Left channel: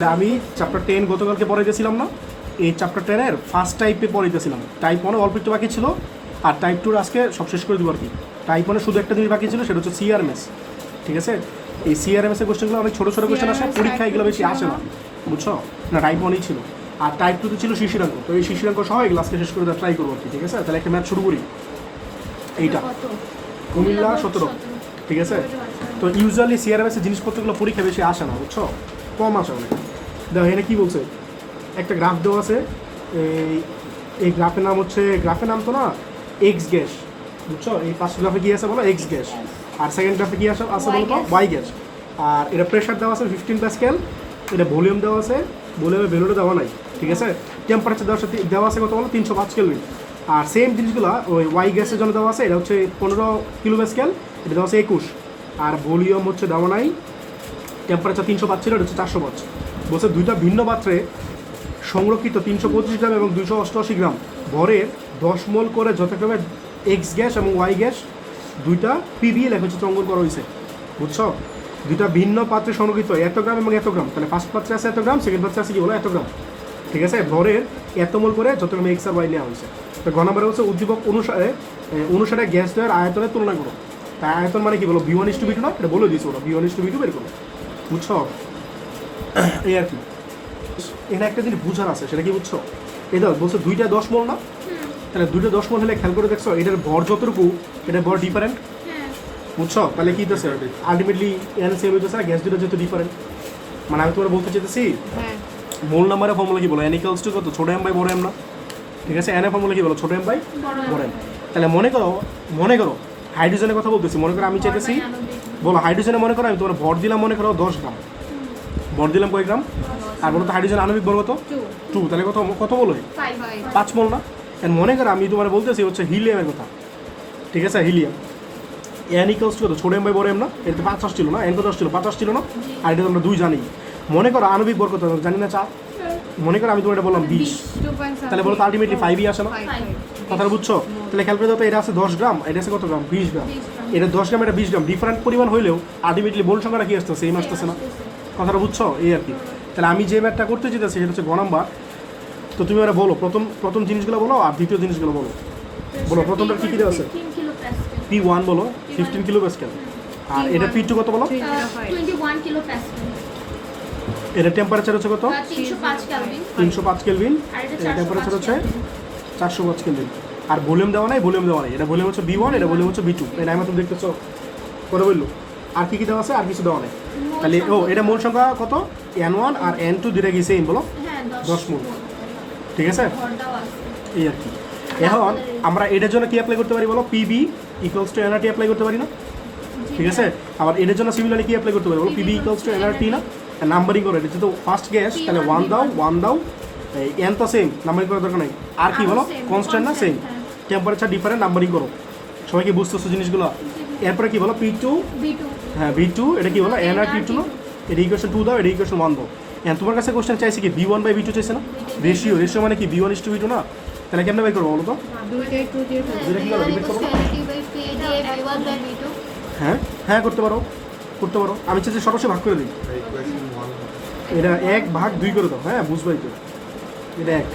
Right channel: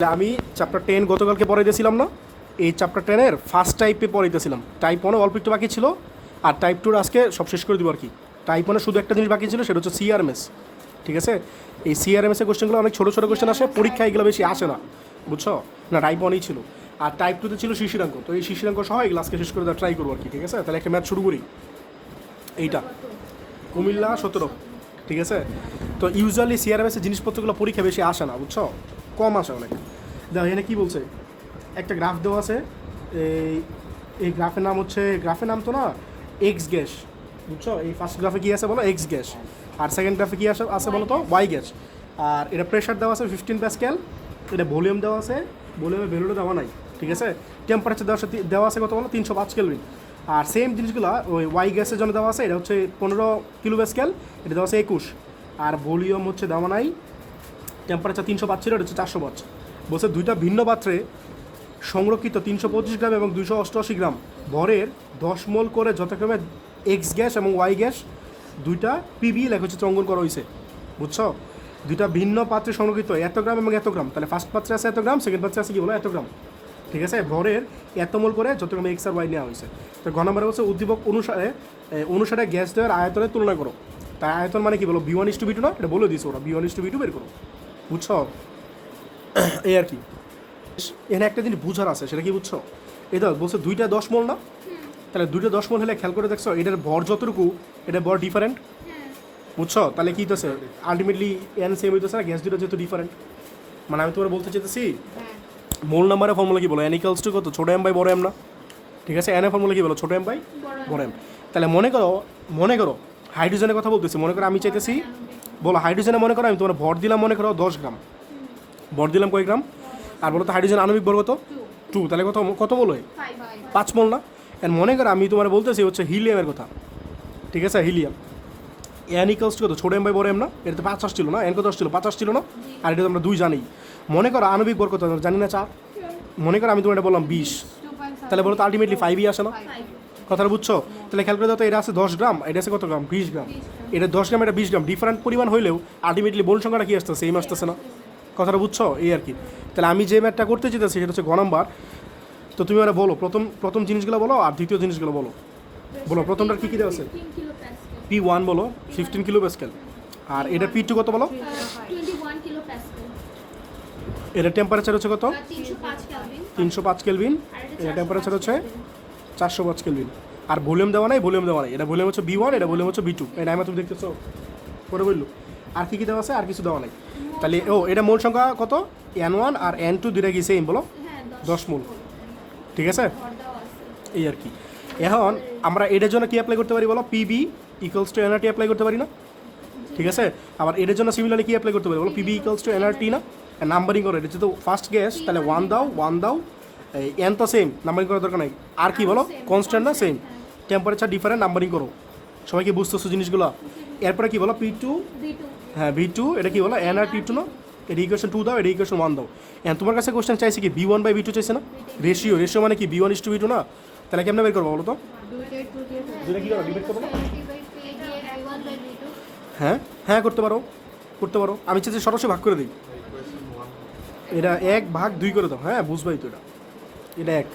আমি চ্যাপ্টার 10 গতকালকে পড়াইতেছিলাম না, এই চ্যাপ্টার 10-এর ফার্স্ট টাইপে পড়াইতেছিলাম। টাইপ 1 অল্প একটু বাকি ছিল, আর টাইপ 2 আজকে সব শেষ করে দিব আর কি। টাইপ 1 শুধু একটা জিনিস বাকি ছিল, সেটা হচ্ছে সিআরএমএস। ঠিক আছে, এই সিআরএমএস এর কোশ্চেনগুলো অনেক ছোটো ছোটো কোশ্চেন আসে, পরীক্ষায় এগুলো বেশি আসে না, বুঝছো না? টাইপ 1-ই ছিল, আর টাইপ 2-তে ছিল শিশিরাঙ্ক। তো এই শিশিরাঙ্ক সহ এগুলো আজকে শেষ করে দেওয়ার ট্রাই করবো আর কি। ঠিক আছে, তাহলে একটা ম্যাথ শুরু করি। এইটা কুমিল্লা 17। ঠিক আছে, তো ইউজুয়ালি সিআরএমএস এর জিনিসপত্রগুলো পরীক্ষা বেশি আসে না, বুঝছো, কম আসে অনেক। দেখো এখানে কী বলছে, একটা গ্রাফ দেওয়া আছে, এই গ্রাফের নাম হচ্ছে, গ্রাফের নাম তো না এক্স গ্যাস, বুঝছো। এই ফার্স্ট গ্রাফে কী আছে বলো, এক্স গ্যাস, আর সেকেন্ড গ্রাফে কী আছে বলো তো ওয়াই গ্যাস। আর এটা প্রেশার দেওয়া আছে 15 প্যাসকেল, এটা ভলিউম দেওয়া আছে, ভলিউমের ভ্যালুটা দেওয়া নাই। ঠিক আছে, টেম্পারেচার দেওয়া আছে কত বলো, 305 কেলভিন। আর সেম জিনিসগুলো ওই ওয়াই গ্যাসের জন্য দেওয়া আছে, এটা হচ্ছে 15 কিলো প্যাসকেল, এটা দেওয়া আছে 21। আর ভলিউম হচ্ছে দেওয়া নাই, টেম্পারেচার 305 ছিল, এটা হচ্ছে 405। বলছে দুইটা ভিন্ন পাত্রে সংরক্ষিত 325 গ্রাম এবং 288 গ্রাম ভরের 10 মোল করে যথাক্রমে এক্স গ্যাস এবং ওয়াই গ্যাস দুইটা পিবি লেখাচিত্র অঙ্কন করা হয়েছে, বুঝছো। দুইটা ভিন্ন পাত্রে সংরক্ষিত এত গ্রাম এবং এত গ্রাম, তাহলে ফার্স্ট পাত্রে আছে এত গ্রাম, সেকেন্ড পাত্রে আছে কি বলো এত গ্রাম। ঠিক আছে, ভরের এত মোল করে যথাক্রমে এক্স আর ওয়াই নেওয়া হয়েছে। তো ঘ নম্বরে হচ্ছে উদ্দীপক অনুসারে গ্যাস দেওয়ার আয়তনের তুলনা করো। তাই আয়তন মানে কি বলো, V1:V2 না, এটা বলে দিয়েছে ওরা, V1:V2 বের করো, বুঝছো। এই আর কি, এখানে একটা জিনিস বুঝার আছে, সেটা কি বুঝছো। এই দাও বলছে দুইটা 10 মোল না, তাহলে দুইটা 10 মোল হলে খেয়াল করে দেখছো এটার ভর যতটুকু, এটার ভর ডিফারেন্ট, বুঝছো। তাহলে কি হইতেছে, আলটিমেটলি এন সেম হইতেছে না, গ্যাস দুটো যেহেতু ডিফারেন্ট। মানে আমি তোমার বলতে চাইতেছি, মোল নাম্বারের ফর্মুলা কি বলো, এন ইকুয়ালস টু কত, ছোট এম বাই বড় এম না। ঠিক আছে, এন এর ফর্মুলা কি বলো, ছোট এম বাই বড় এম। তাহলে মনে করো হাইড্রোজেনের কথা বলতেছি, মনে করো আমি চাইতেছি, বলো হাইড্রোজেনে মনে করো আমি তোমার ভর দিলাম, মনে করো 10 গ্রাম, ভর দিলাম কয় গ্রাম, আর বলো তো হাইড্রোজেন আণবিক ভর কত, 2, তাহলে কত বলো 5 মোল না। এন্ড মনে করো আমি তোমার বলতেছি হচ্ছে হিলিয়ামের কথা। ঠিক আছে, হিলিয়াম এন ইকুয়ালস টু কত, ছোট এম বাই বড় এম না, এটা তো 50 ছিল না, এন কত ছিল 50 ছিল না, আর এটা আমরা 2 জানি। মনে করো আণবিক ভর কত জানি না, 4। মনে করো আমি তোমার এটা বললাম 20, তাহলে বলো তো আলটিমেটলি 5ই আসে না, কথাটা বুঝছো। তাহলে খেয়াল করে দাও তো, এটা আছে 10 গ্রাম, এটা আছে কত গ্রাম, 20 গ্রাম। এটা 10 গ্রাম, এটা 20 গ্রাম, ডিফারেন্ট পরিমাণ হইলেও আলটিমেটলি মোল সংখ্যাটা কি আসতেছে, সেম আসতেছে না, কথাটা বুঝছো। এই আর কি, তাহলে আমি যে ম্যাথটা করতে চাইতেছি সেটা হচ্ছে ঘ নাম্বার। তো তুমি ওরা বলো প্রথম জিনিসগুলো বলো, আর দ্বিতীয় জিনিসগুলো বলো। প্রথমটা কী কী দেওয়া আছে, P1 বলো 15 কিলো প্যাসকেল, আর এটা P2 কত বলো, 21 কিলো প্যাসকেল। এটা টেম্পারেচার হচ্ছে কত, 305 কেলভিন, এটা টেম্পারেচার হচ্ছে 405 কেলভিন। আর ভলিউম দেওয়া নাই, এটা ভলিউম হচ্ছে V1, এটা ভলিউম হচ্ছে V2, এটা আমি তুমি দেখতেছো করে বললো। আর কি দেওয়া আছে, আর কিছু দেওয়া নেই। তাহলে এটা মোল সংখ্যা কত, N1 আর N2 দুইটা কি সেম বলো, 10 মোল। ঠিক আছে, এই আর কি। এখন আমরা এটার জন্য কি অ্যাপ্লাই করতে পারি বলো, PB equals to NRT apply করতে পারি না। ঠিক আছে, আবার এটার জন্য সিমিলারলি কি অ্যাপ্লাই করতে পারি বলো, PB ইকুয়ালস টু NRT না। নাম্বারিং করে, এটা যেহেতু ফার্স্ট গ্যাস, তাহলে 1 দাও, এন তো সেম, নাম্বারিং করার দরকার নাই। আর কি বলো, কনস্ট্যান্ট না, সেম, টেম্পারেচার ডিফারেন্ট, নাম্বারিং করো। সবাই কি বুঝতেছো জিনিসগুলো। এরপরে কি বলো, P2, হ্যাঁ V2, এটা কি বলো NRT2 না, এটা ইকুয়েশন 2 দাও, এটা ইকুয়েশন 1 দাও। তোমার কাছে কোশ্চেন চাইছে কি V1/V2 চাইছে না, রেশিও মানে কি V1:V2 না। তাহলে কেমনে বের করবো বলো তো, হ্যাঁ করতে পারো, আমি চাইছি সরাসরি ভাগ করে দিই, এটা 1/2 করে দাও, হ্যাঁ বুঝবাই তো, এটা 1।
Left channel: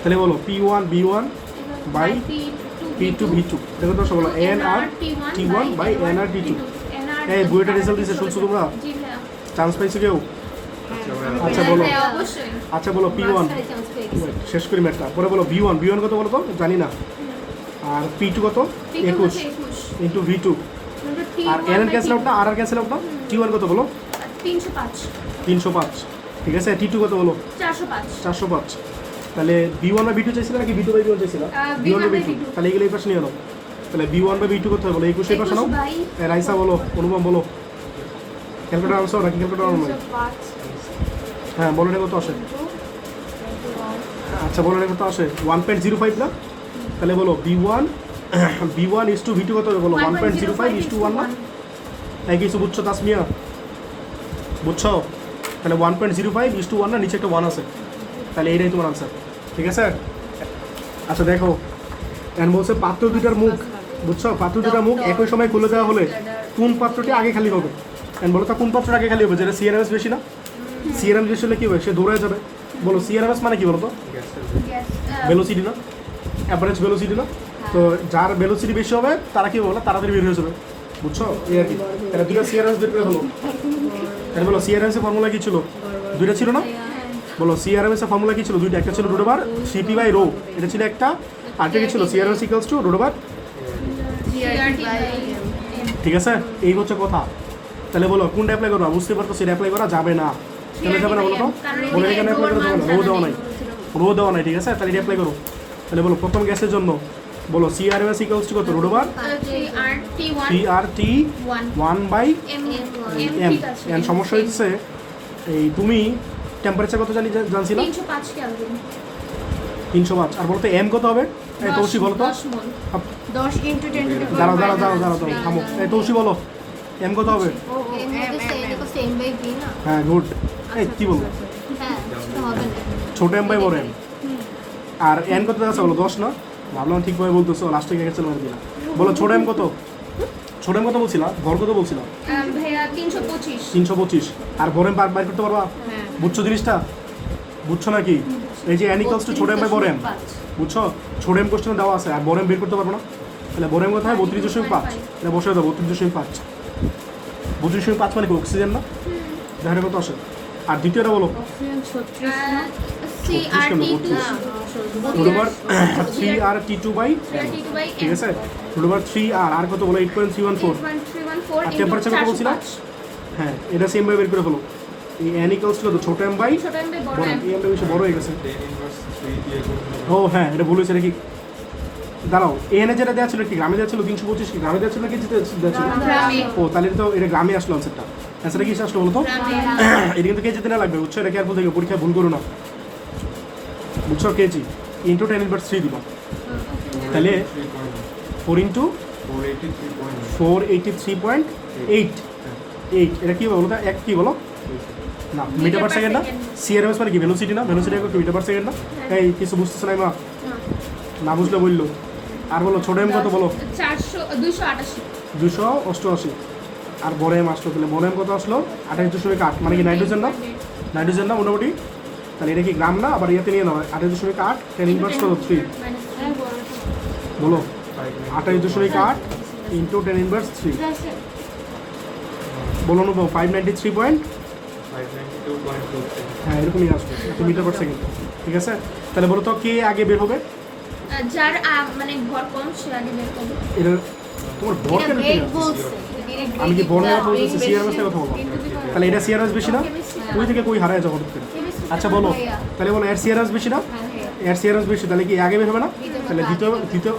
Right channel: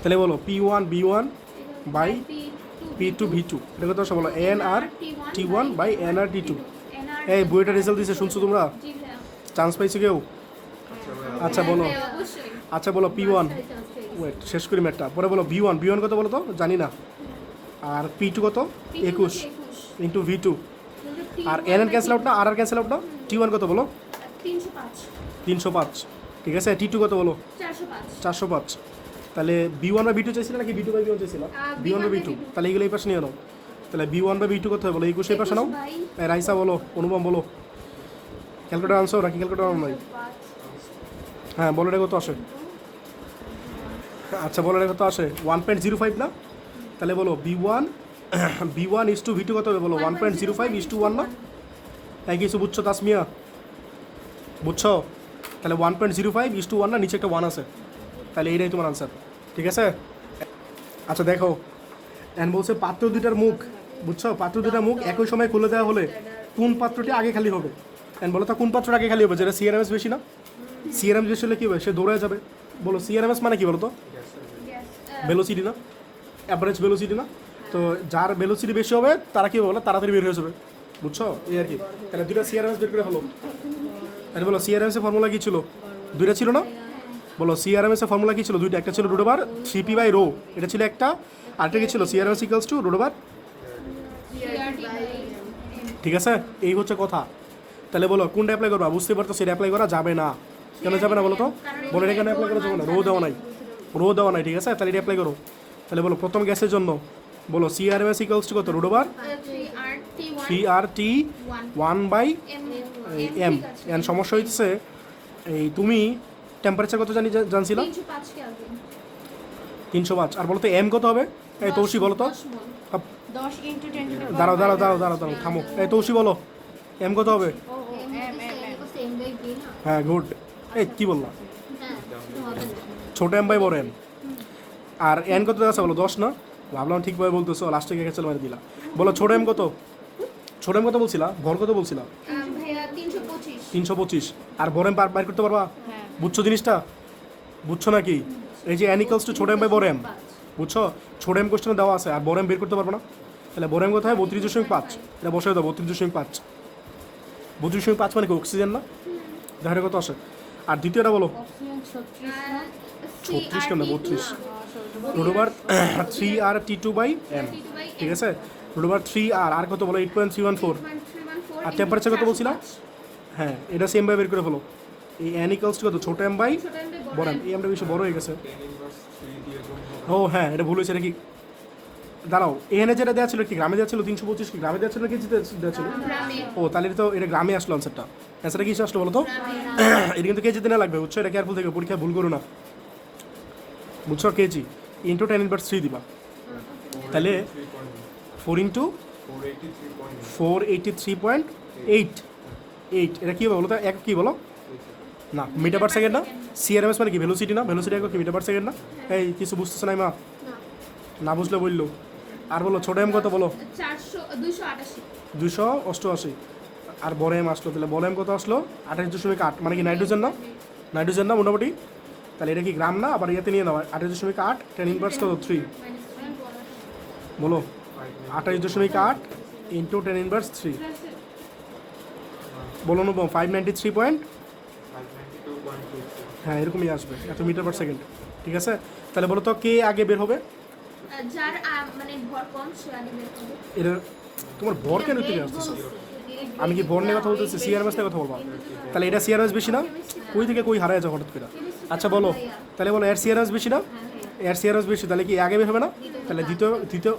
তাহলে বলো P1/B1 বাই P2/V2, দেখো তো বলো NRT1/NRT2। এই বইটা রেজাল্ট দিয়েছে, শুনছো তোমরা, চান্স পাইছো কেউ? আচ্ছা বলো P1, শেষ করি ম্যাথটা, পরে বলো V1 কত বলো তো, জানি না। আর P2 কত, 21 ইন্টু V2, আর NN ক্যান্সেল আউট না, আর ক্যান্সেল আউট না। T1 কত বলো, 305। ঠিক আছে, T2 কত বলো, 405। তাহলে B1/B2 চাইছিল নাকি V2/B1 চাইছিল, B1/B2, তাহলে এগুলো এই পাশে নিয়ে নাও। তাহলে B1/B2 কত বলো, 21 এই পাশে নাও। রাইসা বলো, অনুপম বলো, ক্যালকুলেটর আনছো নাকি ক্যালকুলেটর আনো? হ্যাঁ বলো, এটা কত আসে, আচ্ছা বলো এটা কত আসে, 1.05 না। তাহলে বলো B1 is to V2 কত হবে বলো, 1.05 is to 1 না। তাই কিছু বুঝছো তাসমিয়া, বুঝছো? তাহলে 1.05 is to 1 না, নিচে একটা 1 আছে, তাহলে এইটাই তোমার আনসার। ঠিক আছে, আচ্ছা দেখো এখন বলছে পাত্র দুটার মুখ, বুঝছো, পাত্র দুটার মুখ একই সময় খুলে দেওয়া হলে কোন পাত্রটি আগে খালি হবে। এখন বলো তো কোন পাত্রটা আগে খালি হবে, যেটা সিআরএমএস বেশি না, সিআরএমএস বেশি হলে কী হবে, সে দৌড়ে যাবে। বলো সিআরএমএস মানে কি বলো তো? Yes. ভেলোসিটি না, অ্যাভারেজ ভেলোসিটি না। তো যার ভেলোসিটি বেশি হবে তারা কি বলো, তাড়াতাড়ি বের হয়ে যাবে, বুঝছো? এই আর কি। তাহলে দুটো সিআরএমএস বের করে হলো। তাহলে বলো সিআরএমএস এর ফর্মুলা কি ছিল? দুইটা ছিল না? বলো সিআরএমএস এর ফর্মুলা কি ছিল? দুইটা, একটা ছিল root over CP by rho, এটা ছিল একটা, আরেকটা কি ছিল? CRMS equals to root over. CRT by M. ঠিক আছে, এই হচ্ছে কথা। তাহলে বলো কোনটা অ্যাপ্লাই করবা? বুঝতে পারতো সেটা অ্যাপ্লাই করা যাবে না। কেন যাবে না বলো তো? বলে এখানে অ্যাপ্লাই করা যাবে না, রো দেওয়া নাই, রো দেওয়া নাই, ঠিক আছে? তাহলে এটা অ্যাপ্লাই করো। তাহলে বলো প্রথম গ্যাসের জন্য বলো সিআরএমএস ইকুয়ালস টু কত? Root over CRT1 3RT 1 by M. M. এন সমস্যা হচ্ছে এই তুমি টেম্পারেচার কত জানছিলা? 305 কেলভিন। 305। আর বলো তো এম কত হবে? এই তৌসি বলো তো। 10 মোল। 10 into 10 to the power দাঁড়াও দাঁড়াও minus দাঁড়াও দাঁড়াও দাঁড়াও, থামো। এই তৌসি বলো এম কত হবে? ও ও এটা তো সেম বাই বি না? হ্যাঁ গুড। এই কি বলবো, হ্যাঁ, সেটা হবে না। ছোট এম বাই বড় এম। আর এন কত আছে বলো? 10 না? ভাবলাম ঠিকভাবে বলতেছো, লাস্টে গেছে চলে দিলাম। বলো ছোট এম কত? ছোট এম কত বলছিলা? ভর কত বলছিলা? ভাইয়া 325। 325। আর ভর এম বাইর করতে পারবা? হ্যাঁ বুঝছো জিনিসটা? বুঝছো নাকি? এই যে এন ইকুয়ালস টু ছোট এম বাই বড় এম, বুঝছো? ছোট এম কোশ্চেনে দেওয়া আছে, আর বড় এম বের করতে পারবো না। তাহলে বড় এম কত হয়? 32.5। এটা বসে দেবো 32.5। 32.5 মানে কি অক্সিজেন না? দেখা কত আসে। আর দ্বিতীয়টা বলো অক্সিজেন 36 না CRT2 root over 3RT2 by M, CRT2 by ঠিক আছে? রুট ওভার 3R আর কত বলো? 8.314। 8.314 আর temperature কত বলছিলা? হ্যাঁ, এটা সেম ভাবে বের করে ফেলো। এই এন ইকুয়ালস টু ছোট এম বাই ছোট এম বাই বড় বড় এম। এম। এই এমটা বেশি বড় হয়ে গেছে। ও হ্যাঁ, এটা ভুল হয়েছে নাকি? দাঁড়াও, এনে যেটা দেওয়া ছিল কি গ্রামে দেওয়া ছিল? 325 কি গ্রামে দেওয়া ছিল নাকি দেওয়া ছিল? গ্রামে। ও তাহলে তো এটা গ্রামে আসলো আনসারটা। অ্যান্সারটা কি আসলো বলো তো? গ্রামে। এটা কিন্তু কেজিতে না লাগবে, বুঝছো? এটা কেয়ারফুল থেকে পরীক্ষায় ভুল করো না, বুঝছো? কেজি ইন্টু 10⁻³ দিবা। তাহলে 4 ইন্টু 483.8। এটা কি বলো তো? এক কি বলো না, মিটার পার সেকেন্ড না? সিআরএমএস মানে কি? ভেলোসিটি না? ভেলোসিটি একটু মিটার পার সেকেন্ড না? এই কিছু বুঝতেছে না মা, না বুঝলে বললো। আর বলো ছোট এম কত বলো? 288। 288। আর বড় এম আসলো, তাহলে বড় এম কত আসলো? 28.8। মানে কি নাইট্রোজেন না? নাইট্রোজেন না মোটামুটি? তাহলে এটা কি গ্রাম না? আবার ইয়াতে নিয়ে নাও 28.8 10⁻³ বলো 28.8 ইন্টু 10⁻³ বলো না 593 পয়েন্ট, হ্যাঁ এরকমই আসবে এত মিটার পার সেকেন্ড, ঠিক আছে? তাহলে বলো তো কে আগে বের হবে? যার মানে ভর কম সে আগে বের করবে। এটা তোমার ভর কেন ঠিক আছে? আমি কি বড় কথা বলতেছি? সিআরএমএস কথা বলবো। তাহলে এটা সিআরএস বেশি না? তুমি থেকে কই হারায় যাও হঠাৎ করে? আচ্ছা বলো, তাহলে বলো এর সিআরএস বেশি না? এর সিআরএস বেশি, তাহলে কি আগে বের হবে না? তাহলে দ্বিতীয়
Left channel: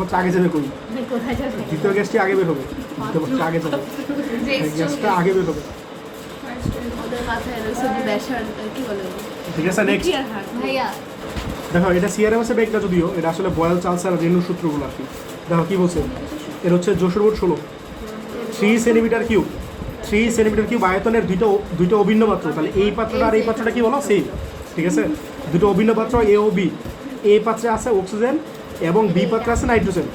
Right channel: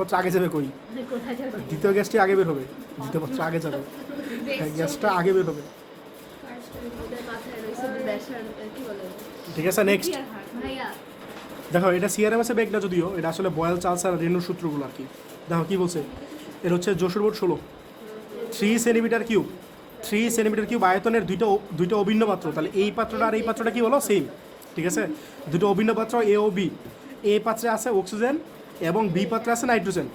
হচ্ছে আগে যাবে কই? দ্বিতীয় গ্যাসটি আগে বের হবে, দ্বিতীয় হচ্ছে আগে যাবে, গ্যাসটা আগে বের হবে, ঠিক আছে? নেক্সট ভাইয়া দেখো, এটা সিআরএমএস এর বেগটা যদিও এটা আসলে বয়েল চার্লস আর রেনু সূত্রগুলো আর কি। দেখো কি বলছে, এটা হচ্ছে Jessore board 16 3 centimetre cube, 3 centimetre cube আয়তনের দুইটা অভিন্ন পাত্র। তাহলে এই পাত্রটা আর এই পাত্রটা কি বলো? সেম, ঠিক আছে? দুটো অভিন্ন পাত্র এ ও বি। এ পাত্রে আছে অক্সিজেন এবং বি পাত্রে আছে নাইট্রোজেন।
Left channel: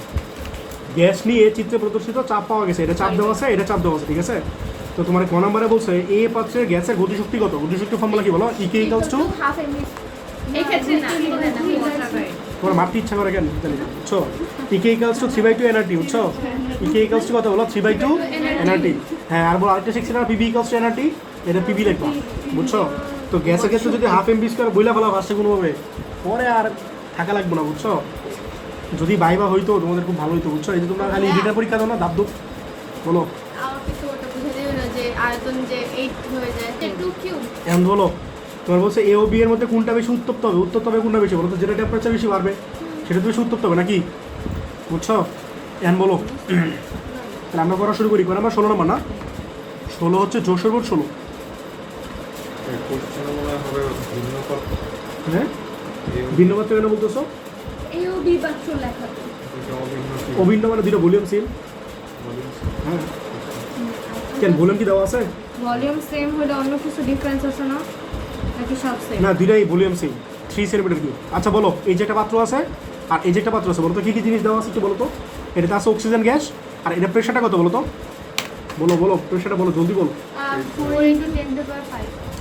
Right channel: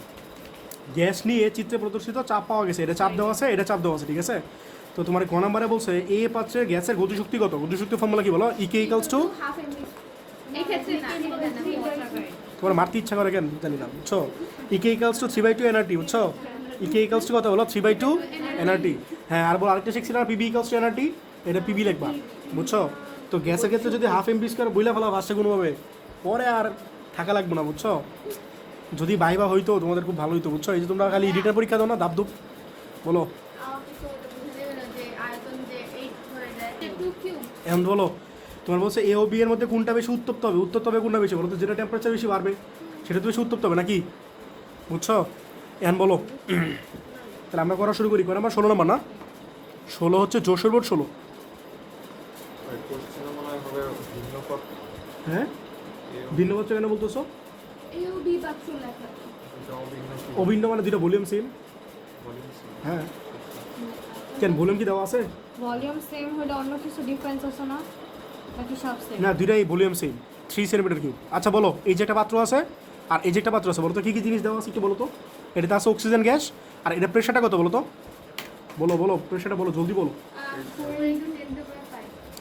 গ্যাস নিয়ে চিত্রে প্রদর্শিত চাপ পাওয়া গেছে, এটা চাপ দেওয়া আছে, এটা চাপ দেওয়া আছে, ঠিক আছে? তো তোমার ক নম্বরে বলছে এ পাত্রের গ্যাসের গতিশক্তি কত? গতিশক্তি ফর্মুলা কি বলো? ইকে ইকুয়ালস টু, হাফ এমবি। এই ক্ষেত্রে না তোমার মারতে ইচ্ছা করে কেন জানি না, বুঝছো? ইকে ইকুয়ালস টু 3/2 এনআরটি, বুঝছো? ইকে ইকুয়ালস টু কত বলো? 3/2 এনআরটি। হ্যাঁ, আর বলো আরেকটা শিখছি না, পিবি ইকুয়ালস টু এনআরটি, এটা পিবি লিখবা, বুঝছো? তো গ্যাসের ক্ষেত্রে যদি হাফ এমবি স্কোয়ার বইলা ফেলা ফার্স্টে কোনোভাবে, পরে আর থাকা লাগবে না, বুঝছো? যদি বাইবা হইতো তোমাদের খুব ভালো হইতো, বুঝছো? এই যে তোমরা খালি রিটার পরীক্ষা দাও না, দাবদুব বলো। আমাকে তো ওটা বুঝে দেবে না যে আয়তন যে 8 হয়ে যায় 2 কিউব। এখন বলো, তোমার বলছে এ ও বি এর মধ্যে কোনটা বেশি উত্তপ্ত হবে? উত্তপ্ত হবে কোনটা বেশি বলো তো? যেটা টেম্পারেচার বেশি বাড়বে সেটা তো বেশি উত্তপ্ত হবে নাকি, বুঝছো? এখন বলো, তাহলে আমরা করা শুরু করি। মানে আমার 16 নম্বর না, 16 হচ্ছে যশোর বোর্ড 16। হ্যাঁ, ভিন্ন পাত্র কেন বলতেছো? এই ও বি বাক্স লেখা আছে। অভিন্ন মানে দুটো ভলিউম সেম। হ্যাঁ, কেন ভলিউম কি দেওয়া আছে? ভলিউম সেম হলে অন্য কিছু ডিফারেন্স আছে না নাকি সব সেম? না, দুইটাই ভলিউম সেম, 3 সেন্টিমিটার কিউব। আচ্ছা বলো, এই যে একটা পাত্র আছে আর এই যে একটা পাত্র আছে, বলো তো কী কী জিনিস দেওয়া আছে একটু বলো তো? এটাতে আছে অক্সিজেন গ্যাস, আর এটা প্রেশারটা কত বলো তো? বলো বলো, প্রেশারটা বলো, জলদি বলো। 4 × 10⁵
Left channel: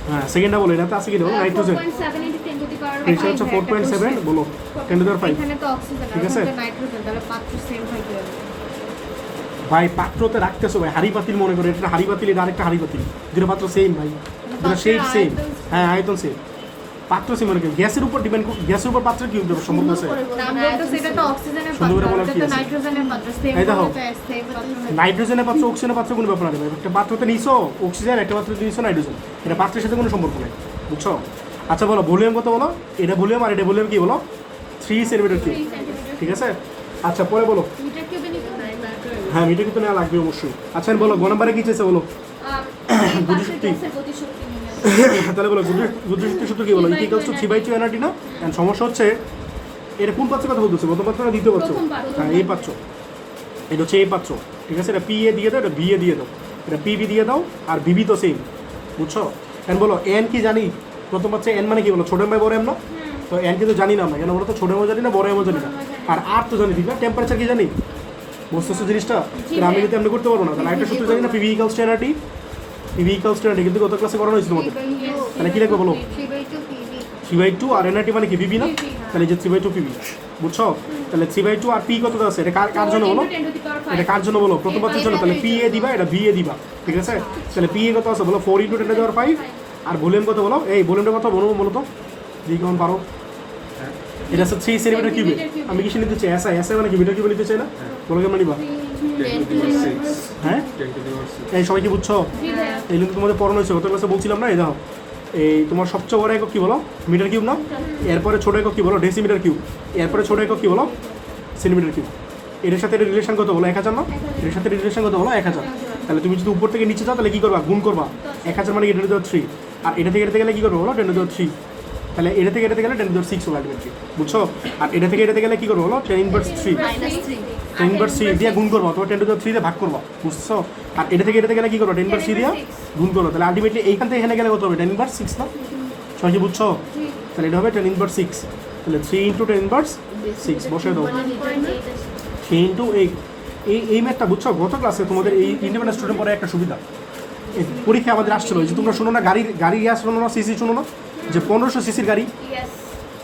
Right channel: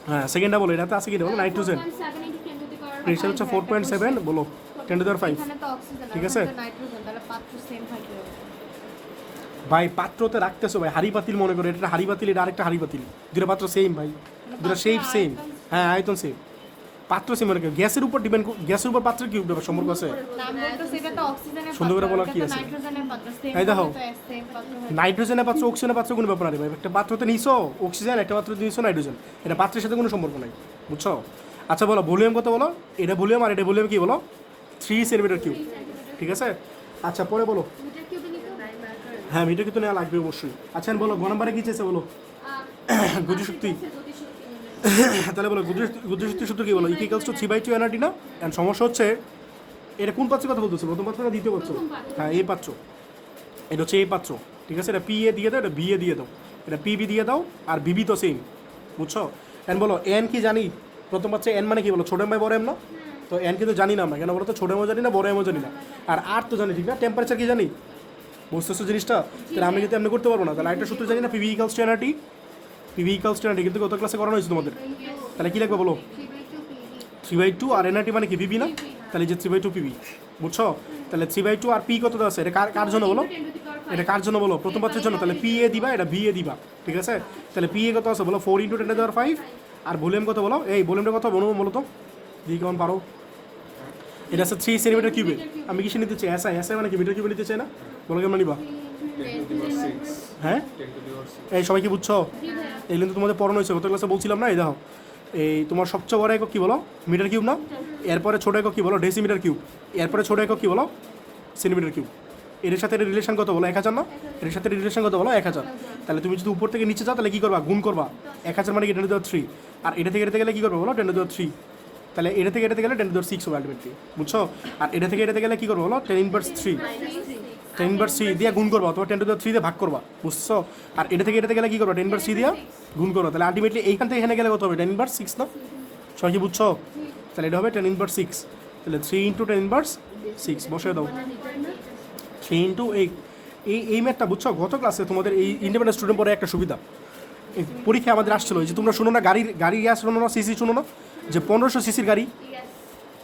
হ্যাঁ সেকেন্ডটা বলো, এটাতে আছে কি বলো? Nitrogen. 4.7 into 10 to the power pressure হচ্ছে 5 একটা 4.7 question। বলো 10 টু দি পাওয়ার 5। এখানে তো অক্সিজেন ঠিক আছে। আর ওখানে নাইট্রোজেন, তাহলে পাত্র সেম হয় কি হবে? ভাই পাত্রতে রাখতেছো ভাই, হাড়ি পাতিল মনে করে, এটা হাড়ি পাতিল, এটা আরেকটা হাড়ি পাতিল, দুটো পাত্র সেম ভাই, দুটো শেপ সেম। হ্যাঁ আয়তন সেম, পাত্র সেম মানে কি? গ্যাসের উপর ডিপেন্ড, গ্যাসের উপর পাত্র কি হবে সম্পর্ক আছে? নাম বলতে সেটা তো অক্সিজেনের সুন্দর করে পাত্র, বলার এটা কি তো আছে? নাইট্রোজেনের পাত্র, সেম এই দেখো। হবে, সেম পাত্র হবে। নাইট্রোজেনের পাত্র অক্সিজেনের পাত্র কোনো ব্যাপার না ভাই, একটা পাত্রতে নিছো অক্সিজেন, একটা পাত্রতে নিছো নাইট্রোজেন, এটা পাত্রের সাথে কোনো সম্পর্ক নেই, বুঝছো? আচ্ছা বলো ভলিউম কত বলো? এটা ভলিউম আর এটা ভলিউম কি বলো? 3 সেন্টিমিটার কিউব, ঠিক আছে। আচ্ছা পরে বলো। মিটার কিউবে নিতে হ্যাঁ মিটার কিন্তু নেওয়া লাগবে অবশ্যই। আচ্ছা বলো গ নাম্বারে কি চেয়েছে বলো? গতিশক্তি গতিশক্তি নির্ণয় তাহলে বলো গতিশক্তির সূত্র কি বলো? ইকুয়ালস টু 3/2 এনআরটি না? এন্ড সমস্যা হচ্ছে এটা কোন পাত্রের কথা বলতেছে? প্রথম পাত্র না দ্বিতীয় পাত্র? প্রথম পাত্র। হ্যাঁ এই পাত্র, এটা হচ্ছে এই পাত্র, ঠিক আছে। এটা পি এ দিয়ে দাও, এটা বি এ দিয়ে দাও, এটা পিবি দিয়ে দাও, আর বিবি তো সেম, বুঝছো? এন্ড বলো এন কি জানি? প্রথম পাত্রে এন মানে কি বলো? ছোট এম বাই বড় এম না? তো এন কিন্তু জানি না আমরা, কেন বলো তো? ছোট এমও জানি না, বড় এমও জানি না, আর আর তো জানি ঠিক না। টেম্পারেচার কি জানি? বুঝতেছো জিনিসটা? তাহলে আমি কিন্তু এমনি করতে পারবো না, তাহলে একটা সূত্র জানি না, PV equals to nRT, PV equals to nRT, কিন্তু গত ক্লাসে করানো হয়েছিল তোমাদের। তাহলে কি লিখবো বলো? 3/2 আর এনআরটি মানে কি পিভি না? তাহলে যে 3/2 পিভি, বুঝছো? তাহলে 3/2 আর পি কত আছে? এটা কার জন্য বলো? এটা কার জন্য বলো? প্রথম পাত্রের জন্য। তাহলে পি এ দিবা, এটা ভি এ দিবা, ঠিক আছে। তাহলে পি এ কত আছে বলো? 4 × 10⁵ আর ভলিউম কত বলো? এই ভলিউমটা কত বলো বলো তো, দেখি কেমন পারো। এটা হচ্ছে 3 সেন্টিমিটার কিউবে। আমি কি নিতে চাই? এসআই, এসআই মানে কি মিটার কিউবে নিতে চাই না? বলো কেমন নিবা? হ্যাঁ এই সবাই কি বুঝছো? এই কিন্তু তোমাদের পড়ানো হয়েছে, গত ক্লাসে বলছিলাম না। এই দেখো এই তোমার সবচেয়ে বড় একক কি বলো? মিটার কিউব না? এরপরে ছোট একক কি বলো? Decimetre cube. এরপরে ছোট একক কি বলো? Centimetre cube. এর সাথে রিলেশন কত বলো? 1000 না? এর সাথে রিলেশন কত বলো? 1000। তাহলে তুমি যদি উপর থেকে নিচে যাও তাহলে কি করবা? গুণ করবা। 1000 মানে 10⁻3, আর এটা থেকে গেলে কি করবে বলো? 10⁻3। তাহলে এটা থেকে গেলে 10⁻6 হবে আলটিমেটলি, বুঝছো? আর এটা থেকে গেলে কি করবো বলো? 10⁻3, 10⁻3 দিয়ে গুণ করবো, তোমার 10⁻3 দিয়ে ভাগ করবো, বুঝছো? আর এটা থেকে গেলে কি করবো? 10⁻3 দিয়ে গুণ করবো। তাহলে আলটিমেটলি এইখান থেকে এখানে গেলে কত হবে? 10⁻6 না? সবাই কি বুঝছো? তাহলে এটা হবে 10⁻6। তাহলে 3 × 10⁻6 বসে দাও। 3 × 8। এই ম্যাথটা বুঝছো? গত ক্লাসে তোমাদের এই ইন্ডিপেন্ডেন্ট স্টুডেন্ট পরে একটা সুবিধা, এই পরীক্ষা আমাদের আসছিল, যে তোমরা শোনো না গাড়ি গ্যাস শোনো না, সিসি শোনো না, যে 1500 সিসির গাড়ি,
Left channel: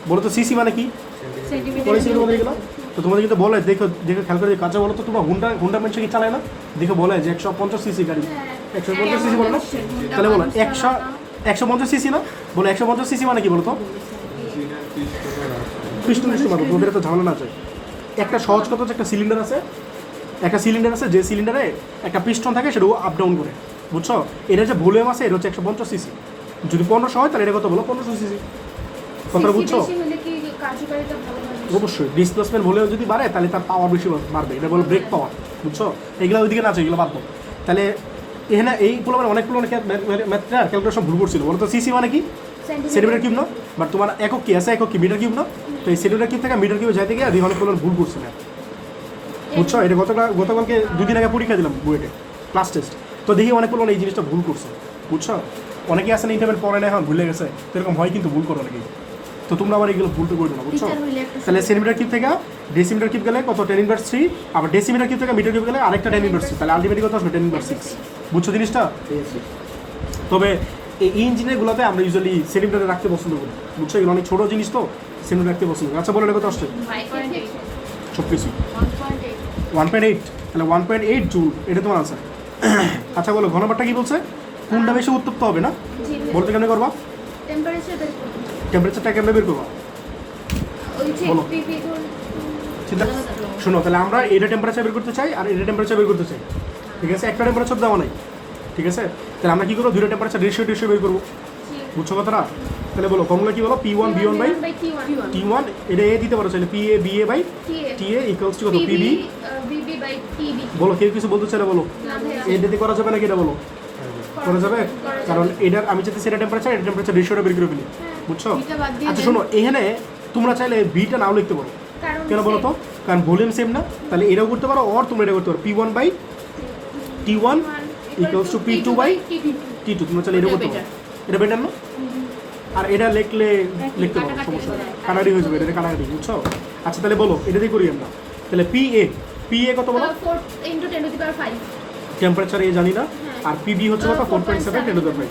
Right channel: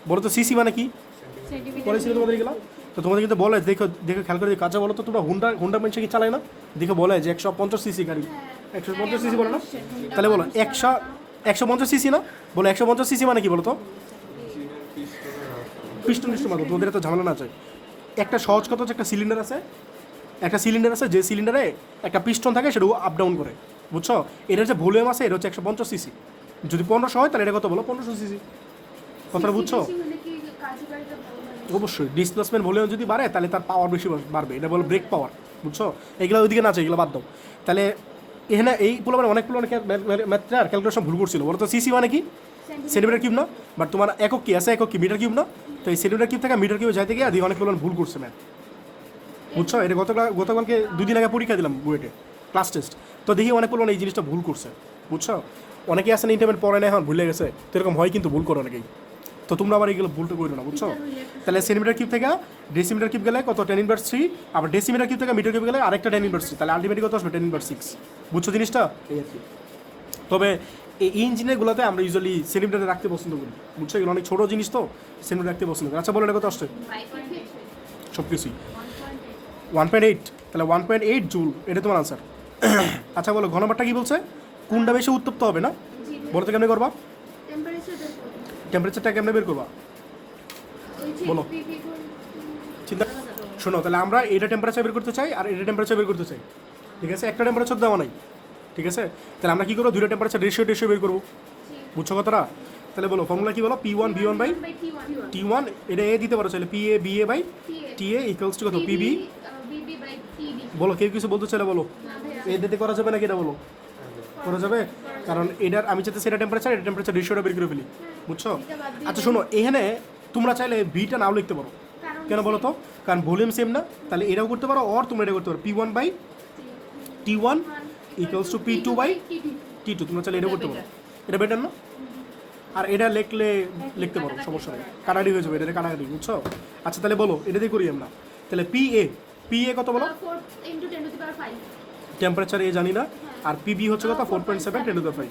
বলো তো সিসি মানে কি? পড়েছিল তোমাদের এগুলো? তো তোমাদের কিন্তু বলে, দেখো খেয়াল করে কাজা বলো তো, তোমরা হুন্ডা মেনশন কি চালায় না? দেখে বলে যে 150 সিসি গাড়ি, 150 সিসি বলো না? তাহলে বলো 150 সিসি না? বলো 150 সিসি মানে কি বলো তো? পিস্টন মারো, তোমাদের এত ঝামেলা না আছে। একটা সহজ কথা হচ্ছে, একটা সিলিন্ডার আছে, যে সিলিন্ডারে একটা পিস্টন থাকে, সেটা আপ ডাউন করে, বুঝছো? এটা হচ্ছে ভলিউম আছে, এটা হচ্ছে 150 সিসি। যদি 1500 হয় তাহলে এটা কত বলো? 1500 সিসি। কথাটা বুঝছো? অবশ্যই ডিসপ্লেসমেন্ট ভলিউম যদি বাড়ে তাহলে তার পাওয়ার বেশি বাড়বে, এটা বলো ব্রেক পাওয়ার, বুঝছো? এগুলো ওইদিকে না আছে, এগুলো বাদ দাও। তাহলে এখানে এইগুলো অনেকগুলো ম্যাথটা ক্যালকুলেশন ভুল করছিল, বলো তো সিসি মানে কি? সেন্টিমিটার কিউব না? বাট তোমার একক কি আছে? একক কি মিটার কিউব না? তো এই সেন্টিমিটার কিউব থেকে মিটার কিউবে যাইতে গিয়ে অনেকগুলো ভুল করছিল, বুঝছো? এটা গতকালকে 2 দিন আগে পরীক্ষা দিলাম বুয়েটে, ক্লাস টেস্ট। তো দেখি অনেকগুলো এই জিনিসটা ভুল করছে, বুঝছো? অনেকেই আসেন ইন্টারমিডিয়েট পড়ে না, এখন ভুলে গেছে, তো এরকম হয় কিন্তু ভুল করো অনেকেই। তো তোমরা আবার এগুলো ভুলটা করো না, বুঝছো? তাহলে সেন্টিমিটার কিউব থেকে ডেসিমিটার কিউব গেলে কত? 10⁻3। আবার ডেসিমিটার কিউব থেকে মিটার কিউব গেলে আরেকটা 10⁻3। তাহলে আলটিমেটলি কত আসবে? 10⁻6। বুঝছো জিনিসটা? তবে এই ইঞ্জিনিয়ারগুলোতে আমরা ইউজুয়ালি সেন্টিমিটারে রাখতে পছন্দ করি, বুঝছো? এগুলো অনেক ছোটো জিনিস তো সেন্টিমিটার রাখতে পছন্দ করি। আচ্ছা বলো এটা কত আসছে? সব কিছুই 1.8। তাহলে 1.8 জুল, এটা তোমার আনসার। আচ্ছা বলো ঘন নাম্বারটা কি বলছে? কোনটা বেশি উত্তপ্ত হবে না? বলতে কেমনে করবা? টেম্পারেচারটা কেমনে বের করবা? বলো। চিন্তা শোনো, তাহলে আমরা এটা টেম্পারেচার বের করতে চাই আর এটা টেম্পারেচার বের করতে চাই, ঠিক আছে? একটা টেম্পারেচার দেওয়া নাই, ঠিক আছে? তাহলে আমরা কী করবো? দুটো টেম্পারেচার রেশিও বের করবো, বুঝছো কথাটা? তাহলে বলো ফর্মুলা কি বলো? P1 T1, এটা এ দিতে পারো চাইলে, PA BA by TA equals to কত? PB। বলো কেউ কিছু বলতে চাইলে বলো, এটাতে করা যাবে নাকি? এটা বলো করা যাবে, কারণ এটার আমি চাইতে সেটা টেম্পারেচার, এটা টেম্পারেচার রেশিওটা বের করে ফেলি, বুঝছো? আচ্ছা শোনো, এখানে তোমরা চাইলে বিটা নাও লিখতে পারো, কেন বলো তো? কারণ ভলিউম সেম না, তাহলে এটাও করতে পারো, আর তোমরা এটা করতে পারো, P1 by T1 equals to P2 by T2। তোমরা চাইলে এটা করতে পারো, এটা বেটার না? আর এটা লিখতে পারো, সমস্যা নেই, কানাডি হয়ে যাবে, এটা কানাডি, বুঝছো? আচ্ছা তাহলে বলো এটা দিয়ে করি আমরা। তাহলে PA কত বলো? 4 × 10⁵ টেম্পারেচার এ জানি না, আর PB হচ্ছে কত? 4.7 × 10⁵।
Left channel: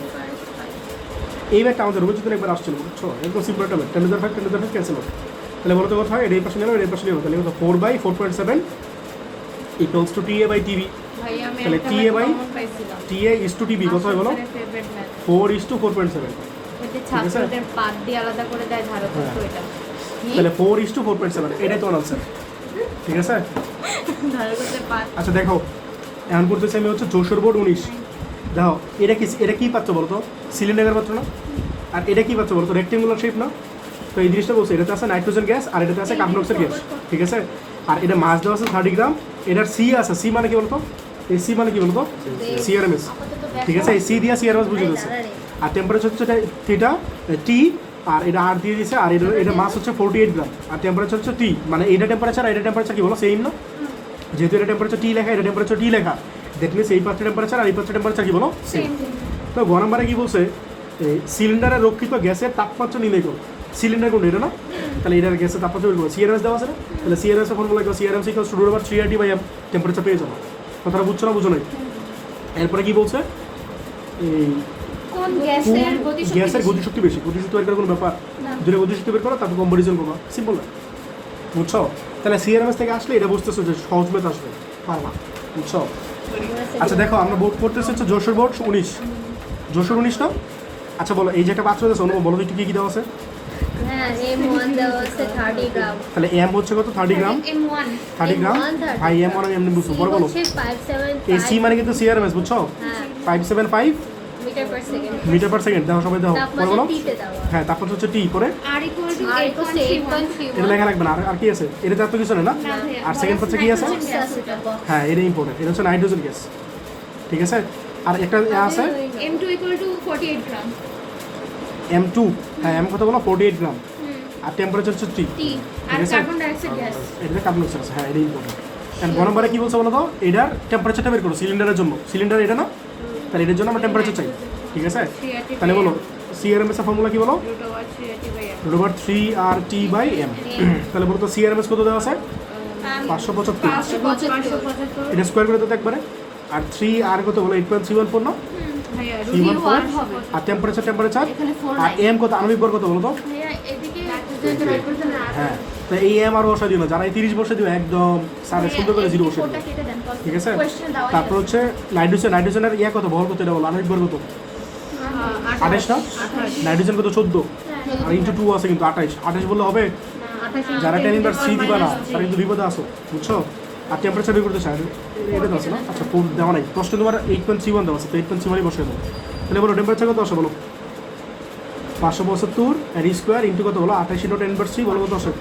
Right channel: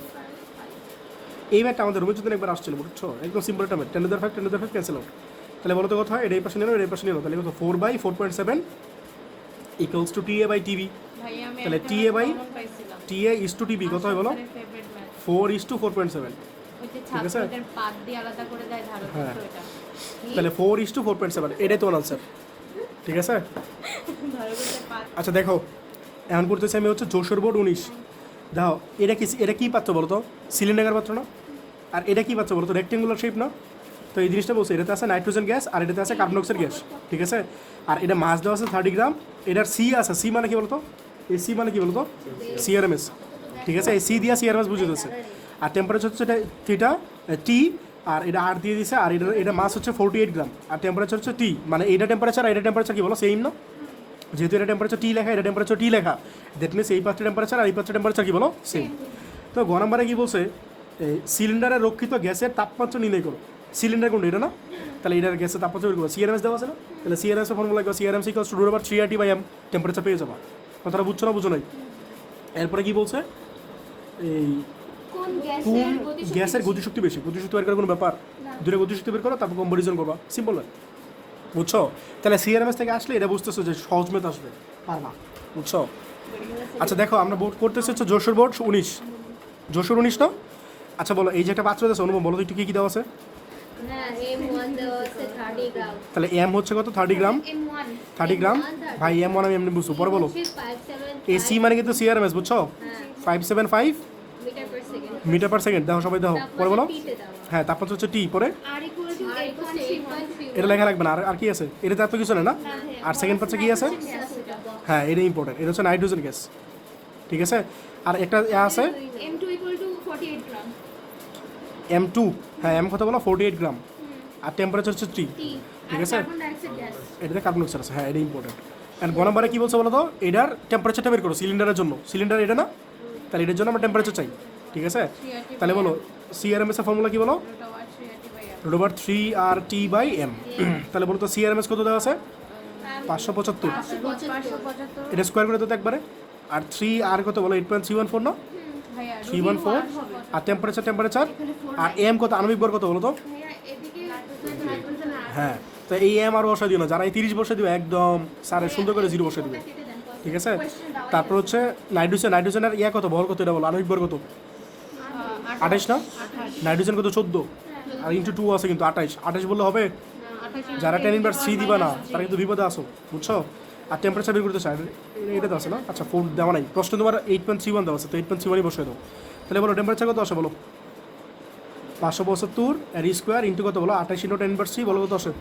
এই ব্যাগটা আমাদের রুমে যদি একবার আসছিল বুঝছো, একদম সিম্পল একটা ব্যাগ, 10 ক্যান্সেল হবে। তাহলে বলতে কথা হয় এটা এই পাশে নেবে, এটা এই পাশে নেবে, তাহলে 4/4.7 equals to TA by TB। ভাই আমি তাহলে একটা TA by common পাইছিলাম। TA is to TB কত হয় বলো? Favourite math 4:4.7। ওই যে ছাত্রদের পাদ দিয়ে আলাদা করে দেয় ধারক হ্যাঁ। এটা তাহলে 4:4.7 এটাই তো আনসার, ঠিক আছে? ধারকদের পাদ আচ্ছা দেখো, এখন করতেছি আমি হচ্ছে যশোর বোর্ড 19। দেখো এটা কি পাচ্ছ বলো তো? সিলিন্ডার পাচ্ছ না? আর এটা কি পাচ্ছ বলো তো? রেক্টেঙ্গুলার শেপ না? তো এই জিনিসটা বলছে, এটাতে আছে নাইট্রোজেন গ্যাস আর এটাতে আছে কার্বন ডাইঅক্সাইড গ্যাস, ঠিক আছে? আর এটা মাস দেওয়া আছে 30 গ্রাম, এটার সি আছে, সি মানে কি বলতো? এই সি মানে কি বলতো? CRMS, ঠিক আছে? এই সি দিয়ে CRMS বুঝে গেছে। আর টেম্পারেচার হচ্ছে থিটা টি, আর এটা আর দিয়ে দিয়েছে, আর এটা মাস হচ্ছে 48 গ্রাম, আর টেম্পারেচার হচ্ছে টি, মানে এইটা টেম্পারেচার আর এটা টেম্পারেচার কি বলো সেম না? যেহেতু এটা টেম্পারেচার টি লেখা, এটা টেম্পারেচার টি লেখা, দ্যাট মিনস এই পাঁচটা টেম্পারেচার আর এই পাঁচটা টেম্পারেচার কি বলো সেম। তো গ নম্বরে কি বলছে? সিলিন্ডারে রক্ষিত গ্যাসের তাপমাত্রা নির্ণয় করো। সিলিন্ডার কোনটা? এটা না? তাহলে এটার গ্যাসের তাপমাত্রা বের করো। CRMS দেওয়া আছে না? তাহলে CRMS এর ফর্মুলা কি? CRMS equals to √3RT/m temperature পেয়ে যাবো। কথাটা বুঝছো না বুঝো নাই? এরপরে কি বলছে? এই কোন গ্যাসের গতিশক্তি বেশি, গতিশক্তি বের করার কোনো ব্যাপার? দুটো গতিশক্তি বের করো, তারপর কম্পারিজন করো, সিম্পল না? বুঝছো? তাহলে CRMS থেকে আসলে এটা বুঝতেছো যে সহজ মেথ আসবে, পারবা, বুঝছো? আচ্ছা দেখো, আমরা বোর্ড পড়তেছি হচ্ছে যশোর বোর্ড 19, যশোর 19 না? আচ্ছা বলো, এই যে একটা পাত্র আছে অনুভব, বলো তো একটু কী কী দেওয়া আছে? হ্যাঁ M1 দেওয়া আছে 30 গ্রাম। তাহলে M হচ্ছে কত? 30 গ্রাম। M1 30 গ্রাম ভাই, M মানে এমনি বুঝছো, পরে বলো। এই সি মানে কিন্তু CRMS, বুঝছো? 575 মিটার পার সেকেন্ড। দেখো সবাই, দেখো পরে বলো। হ্যাঁ, তারপর হচ্ছে টি, পরে R = 8.31 এটা লেখা রাখবে না। আর কি আছে? এটা তো কিছু না না? আর সেকেন্ড পাচ্ছে কি আছে? হ্যাঁ, এটা ইম্পর্টেন্ট, এটা হচ্ছে নাইট্রোজেন গ্যাস, ঠিক আছে? আর একটা আছে M2 = 48 গ্রাম। M2, হ্যাঁ M কত বলো? 48 গ্রাম। আর টেম্পারেচার হচ্ছে T, T আর ঠিক আছে? Carbon dioxide gas. এটা কার্বন ডাইঅক্সাইড আছে, হ্যাঁ এটা ইম্পর্টেন্ট। আর গ নম্বরে কি বলছে বলো তো? এটার টেম্পারেচারটা বের করো সিলিন্ডারের জন্য। সিলিন্ডার এটা না? তাহলে এটার জন্য আমরা টেম্পারেচার চাই, ঠিক আছে? তাহলে বলো CRMS এর ফর্মুলা কি বলো? √3RT/m। তাহলে বলো তো CRMS কত দেওয়া আছে? 575। 575 এটা স্কোয়ার করে দিতে একবারে। আর 3R কত বলো? 8.314 না? ভাইয়া 314। হবে। আর টেম্পারেচার এখানে 4 আর M কত? আণবিক ভর কত বলো তো? এদিকে হ্যাঁ, তো এই M আর বসা দিও না, যারা এই 30 বসে দিও একদম স্যারের সুন্দর করে 0 বসে দিও, ওটা কেটে দেন। ঠিক আছে? কোশ্চেন দাও। তারপর হচ্ছে নাইট্রোজেনের কত ভর কত? এটা বলো, আণবিক ভর কত? 28 না? নাইট্রোজেন কত? 14। আর ইন্টু 2 আছে কিন্তু 28 বললে হবে? যারা 10^3 দিবা না তারা কিন্তু বিপদে আসো, বুঝছো? আর টেম্পারেচার বের করতে চাই, এটা তো আছে না? আচ্ছা, 4 দেওয়া নাই, প্রশ্ন তোমার 8.31 দেওয়া আছে, তো 8.31 বসে দেবো। তাহলে বলো টেম্পারেচার কত আসে বলো? 575 আর স্কোয়ার ইন্টু কত বলো? 28 × 10^3 বলো কত আসে?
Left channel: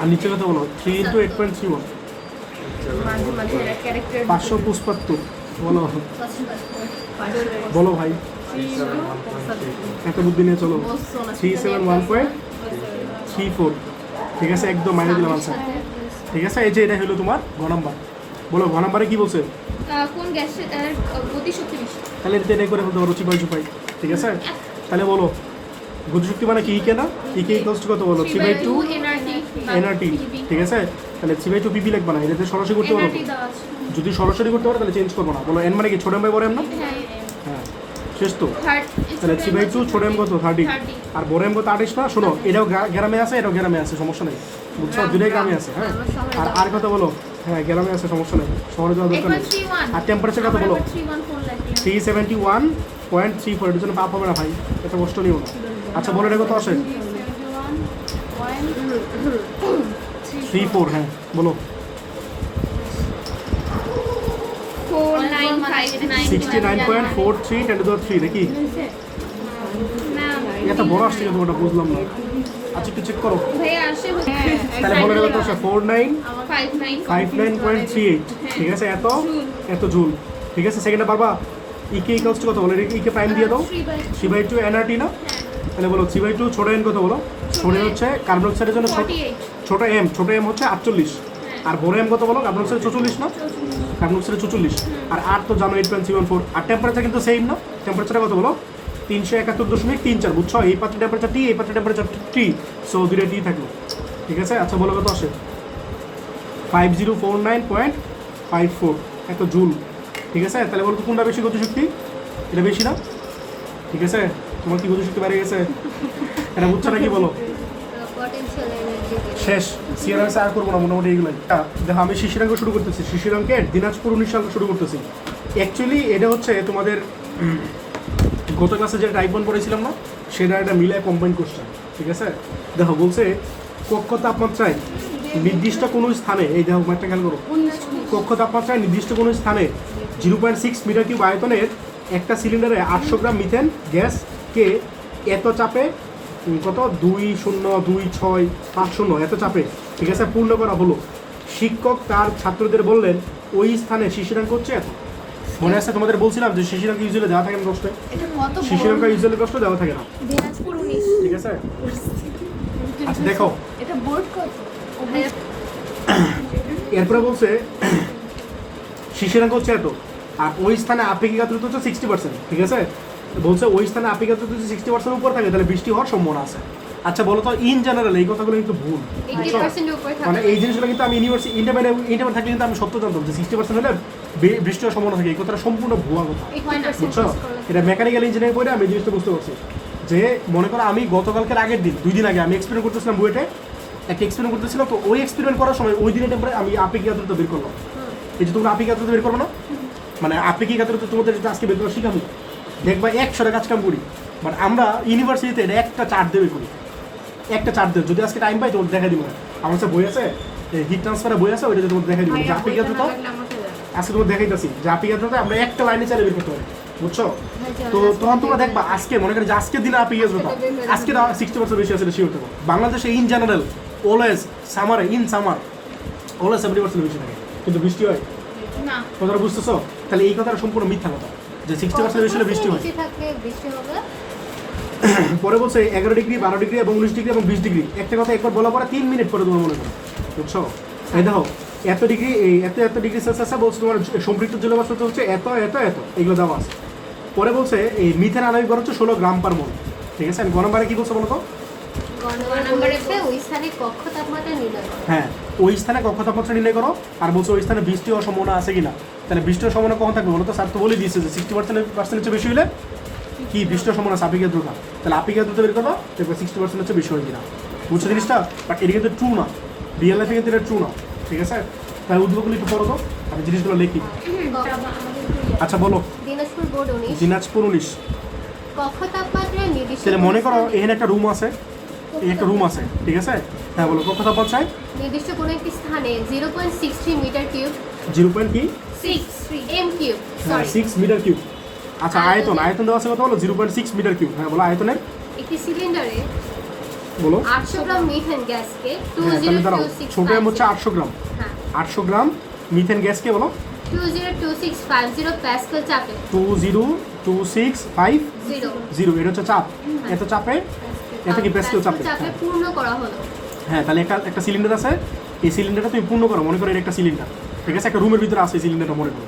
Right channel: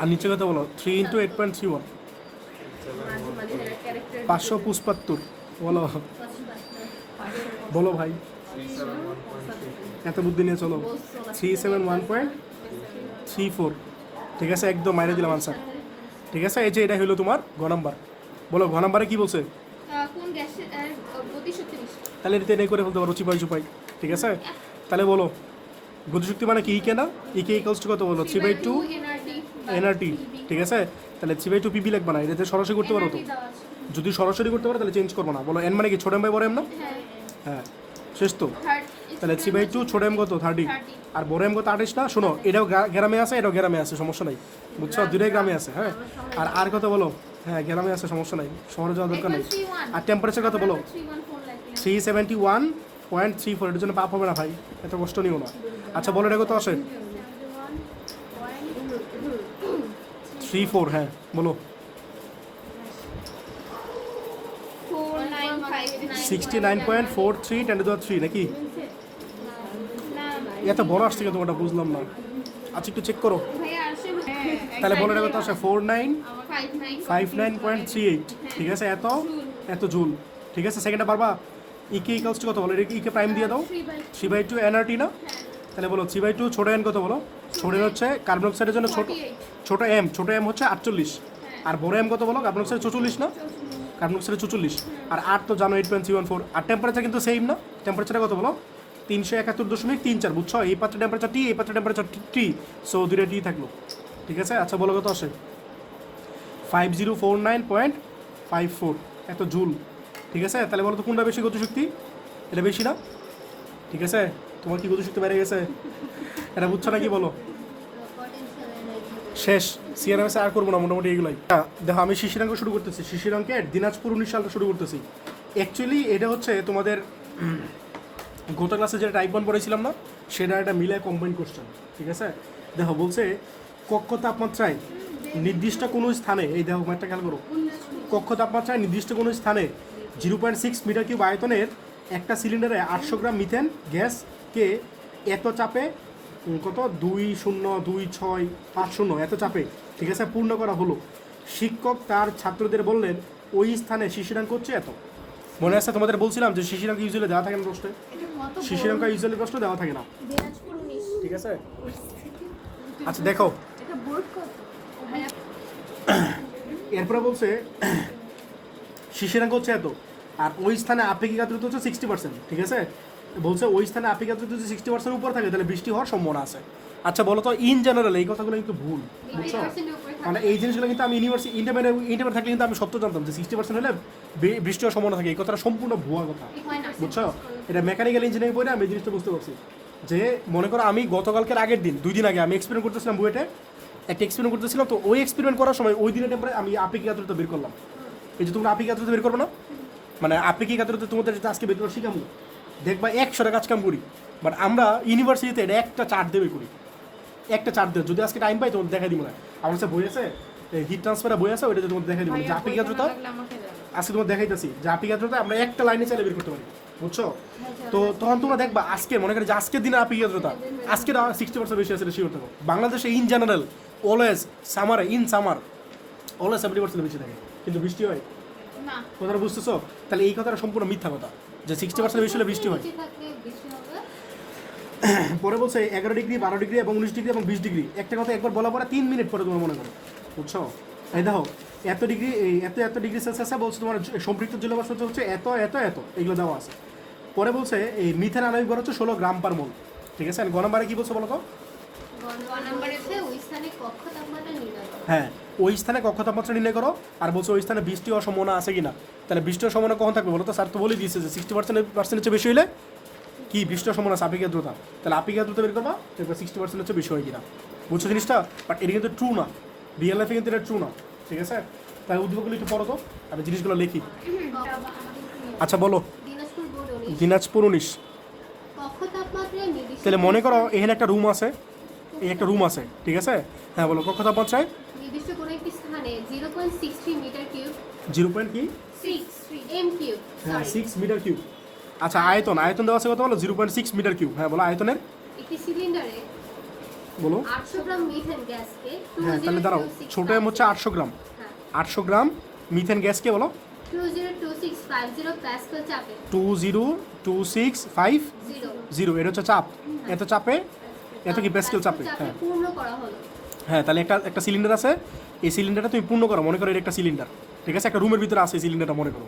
আর নিচে কত বলো? 3 × 8.31 মাঝে মাঝে ক্যারেক্টার 575 বলো, বলো ভাই, এত বুদ্ধি নিয়ে চলো। 371.34, ঠিক আছে? একদম মাইনে দিলাম আনসার, ঠিক আছে? এই যে এটা হলো তোমার ঘ নম্বর। বলো ঘ নম্বরে কি বলছে? কোন গ্যাসের গতিশক্তি বেশি? তাহলে এটাই করে বলতে পারো চিপাই, ঠিক আছে? তাহলে বলো গতিশক্তি মানে কি কেনা? ইকে ইকুয়ালস টু কত বলো? 3/2 nRT, ঠিক আছে? তাহলে 3/2 PP লাগবে না, এটাতে সরাসরি করতে পারো। NRT দেওয়া আছে। যদি সরাসরি করতে পারো তাহলে চেঞ্জ করবো না। বলো n মানে কি? ছোট m বাই বড় m না? হ্যাঁ, শেষ তো। তাহলে 3/2 ছোট m কত? 30। আর বড় m কত? 28 না? শোনো, এটাও গ্রামে আছে, এটাও গ্রামে আছে, সমস্যা নেই, বুঝছো? দুটোই গ্রামে আছে, হ্যাঁ। আর কত বলো? হ্যাঁ, গ্রামে আছে, সমস্যা নেই, শহরে যাওয়ার দরকার নেই। আর টেম্পারেচার কত বলো? 371.34। এটার জন্য পাপ হবে না ভাই, এত কষ্ট নিও না। আচ্ছা বলো এটা কত আসে? 34, হ্যাঁ বলো। 69.43 10^3 নাকি? এত বড় আসছে কেন? ওটা বুঝলাম না। আচ্ছা একটু চেক করো। তাহলে বলো এটা কত আসে? 4959.38, ঠিক আছে? এত জুল, ঠিক আছে? সেকেন্ডে পারবা? ইকে ইকুয়ালস টু কত বলো? ইকে প্রাইম দিয়ে দাও। 3/2 nRT না? তাহলে বলো 3/2 ছোট n কত বলো? ছোট হচ্ছে কার্বন ডাইঅক্সাইডের জন্য ছোট m হচ্ছে 48। আর বড় m কত বলো? কার্বন ডাইঅক্সাইড 44 না? Carbon dioxide 44। আর 8 তো জানো 8.74। আর টেম্পারেচার কিন্তু সেম না? টেম্পারেচার কত বলো? 371.34, বুঝছো? এই পাত্রের টেম্পারেচার টি, এই পাত্রের টেম্পারেচার টি, সো দুটো টি থাকলো, ঠিক আছে? আচ্ছা বলো কত আসে? 5049.54 এত জুল, ঠিক আছে? তাহলে বলো তো কোনটা বেশি গতিশক্তি? এটা বেশি না? ঠিক আছে? তোমার কি বুদ্ধিশক্তি বেড়ে গেছে? এটা বুঝছো না কি বলো? পটেনশিয়াল এনার্জি শেষ। সিআরএমএস আর করবো না, মোটামুটি এগুলাই। দেখো আমি শিশিরাঙ্ক শুরু করতেছি, শিশিরাঙ্কের দিনাজপুর 19 সাল শুরু করতেছি। অ্যাকচুয়ালি এটা হচ্ছে তোমাদের গত ক্লাসে যে টাইপ 1 পড়েছিলাম না, সেটা একটা মিলায় কম্বাইন কোশ্চেন, ঠিক আছে? দেখো বলছে কক্ষ তাপমাত্রায় নির্দিষ্ট কোনো স্থানে, এই দেখো একটা খেয়াল করো, কক্ষ তাপমাত্রায় নির্দিষ্ট কোনো স্থানে 0.6 মিটার কিউব আয়তনের একটা সিলিন্ডারে 800 গ্রাম মিথেন গ্যাসকে এত চাপে কত 202650 এত চাপে, ঠিক আছে, পূর্ণ করা হলো। শিক্ষক তার ছাত্রদের বললেন ওই স্থানে শিশিরাঙ্ক হচ্ছে এত। মনে আছে তোমাদের বলছিলাম যে শিশিরাঙ্ক ইউজুয়ালি দেওয়া থাকে না প্রশ্নে, এটা কত শিশিরাঙ্ক ইউজুয়ালি প্রশ্ন দেওয়া থাকে না, দিনাজপুর 19 ঠিক আছে? আচ্ছা দেখো এটা বোর্ড কত? এরপরে বলছে শিশিরাঙ্ক হচ্ছে এত, আর ওই স্থানে আপেক্ষিক আর্দ্রতা হচ্ছে 60%, ঠিক আছে? বলছে ওই স্থানে আপেক্ষিক আর্দ্রতা যদি 60% উপর থাকে তাহলে বৃষ্টি হওয়ার সম্ভাবনা আছে। আচ্ছা বলো তো, ইন জেনারেল এই কথাগুলো কিন্তু ভুল, বুঝছো? 80% উপরে মানে থাকে এই জিনিসগুলো কিন্তু আমি ইউনিভার্সিটি ইন্টারমিডিয়েট থাকলে কিন্তু আমি সত্য জানতাম যে 60% হলে বৃষ্টি হওয়ার সম্ভাবনা থাকে। এই কথাটা সম্পূর্ণ ভুয়া কথা, 80% বুঝছো? এটা মেকানিক্যাল ইঞ্জিনিয়ারিং পড়ে আমি এই জিনিসটা বুঝতে পারছি যে মনে করো আমি গতকালকের আগের দিন 2 দিন আগে আমি এক্সপেরিমেন্ট করতেছিলাম বুয়েটে, একটা এক্সপেরিমেন্ট করতেছিলাম। তো ওই এক্সপেরিমেন্ট করার সময় ওই দিনের পরে আমি আপেক্ষিক আর্দ্রতা বের করলাম। এই যে তোমরা আপেক্ষিক আর্দ্রতা বের করবে না, মানে আপেক্ষিক আর্দ্রতা তোমাদের যেটা আজকে বের করা শিখাবো, দেখবা 100 কাজ কাম করি, বাট আমরা ইউনিভার্সিটিতে এটা একটা চার্ট দেবে করি, একটা চার্ট দেবে। যদি আজকে টাইম পাই তোমার দেখা দিব, আমার কাছে বই আছে, হিট ট্রান্সফারের বই আছে, ওইটা যদি তোমার দেখা দিব যে আপেক্ষিক আর্দ্রতা আজকে তোমার দেখাইতেছি যে আপেক্ষিক আর্দ্রতা আমরা একটা লাইনে চালিয়ে বের করতে পারি, বুঝছো? তো তখন তোমরা দেখবা আজকে মনে করি যে আজকের দিনে আপেক্ষিক আর্দ্রতা আজকে 60% বেশি আছে, শিওর থাকো। বাংলাদেশে ইন জেনারেল অলওয়েজ সামারে ইন সামার অলওয়েজ 70% বেশি থাকে, কিন্তু বৃষ্টি হয় না কথাটা বুঝতেছো? তাহলে এই কথাটা সম্পূর্ণ মিথ্যা কথা যে 60% বেশি হলে বৃষ্টি হয়। নিচে থাকলে বৃষ্টি হবে পরে বলছে 11 ডিগ্রি 12 ডিগ্রি এবং 19 ডিগ্রি এবং 20 ডিগ্রি। একটা কথা একবার বলা পরে 3 মিনিট পরে তোমার মনে করো, বুঝছো? এই দেখো এত ডিগ্রি, এই এত ডিগ্রি সেলসিয়াসে বলছে তোমার সম্পৃক্ত জলবাষ্প হচ্ছে এত এত এত, এগুলো দেওয়া আছে। পরে বলছে এই মিথেন আণবিক ভর হচ্ছে 16 গ্রাম পার মোল, ঠিক আছে? গ নম্বরে কি বলছে বলো তো? নম্বরে ওই স্থানে কক্ষ তাপমাত্রা নির্ণয় করো। হ্যাঁ, ওই স্থানে কক্ষ তাপমাত্রা নির্ণয় করো। আর বলছে ওই স্থানে বৃষ্টি হওয়ার সম্ভাবনা আছে কিনা। তাহলে বৃষ্টি হওয়ার সম্ভাবনা কখন থাকবে বলো তো? স্যার তো বলে দিয়েছে যে 60% চেয়ে বেশি হলে কি বৃষ্টি হওয়ার সম্ভাবনা আছে, আপেক্ষিক আর্দ্রতা। তাহলে আপেক্ষিক আর্দ্রতা বের করো, দেখো 60% হচ্ছে বেশি হয় কিনা, বুঝছো জিনিসটা? বাট এটা কিন্তু ট্রু না, রিয়েল লাইফে কিন্তু এটা ট্রু না, ঠিক আছে? তাহলে উদ্যোগগুলো একটু পড়ো তো, আমি জিনিসগুলো লিখি। আচ্ছা বলো, দিনাজপুর বোর্ড 19 দিনাজপুর 19। কক্ষ তাপমাত্রা নির্দিষ্ট তাহলে মনে করো এখানে একটা রুম আছে, এই একটা রুম আছে, ঠিক আছে? হ্যাঁ বলো, কত তাপমাত্রায় নির্দিষ্ট কোনো একটি স্থানে 0.63 মিটার কিউব 0 কি 6 এম কিউব হ্যাঁ সরি 6 মিটার কিউব। আচ্ছা আয়তন দেওয়া আছে কত বলো? 0.6 মিটার কিউব। হ্যাঁ বলো আয়তনের, একটি সিলিন্ডারে বলো। 800 গ্রাম মিথেন গ্যাসকে হ্যাঁ তাহলে দাঁড়াও, ছোট এম হচ্ছে 202650 800 গ্রাম, হ্যাঁ 800 গ্রাম মিথেন গ্যাসকে বলো 202650 প্যাসকেল চাপে 202650, এটা হচ্ছে চাপ। এত চাপে, এত কি প্যাসকেল চাপে? চাপে হ্যাঁ। পূর্ণ করা হলো। হ্যাঁ তাহলে একটা সিলিন্ডার আছে, এই সিলিন্ডারটা তুমি পূর্ণ করো, মনে করো এটা একটা সিলিন্ডার, ঠিক আছে? একটা রুমের ভিতরে আছে এই সিলিন্ডারটা, মনে করো,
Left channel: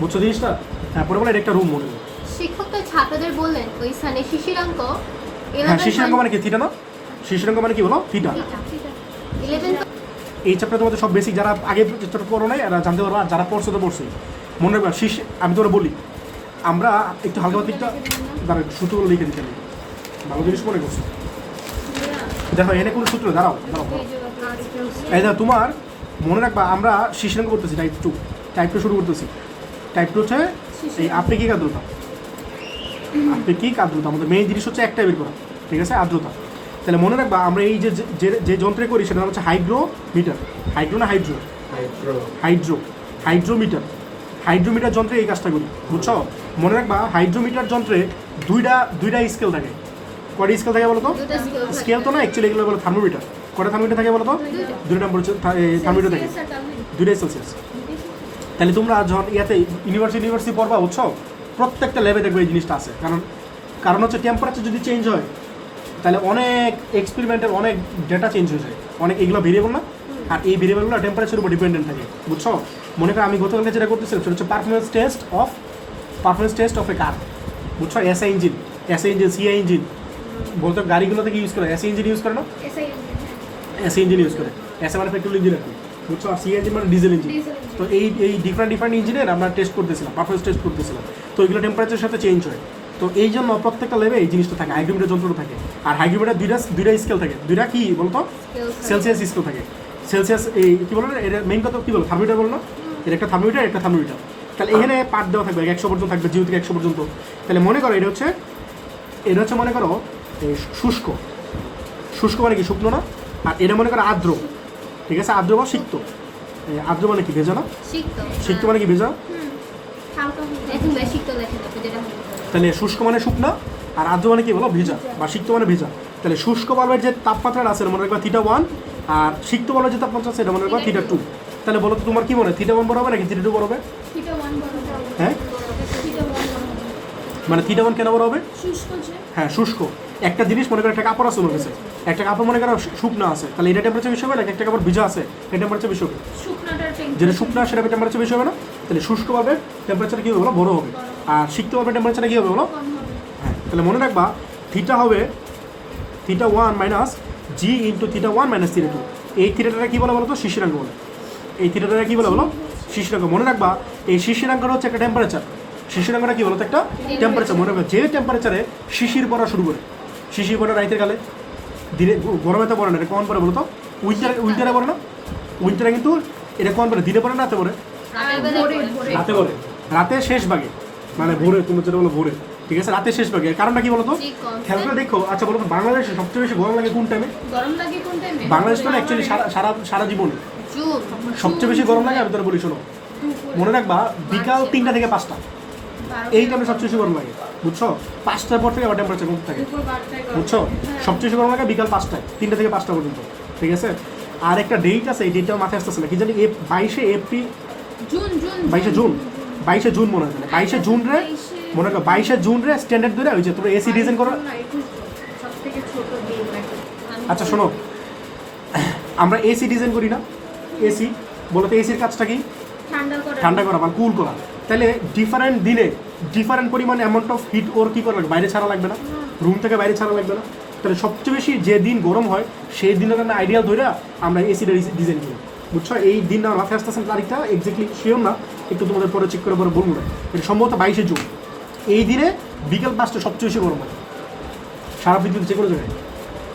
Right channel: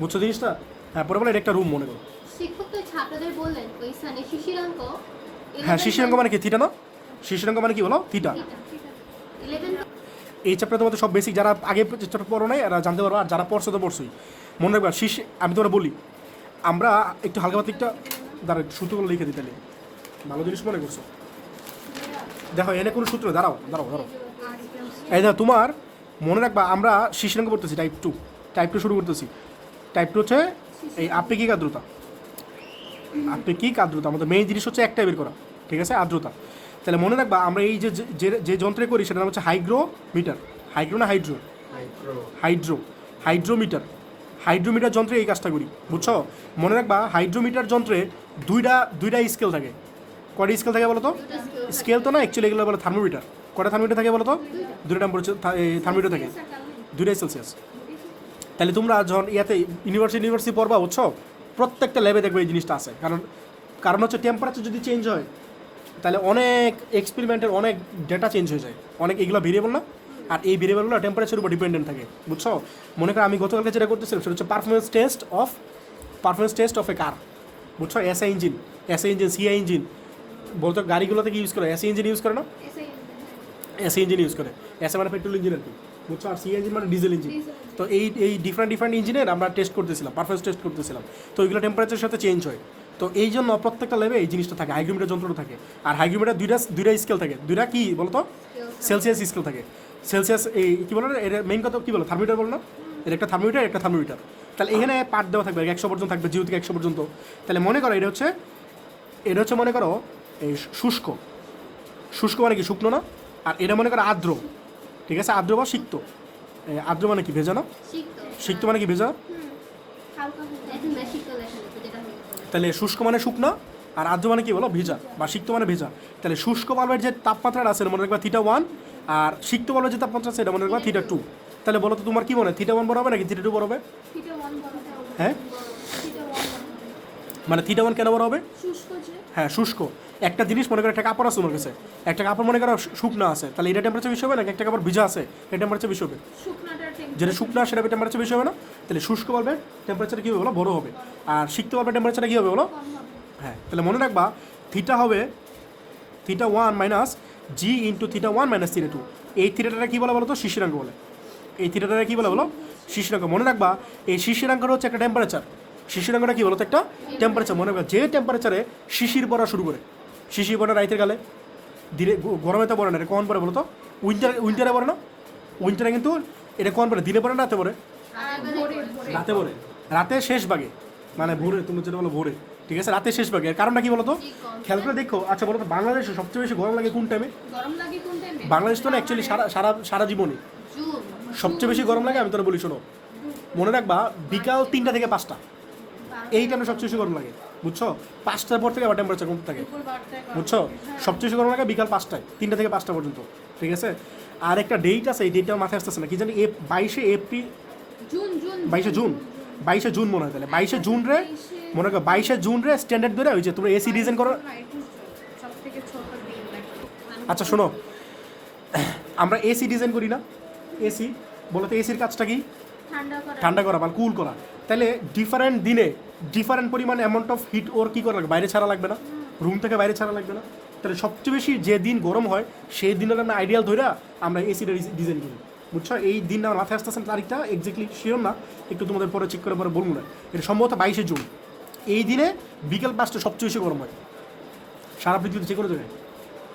বুঝছো জিনিসটা? হ্যাঁ পরে বলে এটা একটা রুম, মনে করো। শিক্ষক তার ছাত্রদের বললেন ওই স্থানে শিশিরাঙ্ক হ্যাঁ শিশিরাঙ্ক মানে কি? থিটা না? শিশিরাঙ্ক মানে কি বলো? থিটা। 11 এই চ্যাপ্টার তোমাদের সব বেসিক যারা আগে চ্যাপ্টার পড়ো নাই এরা জানতে পারবো, আর যারা পড়ছো তো পড়ছোই। মনে রাখবা আমি তোমার বলি, আমরা একটু হালকা পাতিকটা দাঁড়াও সূত্রগুলো লিখে দিতে নেই, ভালো জিনিস মনে করছো। দেখো এনে কোনো সূত্র, দাঁড়াও দাঁড়াও দাঁড়াও। এই দেখো তোমার মনে রাখবা, আমরা শিশিরাঙ্ক করতেছি টাইপ 2 শুরু করতেছি। টাইপ 2 হচ্ছে এই আপেক্ষিক আর্দ্রতা। আপেক্ষিক আর্দ্রতা আমাদের মেইন জিনিস হচ্ছে একটা বের করা, ঠিক আছে? আর্দ্রতা। তাহলে মনে রাখবা আমরা এই যে যন্ত্রে করি সেটা নাম হচ্ছে হাইগ্রোমিটার। হাইগ্রো না হাইড্রো? হাইড্রোমিটার। হাইড্রোমিটার যন্ত্রে এই কাজটা করি, বুঝছো? মনে রাখবা হাইড্রোমিটার যন্ত্রে দুইটা স্কেল থাকে। কয়টা স্কেল থাকে বলো তো? স্কেল তো না, অ্যাকচুয়ালি এগুলো বলো থার্মোমিটার। কয়টা থার্মোমিটার থাকে বলো তো? দুইটা থার্মোমিটার থাকে, 2 সেলসিয়াস। তাহলে তোমরা যখন ইউনিভার্সিটি পড়বা, বুঝছো, প্রত্যেকটা ল্যাবে দেখবে এই জিনিসটা আছে। কারণ হচ্ছে টেম্পারেচার যদি চেঞ্জ হয় তাহলে অনেক এক্সপেরিমেন্টের অনেক ডেটা চেঞ্জ হয়ে যায়, অনেক এগুলো ভেরিয়েবল না, আর এই ভেরিয়েবলগুলো টেম্পারেচারের উপর ডিপেন্ডেন্ট থাকে, বুঝছো? মনে করো আমি গতকালকে যেটা করতেছিলাম সেটা হচ্ছে পারফরমেন্স টেস্ট অফ এ কার, বুঝছো? এসআই ইঞ্জিন, সিআই ইঞ্জিন বলতো গাড়িগুলোতে কি ইউজ করে? এসআই ইঞ্জিন ইউজ করে না? এসআই ইঞ্জিন ইউজ করে। এসআই মানে পেট্রোল ইঞ্জিন আর কি, বুঝছো? আর সিআই ইঞ্জিন মানে ডিজেল ইঞ্জিন। তো এই ডিফারেন্ট ইঞ্জিনের আমরা টেস্ট করতেছিলাম, পারফরমেন্স টেস্ট করতেছিলাম। তো এগুলো টেম্পারেচারের সাথে চেঞ্জ হয়। তো এই জন্য প্রত্যেকটা ল্যাবে এই জিনিসটা থাকে, হাইগ্রোমিটার যন্ত্রটা থাকে। আর হাইগ্রোমিটার দুইটা স্কেল থাকে, দুইটা কি বলতো, সেলসিয়াস স্কেল থাকে। সেলসিয়াস এই কী বলো না, এটা মেইন কথা কী বলো, থার্মোমিটার বলো না, এটা একটা থার্মোমিটার, একটা থার্মোমিটার। তাহলে এখানে পার্ট দেওয়া থাকবে 100 পর্যন্ত থাকবে, 0 থেকে 100 পর্যন্ত। তাহলে মনে করো এটা হচ্ছে মনে করো এই শুষ্ক, শুষ্ক মানে কি শুকনো না, আর এটা মনে করো আর্দ্র, ঠিক আছে, আর্দ্র বা সিক্ত। আর্দ্র মানে কি ভেজা না, সিক্ত মানে কি ভেজা। হালকা দেখুন সিক্ত লেখা থাকে যেটা হয়। তাহলে শুষ্ক মানে শুকনা, আর আর্দ্র মানে কি বলো ভেজা, বা সিক্ত মানে ভেজা। তাহলে শুষ্ক বাল্বের যে তাপমাত্রাটা আছে মনে রাখবা θ1, আর সিক্ত বাল্বের যে তাপমাত্রা আছে এটা মনে রাখবা θ2। তাহলে বলো তো তোমার কি মনে হয়, θ1 বড় হবে নাকি θ2 বড় হবে? থিটা 1 বড় হবে। হ্যাঁ, থিটা 1 বড় হবে। মানে θ1 কেন বড় হবে? শুষ্ক যে হ্যাঁ শুষ্ক। একটা জিনিস মনে করো, একটা কাপড় আছে তোমার কাছে, একটা কাপড় মনে করো শুকনো আছে, তাহলে এটা টেম্পারেচার বেশি হবে নাকি একটা কাপড় ভিজা আছে এটা টেম্পারেচার বেশি হবে? শুকনাটার যেটা শুকনো সেটা টেম্পারেচার বেশি হবে না? তাহলে শুষ্ক পাবে টেম্পারেচার কী হবে বলো, বড় হবে। আর সিক্ত পাবে টেম্পারেচার কী হবে বলো? কম হবে। হ্যাঁ, তাহলে মনে রাখবা থিটা হবে θ1 মাইনাস জি ইন্টু θ1 মাইনাস θ2। এই থিটাটা কী বলে বলো তো, শিশিরাঙ্ক বলে। এই থিটাটা কী বলে বলো, শিশিরাঙ্ক। মনে রাখবা এই শিশিরাঙ্কটা হচ্ছে একটা টেম্পারেচার। শিশিরাঙ্কটা কী বলো তো, একটা টেম্পারেচার। মনে রাখবা যে টেম্পারেচারে শিশির পড়া শুরু করে, শিশির পড়া রাইতের কালে, ধীরে গরমে তো পড়ে না, এটা কখন পড়ে বলো তো? উইন্টারে পড়ে না? উইন্টারে কিন্তু এটা কখন পড়ে, দিনে পড়ে না রাতে পড়ে? রাতে পড়ে, রাতে শেষ ভাগে, মানে ভোরে, তুমি যেটা বলো ভোরে, ঠিক আছে, রাতে শেষ ভাগে। এর কারণটা কি বলো তো, খেয়াল করে দেখো। আচ্ছা বলো তো, বাংলাদেশে সবচেয়ে বেশি গরম লাগে কোন টাইমে? গরম লাগে কোন টাইমে? বাংলাদেশ তো অ্যাকচুয়ালি সারা জীবনে জুন। সবচেয়ে বেশি গরম লাগে। আমি তোর বলি শোনো, মনে রাখবা বিকাল 3টা থেকে 5টা এই টাইমে সবচেয়ে বেশি গরম লাগে, বুঝছো? 5টার পর থেকে আবার টেম্পারেচার কমতে থাকে, বুঝছো? সবচেয়ে বেশি গরম লাগে বিকাল 5টায়, 3টা থেকে 5টা পর্যন্ত, ঠিক আছে। আর একটা ডেট আছে, এই ডেটটা মাথায় আসতেছে না, কি জানি 22শে এপ্রিল, জুন জুন 22শে জুন, 22শে জুন মনে হয়। 22শে জুন রে মনে করো, 22শে জুন রে স্ট্যান্ডার্ড ধরে হয়েছে তোমরা এসি ডিজাইন করো। সবথেকে ছোট দিন নাকি? আচ্ছা শোনো, আমরা এসি ডিজাইন করি না, এসি বলো তো এসির কাজটা কি? ঠান্ডা করা বা কুল করা। তাহলে ডিফারেন্ট দিনে ডিফারেন্ট পরিমাণ অ্যামাউন্ট অফ হিট ওর কী করা লাগবে, বাইরে ছাড়া লাগবে না, রুম থেকে বাইরে ছাড়া লাগবে না। তাহলে সবচেয়ে বেশি যে দিন গরম হয় সেই দিনের একটা আইডিয়াল ধরে আমরা এসিটা ডিজাইন করি, বুঝছো? এই দিনটা মাথায় আসতেছে তারিখটা এক্স্যাক্টলি শিওর না, একটু তোমাদের পরে চেক করে পরে বলবো না। এটা সম্ভবত 22শে জুন। এই দিনে বিকেল 5টা সবচেয়ে বেশি গরম হয় সারা পৃথিবীতে যে কোনো জায়গায়,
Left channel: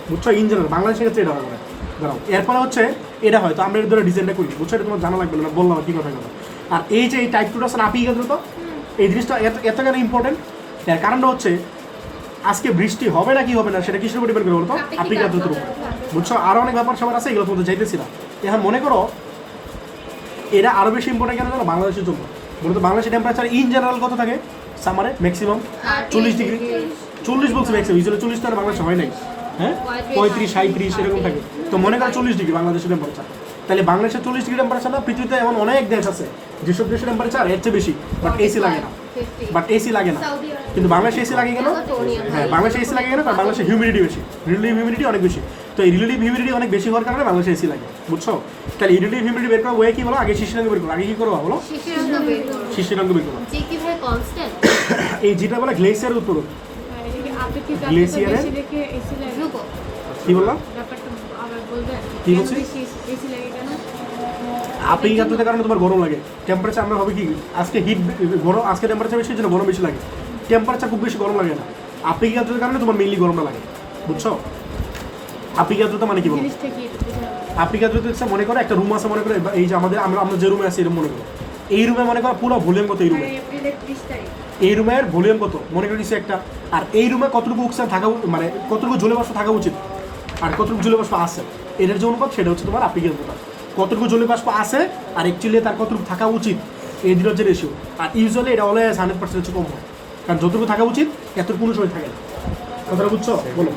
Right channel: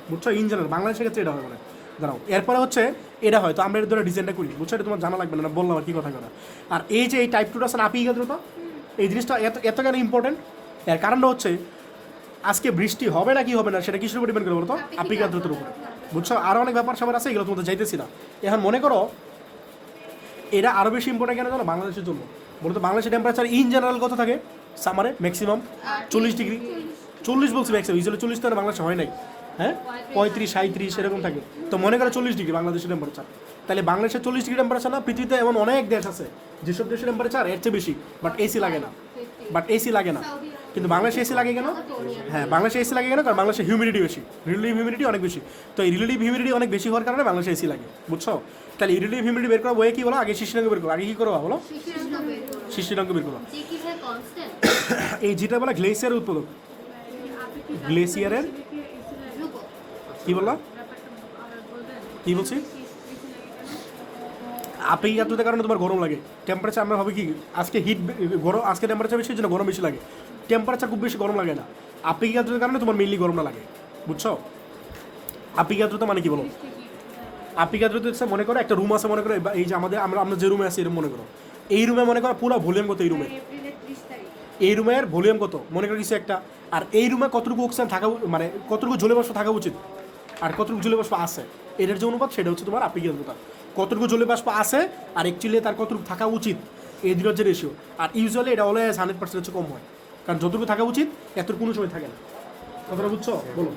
বুঝছো? ইন জেনারেল বাংলাদেশের ক্ষেত্রে এটা হবে না। দাঁড়াও, এরপরে হচ্ছে এটা হয় তো আমরা এর ধরে ডিজাইনটা করি, বুঝছো? এটা তোমার জানা লাগবে না, বললাম না কি কথা কথা। আর এই যে এই টাইপ 2 আছে আপি গেল তো, এই জিনিসটা এত কেন ইম্পর্টেন্ট? এর কারণটা হচ্ছে আজকে বৃষ্টি হবে না কি হবে না সেটা কিসের উপর ডিপেন্ড করে বলতো, আপি গাদ্রুর উপর, বুঝছো? আরও অনেক ব্যাপার সবার আছে, এগুলো তোমাদের চাইতেছিলাম। এখন মনে করো এটা আরও বেশি ইম্পর্টেন্ট কেন জানো বাংলাদেশের জন্য? বলতো বাংলাদেশের টেম্পারেচার ইন জেনারেল কত থাকে সামারে? ম্যাক্সিমাম 40 ডিগ্রি, 40 বলছে ম্যাক্সিমাম, ইউজুয়ালি 40 তো আর বাংলাদেশে হয় নাই, হ্যাঁ 35 37 এরকম থাকে। তো মনে করো 40 ডিগ্রি বাংলাদেশের টেম্পারেচার। তাহলে বাংলাদেশের 40 ডিগ্রি টেম্পারেচার না, পৃথিবীতে এমন অনেক দেশ আছে যেসব দেশের টেম্পারেচার এর চেয়ে বেশি, বাট এসি লাগে না, কিন্তু বাংলাদেশে এসি লাগে কেন? হ্যাঁ, বাংলাদেশে এসি লাগে কেন? কারণ বাংলাদেশে হিউমিডিটি বেশি, রিলেটিভ হিউমিডিটি অনেক বেশি। তো এই রিলেটিভ হিউমিডিটি অনেক বেশি হওয়ার কারণে বাংলাদেশে এসি লাগে, বুঝছো? তাহলে রিলেটিভ হিউমিডিটি বের করা ওয়ে কি বলো? আগে শিশিরাঙ্ক বের করো। আগে কি করবো বলো? শিশিরাঙ্ক বের করো। যে কি ভাই কনস্ট্যান্ট এই যেটা বলে গ্লেসিয়ার উৎপাদন, গ্লেসিয়ারের গ্লেসিয়ারের দেখে এসি লাগে। গ্লুকো কি বললাম? ব্যাপারটা আবার বলবেন? কি বলছি? এসি লাগে কেন? আপেক্ষিক আর্দ্রতার কারণে তোমার গরম লাগে। টেম্পারেচার আমরা হবে কি আজকে হিট গরম, আজকে টেম্পারেচার বেশি জন্য গরম বেশি লাগে। টেম্পারেচার খুব বেশি গরম লাগে না, আপেক্ষিক আর্দ্রতার কারণে তোমার মেইনলি গরমটা লাগে, বুঝছো? আপেক্ষিক আর্দ্রতা মানে কি বলো? জিনিসটা কি? আপেক্ষিক আর্দ্রতা হচ্ছে মনে করো একটা রুম আছে, মনে করো এই যে আমরা যে রুমে আছি এরকম মনে করো, এই রুমে মনে করো পুরো ভলিউম কত, এই রুমে এপ্রিলের 30 তারিখ। এই রুমের ভলিউম কত মনে করো কিছু একটা, আর এই রুমে কতটুকু অক্সিজেন থাকা মানে কতটুকু জলীয় বাষ্প থাকা উচিত আর কতটুকু জলীয় বাষ্প আছে, এটার যে অনুপাত সেটা হচ্ছে তোমার আপেক্ষিক আর্দ্রতা। কতটুকু জলীয় বাষ্প আছে আর অ্যাকচুয়ালি তার কতটুকু থাকা উচিত, এই দুটোর যে রেশিও। আর ইউজুয়ালি এটা অলওয়েজ 100% হচ্ছে কম হয়, কারণ যতটুকু থাকা উচিত এত কোনো সময় থাকে না। কথাটা বুঝছো? বলো।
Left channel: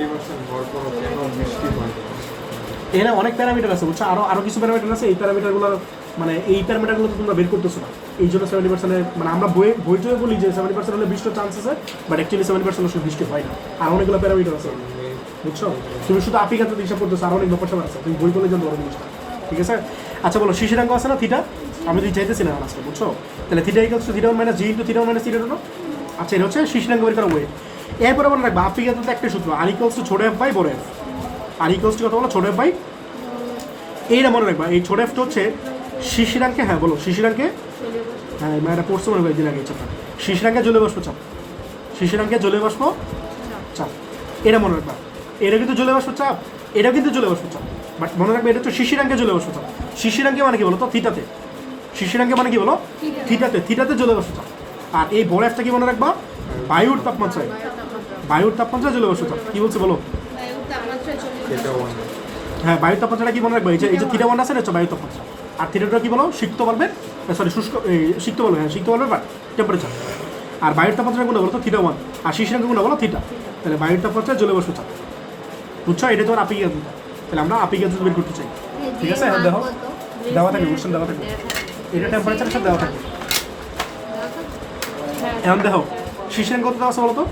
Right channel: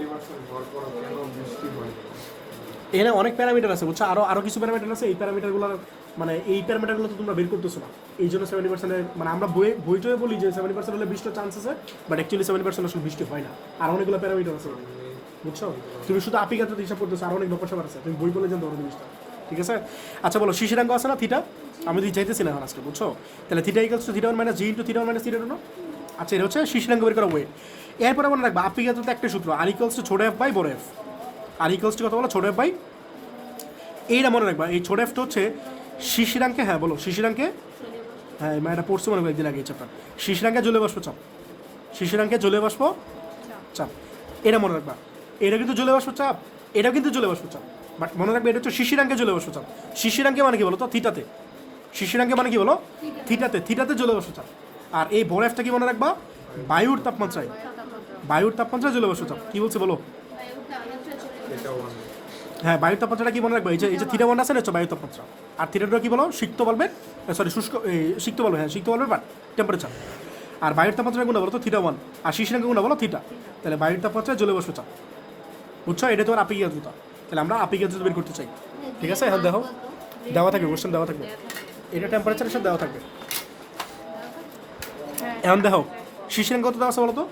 এখানে অনেক প্যারামিটার আছে, বুঝছো? আরও কিছু প্যারামিটার আছে, এই প্যারামিটারগুলো মানে এই প্যারামিটারগুলো তো তোমরা বের করতেছো না, এই জন্য 70% মানে আমরা বইটয়ে বলি যে 70% হলে বৃষ্টির চান্স আছে, বাট অ্যাকচুয়ালি 70% আসলে বৃষ্টি হয় না। আর অনেকগুলো প্যারামিটার আছে, বুঝছো? তুমি শুধু আপেক্ষিক আর্দ্রতা হিসাব করতেছো, আর অনেক ব্যাপার সবার আছে, তুমি বই বলে জানতে পারো জিনিসটা, ঠিক আছে? আচ্ছা বলো, শিশিরাঙ্ক আছে না থিটা, আমি যদি চাইতেছি না আজকে, বুঝছো? তাহলে θ = θ1 - g * θ1 - θ2। আচ্ছা, এটা হচ্ছে শিশিরাঙ্ক বের করা বই। এরপরে মনে রাখবা আপেক্ষিক আর্দ্রতা একটা সূত্র, r = ছোট f / বড় f। r = কত বলো? ছোট f / এইটা মনে রাখবা। এই ছোট এফটা হচ্ছে শিশিরাঙ্কে, হ্যাঁ বলো শিশিরাঙ্কে, হ্যাঁ এটা পড়ছো মনে করি দিন আগে, শিশিরাঙ্কে জলীয় বাষ্প চাপ, শিশিরাঙ্কে জলীয় বাষ্প চাপ, এটা মনে রাখবা। এটা কিন্তু জলীয় বাষ্প চাপ, এটা কিন্তু জলীয় বাষ্প চাপ, বাট মনে রাখবে এটা হচ্ছে শিশিরাঙ্কে জলীয় বাষ্প চাপ। শিশিরাঙ্কে মানে কি বলো তো? থিটাতে। শিশিরাঙ্কে মানে কি বলো? থিটাতে। থিটাতে জলীয় বাষ্প চাপ। আর এই বড় একটা কি মনে রাখবা? বায়ুর তাপমাত্রায়। বায়ুর তাপমাত্রায় জলীয় বাষ্প চাপ। কি বলছে বলো? বায়ুর তাপমাত্রা চলে এটা ওয়ান। হ্যাঁ, বায়ুর তাপমাত্রাটা কি মনে রাখবে? এই যে থিটা ওয়ান আছে, এটা হচ্ছে বায়ুর তাপমাত্রা। আর থিটাটা কি বলো? সিক্ত বলবে, সরি শুষ্ক, সিক্ত বলবে, হ্যাঁ সিক্ত বলবে, বাট টেম্পারেচার। আর বায়ুর তাপমাত্রা কোনটা বলো তো? Theta one. আর শিশিরাঙ্ক কোনটা বলো? থিটা। তাহলে বায়ুর তাপমাত্রায় জলীয় বাষ্প চাপ, বুঝছো? এটা তোমার আপিক আদ্রতা। তাহলে আমরা আপিক আদ্রতা বের করতে চাই, ঠিক আছে? হ্যাঁ দেখো, দেওয়া থাকবে, কোশ্চেন দেওয়া থাকবে, এটা টেম্পারেচারের সাথে দেওয়া থাকবে। এখন দেখো শিশিরাঙ্ক কত দেওয়া আছে বলো তো?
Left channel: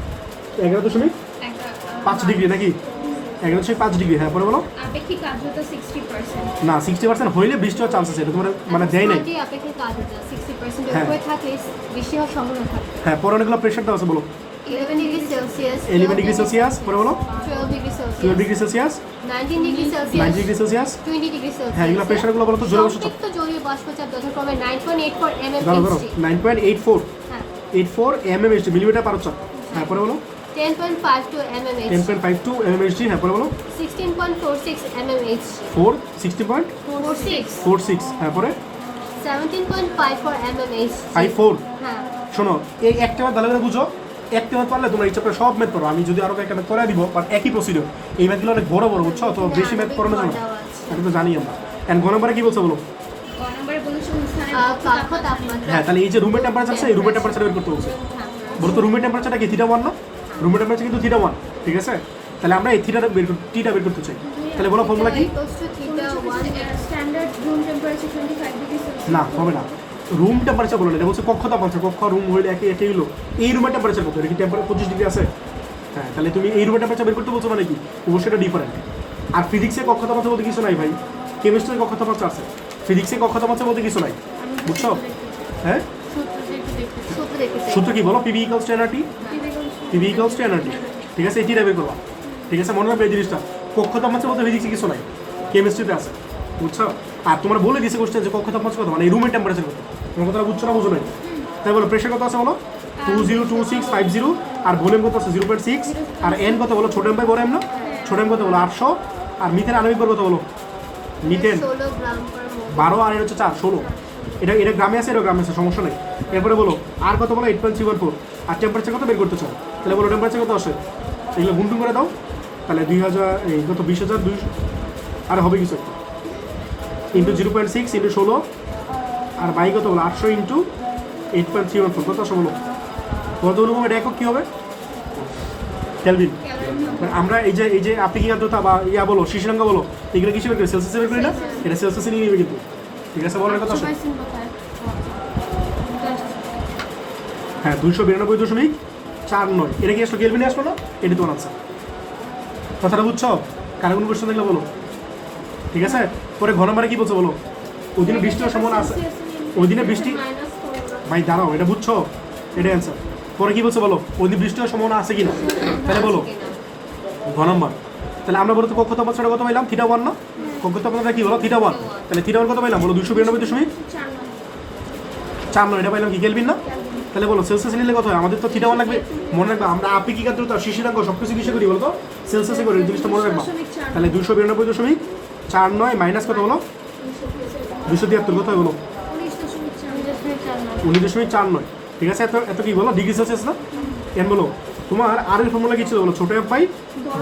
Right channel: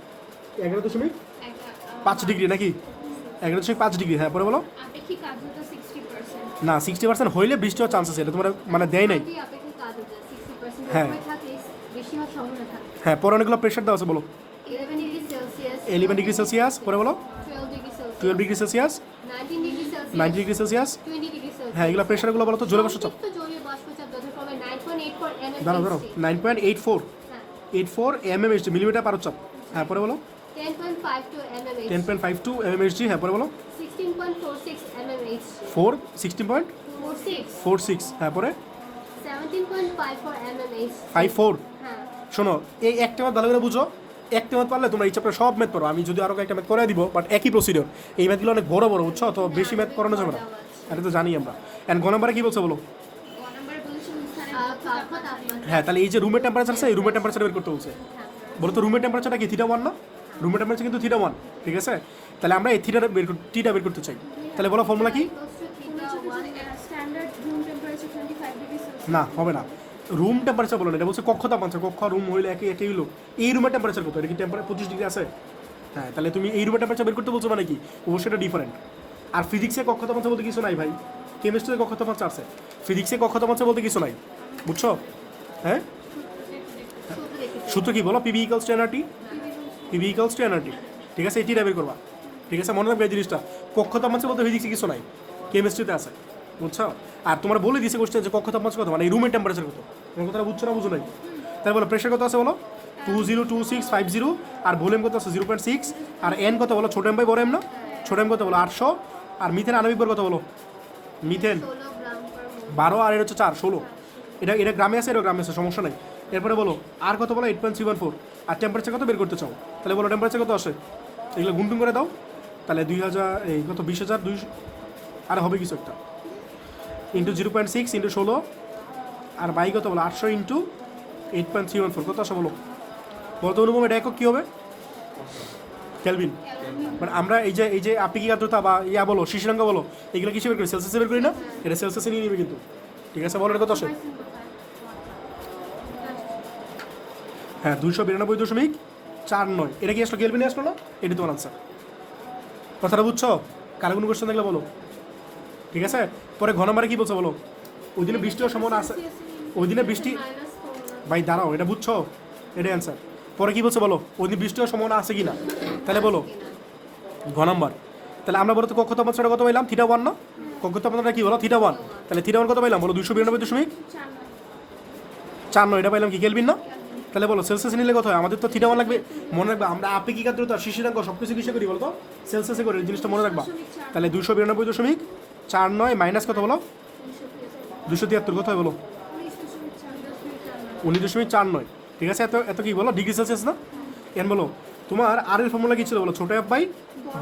11.5 ডিগ্রি নাকি? 11.5 ডিগ্রি। হ্যাঁ পরে বলো। আপেক্ষিক আর্দ্রতা 60%। না, 60% হইলে বৃষ্টি হওয়ার চান্স আছে, এটা তোমার মানে দেয় নাই। আপেক্ষিক আর্দ্রতা 60% এর হ্যাঁ। উপরে থাকলে বৃষ্টি হওয়ার সম্ভাবনা থাকে। হ্যাঁ, পরে অনেকগুলো প্রেশার দেওয়া আছে, বলো। 11 ডিগ্রি সেলসিয়াস, 11 ডিগ্রি সেলসিয়াস, পরে বলো 12 degree 12 Celsius, degree Celsius, 19 degree 9 Celsius, degree Celsius. 20 degree Celsius. হ্যাঁ, এগুলো প্রেশারগুলো বলো তো জলীয় বাষ্প চাপ। সংক্ষিপ্ত জলীয় বাষ্পচাপ যথাক্রমে 9.84 দাঁড়াও দাঁড়াও, mmHg, 9.84 হ্যাঁ, 84 mmHg, মিলিমিটার পার চাপ। হ্যাঁ পরে বলো 10.52 mmHg, 10.52 mmHg। হ্যাঁ পরে বলো 16.46 mmHg, 16.46। 46, হ্যাঁ পরে 17.54 mmHg, 54। হ্যাঁ, শোনো, এই একটা ম্যাথ ভালো করে বুঝো। একটা ম্যাথ পারলে তোমরা এই চ্যাপ্টার সব ম্যাথ করো। আমি যদি আরও একটা ম্যাথ করে দিব, বাট একই প্রসিডিওর। এই ম্যাথগুলো অনেক বড় বড়, বুঝছো? তো বেশি ম্যাথ করানো যাবে না, এটা তো জানি আমরা। অ্যান্ড ঘ নাম্বারে কি বলছো বলো? ক নম্বরে বলেছে স্থানের কক্ষ তাপমাত্রা। হ্যাঁ, তাহলে এই যে রুমের টেম্পারেচার আছে, এই রুমের টেম্পারেচার বের করতে বলছে। বলো তো রুমের টেম্পারেচারটা কি? থিটা ওয়ান না? রুমের টেম্পারেচার কিন্তু থিটা ওয়ান, ঠিক আছে? তাহলে আমরা এই টিটা বের করতে চাই। তাহলে বলো ফর্মুলা কি? Standard room temperature 25 degree Celsius. না, হবে না। রুম টেম্পারেচার বলো না, এটা বলছে কক্ষ তাপমাত্রা। কক্ষ রুম হইলে একই হলো। এই রুমের টেম্পারেচার কত? এটা কি টেম্পারেচার 25 ডিগ্রি আছে? হ্যাঁ, তাহলে তুমি এই রুমের টেম্পারেচার বের করতে বলছো মানে কি? অবশ্যই এটা ডিফারেন্ট। আর ফিজিক্সে কক্ষ তাপমাত্রা বলতে কিছু নাই ভাই। কেমিস্ট্রিতে কক্ষ তাপমাত্রা আছে, ফিজিক্সে কক্ষ তাপমাত্রা বলতে কিছু নাই, বুঝছো? হ্যাঁ, সূত্র দেখতে চাই। সূত্র কি বলো? PV equals to nRT. PV equals to nRT, ঠিক আছে? এটিটা বের করবা, ঠিক আছে? মনে রাখবে এই জিনিসটা। কক্ষ তাপমাত্রা বলতে ফিজিক্সে কিছু নাই, কেমিস্ট্রিতে আছে, বুঝছো? আর তোমার বলে দিয়েছে কোশ্চেন যে কক্ষ তাপমাত্রা কত, মানে এই রুমের টেম্পারেচার কত। তোমার কথাটা বুঝছো না বুঝো নাই? তাই বলো প্রেশার কত আছে বলো? 202650। আর ভলিউম কত আছে? 0.6। আর এন কত বলো? ছোট এম বাই বড় এম না? ছোট এম কত বলো? 800। আর মিথেন আণবিক ভর কত বলো? মিথেন 16 গ্রাম পার মোল। 12, আর এর হচ্ছে 4, 16। এটা গ্রামে আছে, এটা গ্রামে আছে, সমস্যা নেই। এরপরে বলো আর কত বলো? 8.314। আর টেম্পারেচার কত বের করতে চাও? তাহলে বলো টেম্পারেচার কত আসে? এগুলো গুনটুন করে দাও। তাহলে 2000, এই কত 20,200, আর হবে কিছু একটা, ইন্টু 0.6 ইন্টু 16, আর বাই কত বলো? 800 ইন্টু 8.314, কত আসে বলো? কত রকম? এটা একক কী হবে? কেলভিন। মানে আমরা এই যে আপেক্ষিক আর্দ্রতা বা ইয়া বলো, শিশিরাঙ্ক বলো, এগুলো কিছু বের করি? সেলসিয়াসে বের করি না? এটা সেলসিয়াসে নিয়ে নেবে কিন্তু, ঠিক আছে? বলো কত আসে? হ্যাঁ, 292.49। এটা কি আসলো? কেলভিনে আসলো না? এটি তোমার আনসার। কথাটা বুঝছো? কারো কোনো কোশ্চেন দেখলে বলো, ঠিক আছে? পরে ঘন মারে কি বলছো বলো? ওই দিনে বৃষ্টি হওয়ার সম্ভাবনা আছে, ওই দিনে বৃষ্টি। ভাই দাঁড়াও, এটা বুঝছো? এটাই অ্যান্সার। পরে কি বলছো বলো? ওই দিন বৃষ্টি হওয়ার সম্ভাবনা আছে কি না? তাহলে বলো ঘ নম্বর। তাহলে আমরা বলো তো কক্ষ তাপমাত্রাটা কত পাইলাম? থিটা ওয়ান না? কক্ষ তাপমাত্রা কি বলো? Theta one. তাহলে থিটা ওয়ান কত পাইলাম বলো? 292.49। এটা পাইলাম কি? কেলভিন না? তাহলে বলো সেলসিয়াস নিলে কত হয়? আমাদের তো থিটা ওয়ান লাগবে। মনে রাখবা আমরা আপেক্ষিক আর্দ্রতা, শিশিরাঙ্ক সব কিছু কিসে করি বলতো? সেলসিয়াসে করি, এই জিনিসটা মনে রাখবা। তাহলে 292.49 মাইনাস কত বলো? 273, কত হয় বলো? 19.49, ঠিক আছে? এত কি বলো? ডিগ্রি সেলসিয়াস না? এন বলো তোমার আর এর ফর্মুলা কি ছিল বলো? ছোট এফ বাই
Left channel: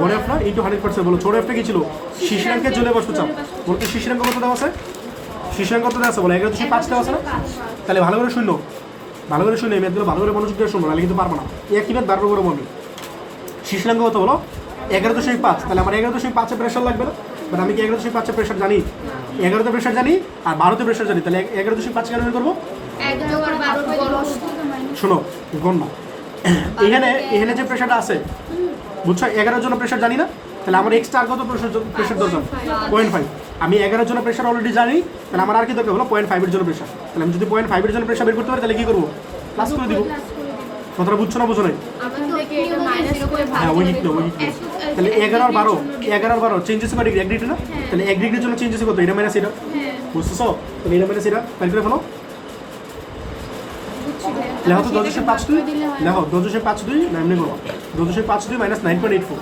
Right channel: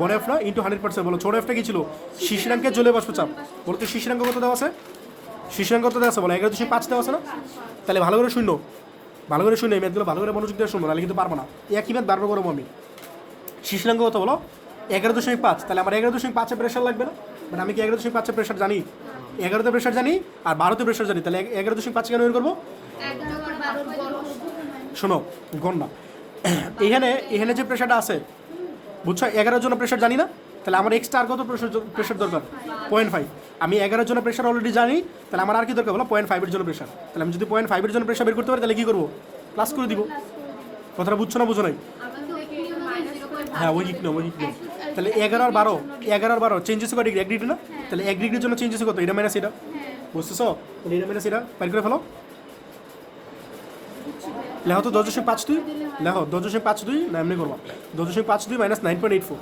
বড় এফ না, ইন্টু 100%। বলো ছোট এফটা কি ছিল? শিশিরাঙ্কের জলীয় বাষ্প চাপ। বলতে শিশিরাঙ্ক কত দেওয়া আছে? শিশিরাঙ্ক কত দেওয়া আছে বলো? 11.5 দেওয়া আছে না? তাহলে ভালো করে শুনলো, ভালো করে শুনে এই ম্যাথগুলো ভালো করে মনোযোগ দিয়ে শুনবো, নাহলে কিন্তু পারবো না। একই ম্যাথ বারবার করে বলবি। শিশিরাঙ্ক কত বলো? 11.5। তাহলে আমার 11.5 প্রেশার লাগবে না? বাট আমি কি 11.5 প্রেশার জানি? 11তে প্রেশার জানি, আর 12তে প্রেশার জানি। তাহলে 11.5 কেন বের করবো? 11 আর 12 বড়। শোনো গণনা, এখানে যে প্রেশারটা আছে, বুঝছো? 11 জন্য প্রেশার জানি না? তাহলে আমার এক্সট্রা আর কত প্রেশার দরকার? 0.5। আমি 11 জন্য প্রেশার অলরেডি জানি, তাহলে আমার আর কি দরকার হলো? 0.5 জন্য প্রেশার। তাহলে আমি যদি 0.5 জন্য প্রেশার বের করতে পারি, তাহলে কি করবো? প্লাস করে দিব। কথাটা বুঝছো না বুঝো নাই? হ্যাঁ, ওই দিক না, ওই দিক না। তাহলে 11 আর 12 চেঞ্জেস করে 1 ডিগ্রি না? তাহলে 1 ডিগ্রির জন্য চেঞ্জেস কত? এটা মাইনাস এটা, বুঝতেছো? তাহলে এটা মাইনাস এটা বের করে ফেলো। লেখো তো 10/5 লেখো 10/5 না এমনি করো 10/5 মাইনাস 9.84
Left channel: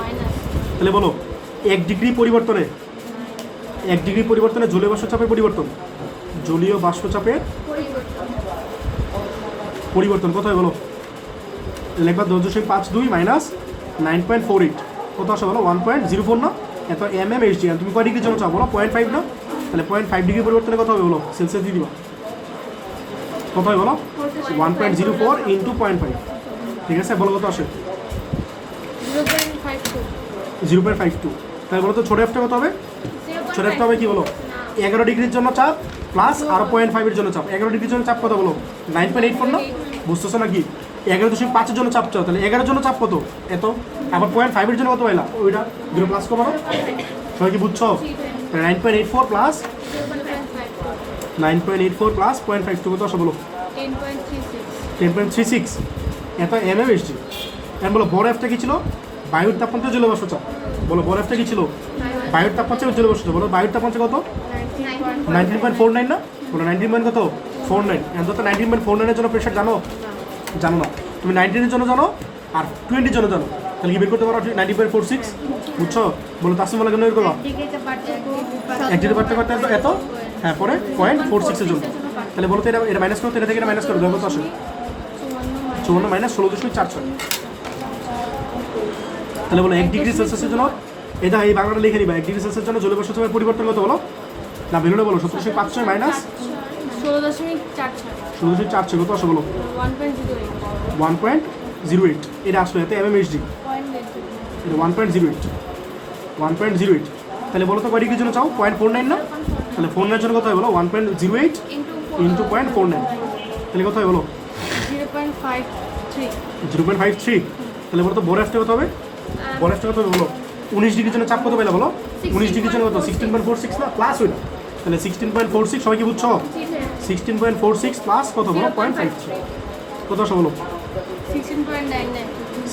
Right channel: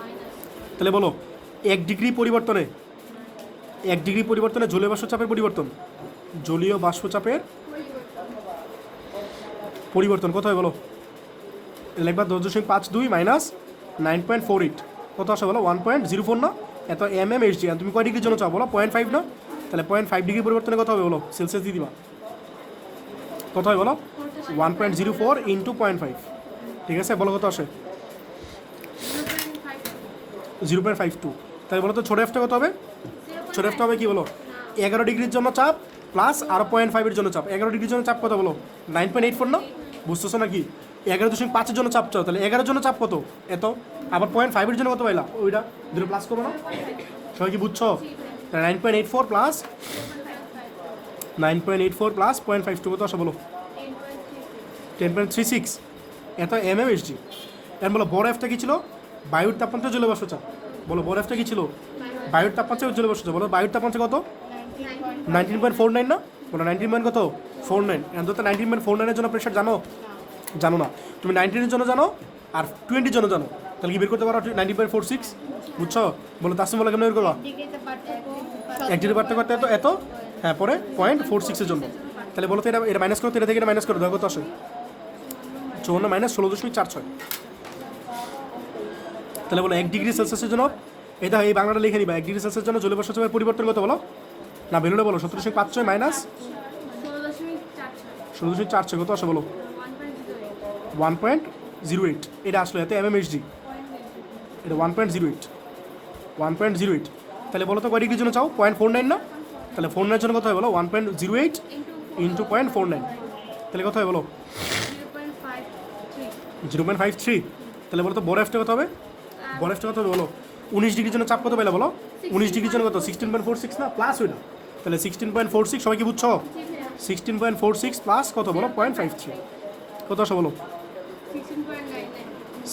মাইনাস তাহলে বলো 1 ডিগ্রি পরিবর্তনে 1 ডিগ্রি পরিবর্তনে জলীয় বাষ্পচাপের পরিবর্তন জলীয় বাষ্পচাপের পরিবর্তন কত হয় বলো লেখবা 10/5 মাইনাস 9.48 কত আসে বলো 1.04 না এত mmHg আর তুমি কয় ডিগ্রির জন্য চাও বলো 0.5 না তাহলে 0.5 ডিগ্রি পরিবর্তনে কত হবে বলো সেলসিয়াস দিয়ে দিবা কত হয় বলো 1.04 ইন্টু 0.5 ঠিক আছে বলো কত আসে 0.52 তাহলে বলো তো ছোট এফটা কত হবে ছোট এফটা হবে কি বলো 11 ডিগ্রির জন্য চাপ প্লাস আর 0.5 এর জন্য চাপ 11 ডিগ্রির জন্য চাপ কত বলো 9.84 না বুঝতেছো নাকি 11.5 এর জন্য চাপ চাও তাহলে 11 এর জন্য চাপ কত এত আবার 0.5 এর জন্য কত পাইলা ওইটা দুটো প্লাস করো না সবাই কি বুঝছো 9.84 প্লাস 9.84 প্লাস 0.52 কত আসে বলো 10.36 এত mmHg এখন বলো বড় এফটা কি ছিল বায়ুর তাপমাত্রা জলীয় বাষ্প চাপ বলো বড় এফটা কি ছিল বায়ুর তাপমাত্রা জলীয় বাষ্প চাপ বলো বায়ুর তাপমাত্রা কত 19.49 না বলো 19 কত 49 এখন তো 19.49 এর জন্য প্রেশার জানো জানো না তুমি 19 এর জন্য জানো আর 20 এর জন্য জানো তাহলে কি বের করতে পারো 19.46 বুঝছো বলো তাসিম বলে কেন বের করবা এক ডিগ্রি বাড়তে বাড়তে এত হ্যাঁ পরে 0.46 এর জন্য তাহলে বলো তো এটা মাইনাস করো এটা থেকে এটা মাইনাস করো দেখো কত আসে 54 মাইনাস 16.46 তাহলে বলো 1 ডিগ্রি সেলসিয়াসের জন্য এটা এই বাংলাটা লিখে নিবা 1 ডিগ্রি সেলসিয়াসের জন্য জলীয় বাষ্প চাপের পরিবর্তন কত বলো না ভ্যালুটা বলো 17.56 মাইনাস 16.46 কত আসে বলো 1.08 এটা আসলে এতে mmHg এটা 1.08 তাহলে বলো তো কয় ডিগ্রির জন্য চাও 0.49 না তাহলে 49 এর জন্য কত হয় বলো 1.08 ইন্টু 0.49 তাহলে কত হয় বলো 0.53 তাহলে বলো তো বড় এফটা কত হবে বড় এফটা কত হবে বলো 19 ডিগ্রির জন্য চাপ কত পাইলা বলো 19 ডিগ্রির জন্য কত 16.46 না প্লাস হইল তাহলে 16.46 সবাই কি বুঝছো 16.46 প্লাস কত বলো 0.53 কত আসে বলো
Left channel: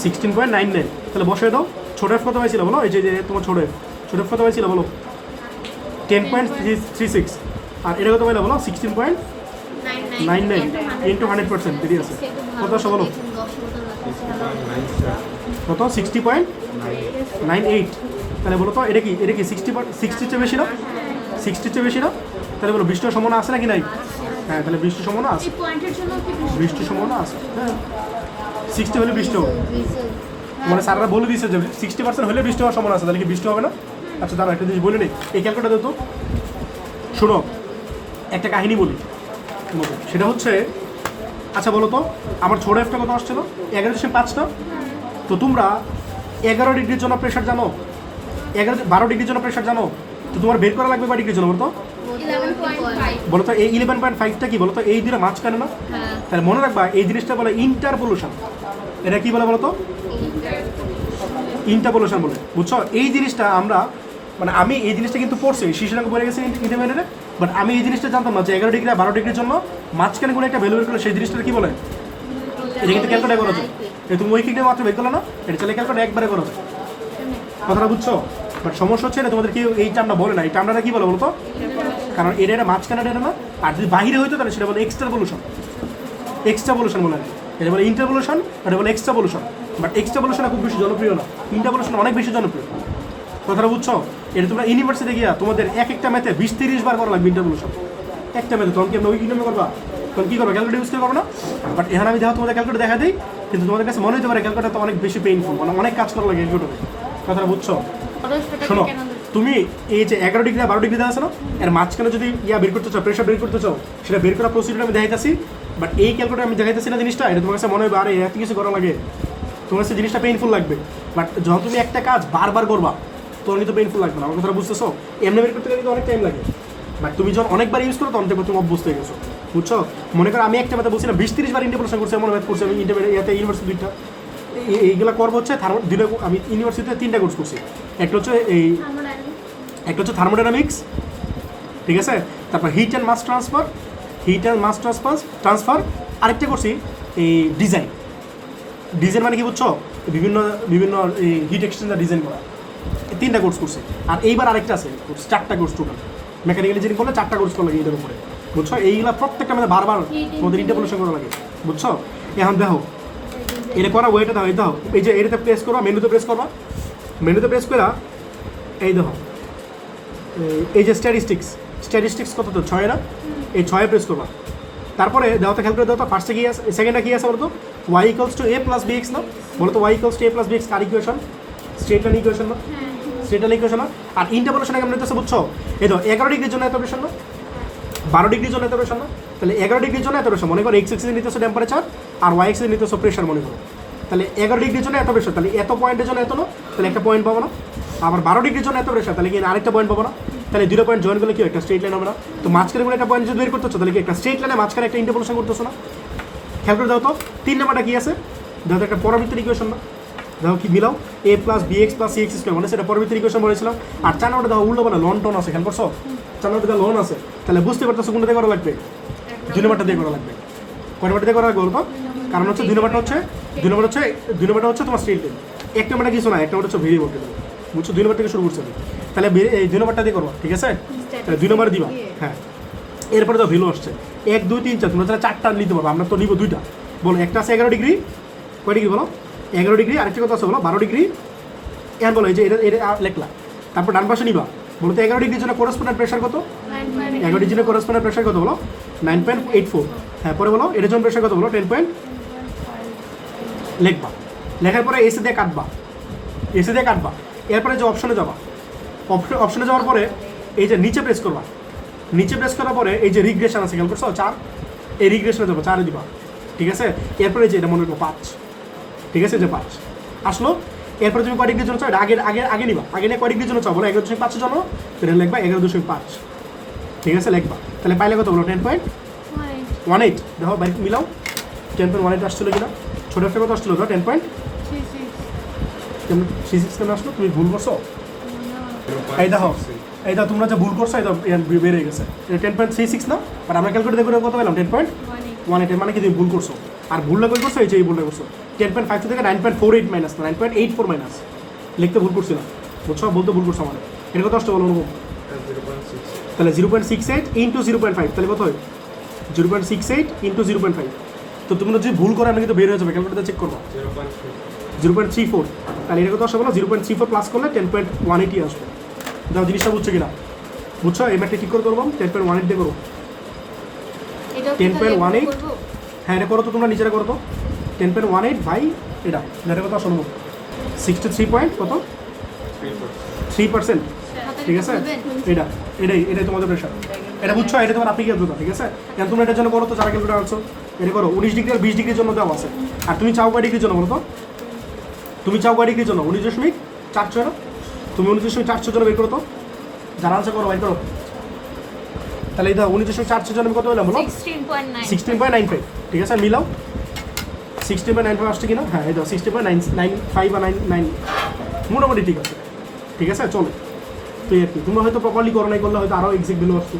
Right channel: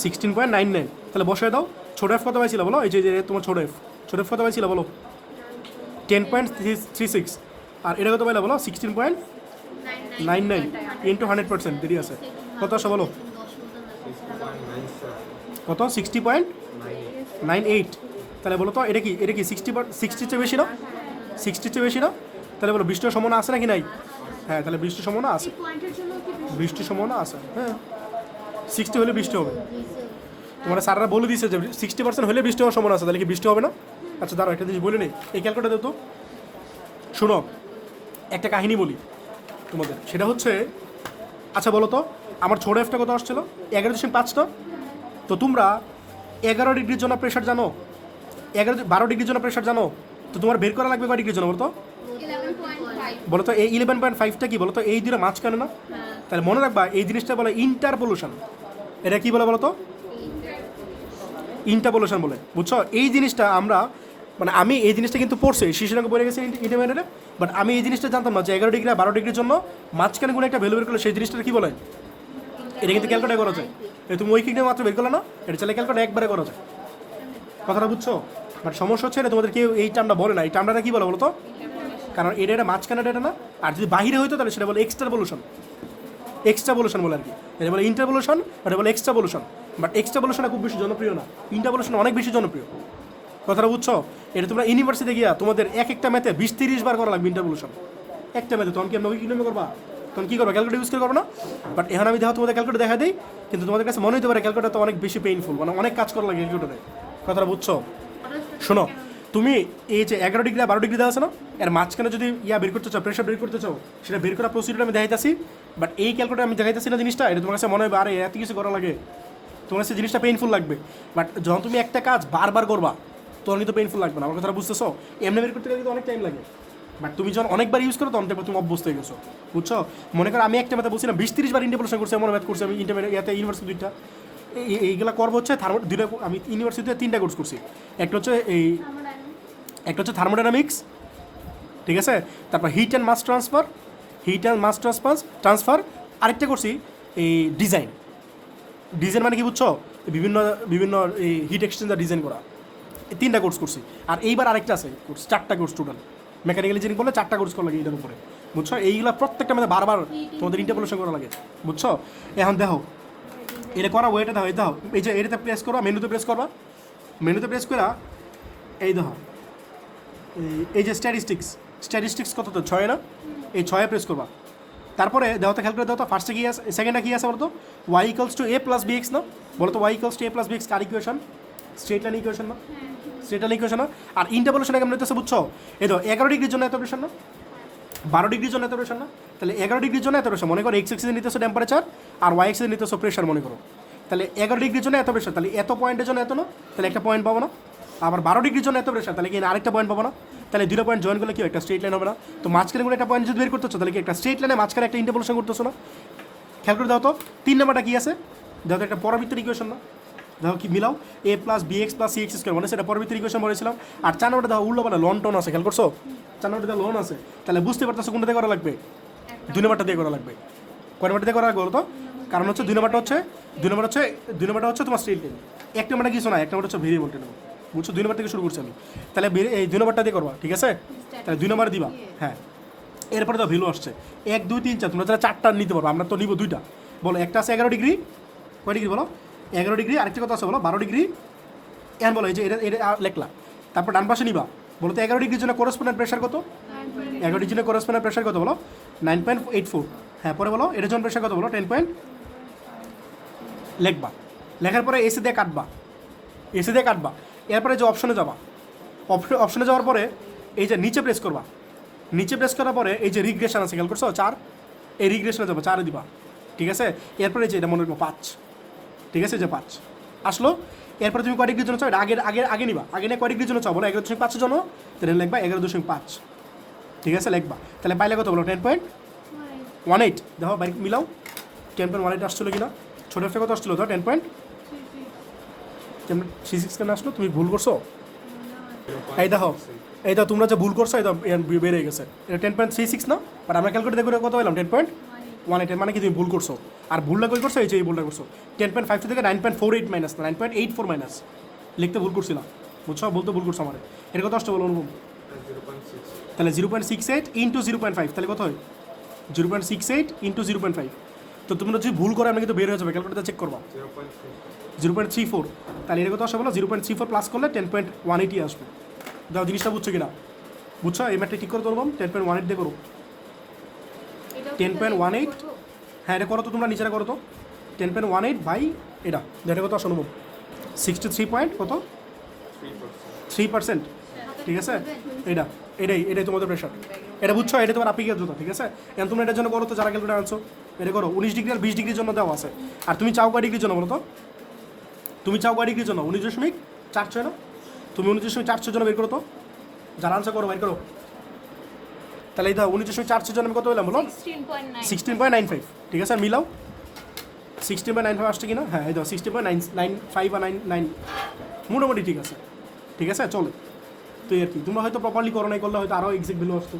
16.99 তাহলে বসায় দাও ছোট এফ কত পাইছিল বলো এই যে তোমার ছোট এফ কত পাইছিল বলো 10.36 আর এটা কত পাইলা বলো 16.99 ইন্টু 100% দেরি আছে কত আসে বলো কত 60.98 তাহলে বলো তো এটা কি 60 চেয়ে বেশি না 60 চেয়ে বেশি না তাহলে বলো বৃষ্টির সম্ভাবনা আছে নাকি নাই হ্যাঁ তাহলে বৃষ্টির সম্ভাবনা আছে বৃষ্টির সম্ভাবনা আছে হ্যাঁ 60 হলে বৃষ্টি হবে মানে স্যাররা বলে দিয়েছে যে 60% হলে বৃষ্টি হওয়ার সম্ভাবনা আছে তাহলে কি বৃষ্টি হবে না আচ্ছা দাঁড়াও একটা জিনিস বলি নেই এই ক্যালকুলেটার দাও তো শোনো একটা কাহিনী বলি তোমাকে সেটা হচ্ছে আচ্ছা বলো তো আমার ছোট এফটা কত আসছিল 11.5 না তো তোমরা 11 ডিগ্রির জন্য প্রেশার জানো 12 ডিগ্রির জন্য প্রেশার জানো তো তোমার বের করা লাগবে বা ডিগ্রির জন্য বলো তো 11.5 বলো তো এই 11.5টা কি বলো তো এই দুটো মাঝখানে না তাহলে মনে রাখবা এই জিনিসটা বলে ইন্টারপোলেশন এটা কি বলে বলো তো ইন্টারপোলেশন বলে বুঝছো এই জিনিসটা আমরা মানে আমি এই জিনিসটা কিন্তু পড়ছি শিশুরাকে বলে গেছে ইন্টারমিডিয়েটে বাট আমি এই জিনিসটা জানতাম না যে 11 ডিগ্রি আর 12 ডিগ্রির জন্য মাঝখানে কোনো একটা ভ্যালু বের করলে সেই জিনিসটা কি বলে এটা কিন্তু ক্যালকুলেট করা যায় এই তুমি উইকিংটা মাত্র বের করলে না এটা চাইলে ক্যালকুলেট একবারে করা যায় কথাটা বুঝছো বাট সমস্যা হচ্ছে না তোমাদের কি এই টার্মটা বলে না এই টার্মটা কি বলে বলো তো কারণ এটা মাঝখানে এটা না আর যদি বাইরে হইতো তাহলে সেটা বলে এক্সট্রাপোলেশন বলে এটা বলে ইন্টারপোলেশন এটা বলে এক্সট্রাপোলেশন বাট এক্সট্রাপোলেশন খুব বেশি জনপ্রিয় না ইন্টারপোলেশন অনেক বেশি জনপ্রিয় কথাটা বুঝছো এটা তোমরা ইউনিভার্সিটিতে গিয়া তোমাদের একটা ম্যাথে 20-30 বার করা লাগবে ইন্টারপোলেশন একটা ম্যাথে তখন কি আমরা উইকিং করবা তখন কী করো ক্যালকুলেট ইউজ করো না বাট এখানে আমি দেখো তোমাদের ক্যালকুলেট দেখা দিই কিন্তু তোমাদের কাছে মনে হতে পারে ক্যালকুলেটার তো অনেক বেশি পেইনফুল মানে অনেক কাজ করা লাগে ক্যালকুলেটারে কথাটা বুঝছো শোনো তুমি এই যে 11 ডিগ্রি 12 ডিগ্রি দেওয়া আছে না এর মাঝখানে যদি বের করতে চাও প্রেশার বের করতে চাও সেটা বের করা প্রসিডিউর আমি দেখাইতেছি বাট এই ক্যালকুলেটার আমি দেখাইতেছি না জিনিসটা এটা তোমার কাছে মনে হবে আরে এত কিছু করা লাগে তোমার কাছে জিনিসটা পেইনফুল লাগবে বাট যখন তুমি একটা কাজ বারবার করবা তখন কিন্তু পেইনফুল লাগবে না আমার কথাটা বুঝতেছো এমনি বের করতে গেলে কিন্তু অনেক টাইম লাগে বাট তুমি যখন অনেকবার ইউজ করো তখন দেখো তুমি অভ্যস্ত হয়ে গেছো বুঝছো মনে করো আমি একটা ম্যাথ বলছি না 20-30 বার ইন্টারপোলেশন করছি এমন ম্যাথ করছি আমি ইউনিভার্সিটিটা এইগুলো করবো হচ্ছে দিনে আমি ইউনিভার্সিটিতে 3টা কোর্স করছি একটা হচ্ছে থার্মোডাইনামিক্স ঠিক আছে তারপর হিট অ্যান্ড মাস ট্রান্সফার আরেকটা করছি এই ডিজাইন মানে কি বুঝছো বিভিন্ন এই হিট এক্সচেঞ্জার ডিজাইন করা এই 3টা কোর্স করছি আর এইবার আরেকটা আছে 4টা কোর্স টোটাল মেকানিক্যাল ইঞ্জিনিয়ারিং করলে 4টা কোর্স করলে এটার উপরে বুঝছো? এইগুলা প্রত্যেকটা মানে বারবার তোমাদের ইন্টারপোলেশন করা লাগে, বুঝছো? এখন দেখো এটা করা ওয়েটা দাও, এই দাও, এই যে এটাতে প্রেস করবা, মেনুতে প্রেস করবা, মেনুতে প্রেস করা এই দেখো এই যে স্ট্যাটিস্টিক্স কত তো 6 না, এই 6 প্রেস করবা। তারপরে দেওয়াতে খেয়াল করে দাও তো ফার্স্টে কি আছে, সেকেন্ডে কি আছে বলো তো? y equals to a plus bx না, বলো তো y equals to a plus bx car equation? Straight line equation না, স্ট্রেট লাইন ইকুয়েশন না। আর ইন্টারপোলেশনে কেমন হইতেছে বুঝছো? এই দেখো 11 ডিগ্রির জন্য এত প্রেশার না, 12 ডিগ্রির জন্য এত প্রেশার না, তাহলে 11 ডিগ্রির জন্য এত প্রেশার, মনে করো x এক্সিসে নিতেছো টেম্পারেচার আর y এক্সিসে নিতেছো প্রেশার, মনে করো তাহলে 11 ডিগ্রির জন্য এত প্রেশার, তাহলে এত পয়েন্টের জন্য এত না, তাহলে একটা পয়েন্ট পাবো না। আবার 12 ডিগ্রির জন্য এত প্রেশার, তাহলে কি আরেকটা পয়েন্ট পাবো না, তাহলে দুটো পয়েন্ট জয়েন করলে কি একটা স্ট্রেট লাইন হবে না? তো মাঝখানে কোনো একটা পয়েন্ট যদি বের করতেছো তাহলে কি একটা স্ট্রেট লাইনে মাঝখানে একটা ইন্টারপোলেশন করতেছো না? খেয়াল করে দাও তো 3 নাম্বারটা কি আছে, দেখো একটা পরবর্তী ইকুয়েশন না, দেখো কি মিলাও a plus bx plus cx square, মানে সেটা পরবর্তী ইকুয়েশন বলেছিলাম। আর 4 নাম্বারটা দেখো উল্টো পাল্টা লন টন আছে, খেয়াল করছো? 4 নাম্বারটা লন আছে, তাহলে বুঝতে পারতেছো কোনটা দিয়ে করা লাগবে? 2 নাম্বারটা দিয়ে করা লাগবে। কয় নাম্বারটা দিয়ে করা লাগবে বলতো? কারণ হচ্ছে 2 নাম্বারটা হচ্ছে তোমার স্ট্রেট লাইন, 1 নাম্বারটা কিছু না, 1 নাম্বারটা হচ্ছে ভেরিয়েবল, বুঝছো? 2 নাম্বার থেকে শুরু করছি আমি, তাহলে এই 2 নাম্বারটা দিয়ে করবা, ঠিক আছে? তাহলে 2 নাম্বার দিবা, হ্যাঁ। এরপরে তো ভ্যালু আসছে 1 2 3 4, তোমরা 4টা নিতে পারবো, আমরা তো নিব 2টা। বলো একটা আছে 11 ডিগ্রি, কয় ডিগ্রি বলো? 11 ডিগ্রি, আরেকটা কত আছে বলো? 12 ডিগ্রি। এখন বলো এই যে এটা এটা লেখলা, তারপর ডান পাশে নিবা, বলো তো 11 ডিগ্রির জন্য করেসপন্ডেন্ট প্রেশার কত? 11 ডিগ্রির জন্য করেসপন্ডেন্ট প্রেশার কত বলো? 9.84। হ্যাঁ, পরে বলো এটার জন্য প্রেশার কত বলো? 10. লিখবা, লেখার পরে এসে দিয়ে কাটবা, এরপরে যে অপশনে যাবা, অপশনে যাওয়ার পরে এই যে নিচে প্রেস করবা, নিচে প্রেস করার পরে এই যে রিগ্রেশন আছে, খেয়াল করছো? 4, এই রিগ্রেশনে যাবো, 4 দিবা, ঠিক আছে? এরপরে যে এটা মনে করবো 5, ঠিক আছে? যে 5 আসলো, এরপরে তুমি কয় ডিগ্রির জন্য চাও? আগে নিবা, আগে নিয়ে কয় ডিগ্রির জন্য চাও বলো? 11.5 জন্য, তাহলে লিখবা 11.5, ঠিক আছে? লিখবা, তাহলে পাইলে কত বলো? 10.18। দেখো বাইরে মিলাও, 10.18 আসছিল কিনা? ছোটো একটা কত আসছিল? 10.36 কেন আসলো? তুমি ভুল করছো, এই দেখো তোমরা যে ভুল করছো, এই বেড়ে গেছে, এটা 10.36 না, আর আমরা ক্যালকুলেট দেখো কত পেলাম? 10.18, মানে কি তুমি ভুল করছো। আর ভুলটা কই করছো? এই যে এই ভুলটা করছো, 10.52 থেকে 9.48 মাইনাস, 9.84 মাইনাস লিখতে ভুল করছিলাম, বুঝছো? বলতে ভুল করছো আমার। এটা কত আসছে বলো? তাহলে 0.68 ইন্টু 0.5, তাহলে কত হয়? 0.68 ইন্টু 0.5। তো তুমি যদি ভুল করে আমি কিন্তু বের হয়ে যাবে, ক্যালকুলেটার চেক করবো। 0.34, তাহলে এটা কত আসবে বলো? 0.34 প্লাস করলে 10.18 আসবে। দাও, জিনিসটা বুঝছো কিনা? বুঝছো? এবার ঠিক করে করবো 10.18 দিয়ে করবো। 10.18, হ্যাঁ এটা করো তো, তোমরা নিচেরা করো তো। 10.18 বাই এটা কত আসলে? 63 পয়েন্ট কত? 3%, ঠিক আছে? এটাই তোমাদের প্রেশার, এটা বুঝছো? এটা তোমার আপিকের জন্য, ঠিক আছে? এখন তোমরা এটার জন্য করো তো, যারা ক্যালকুলেটার আনছো এটা করো। 19 ডিগ্রি আর 20 ডিগ্রির জন্য দেওয়া আছে। আর তুমি চাও কয় ডিগ্রির জন্য বলো তো? তুমি চাও কয় ডিগ্রির জন্য? 19.46 না? তুমি 19.46 জন্য বের করো তো, যারা আনসার করো বের করো। তাহলে এই দাও 19.46 জন্য আমি কত পেলাম বলো? 16.95, ঠিক আছে? মিলাও 16.95 আসছে কিনা? হ্যাঁ, এই দাও 16.95 বা 99, মোটামুটি ঠিক আছে, ঠিক আছে? চলো, তো আর কি, তোমরা হয়তো প্রপারলি করো নাই, করলে হয়তো আরও এক্সাক্ট ভ্যালু আসছে,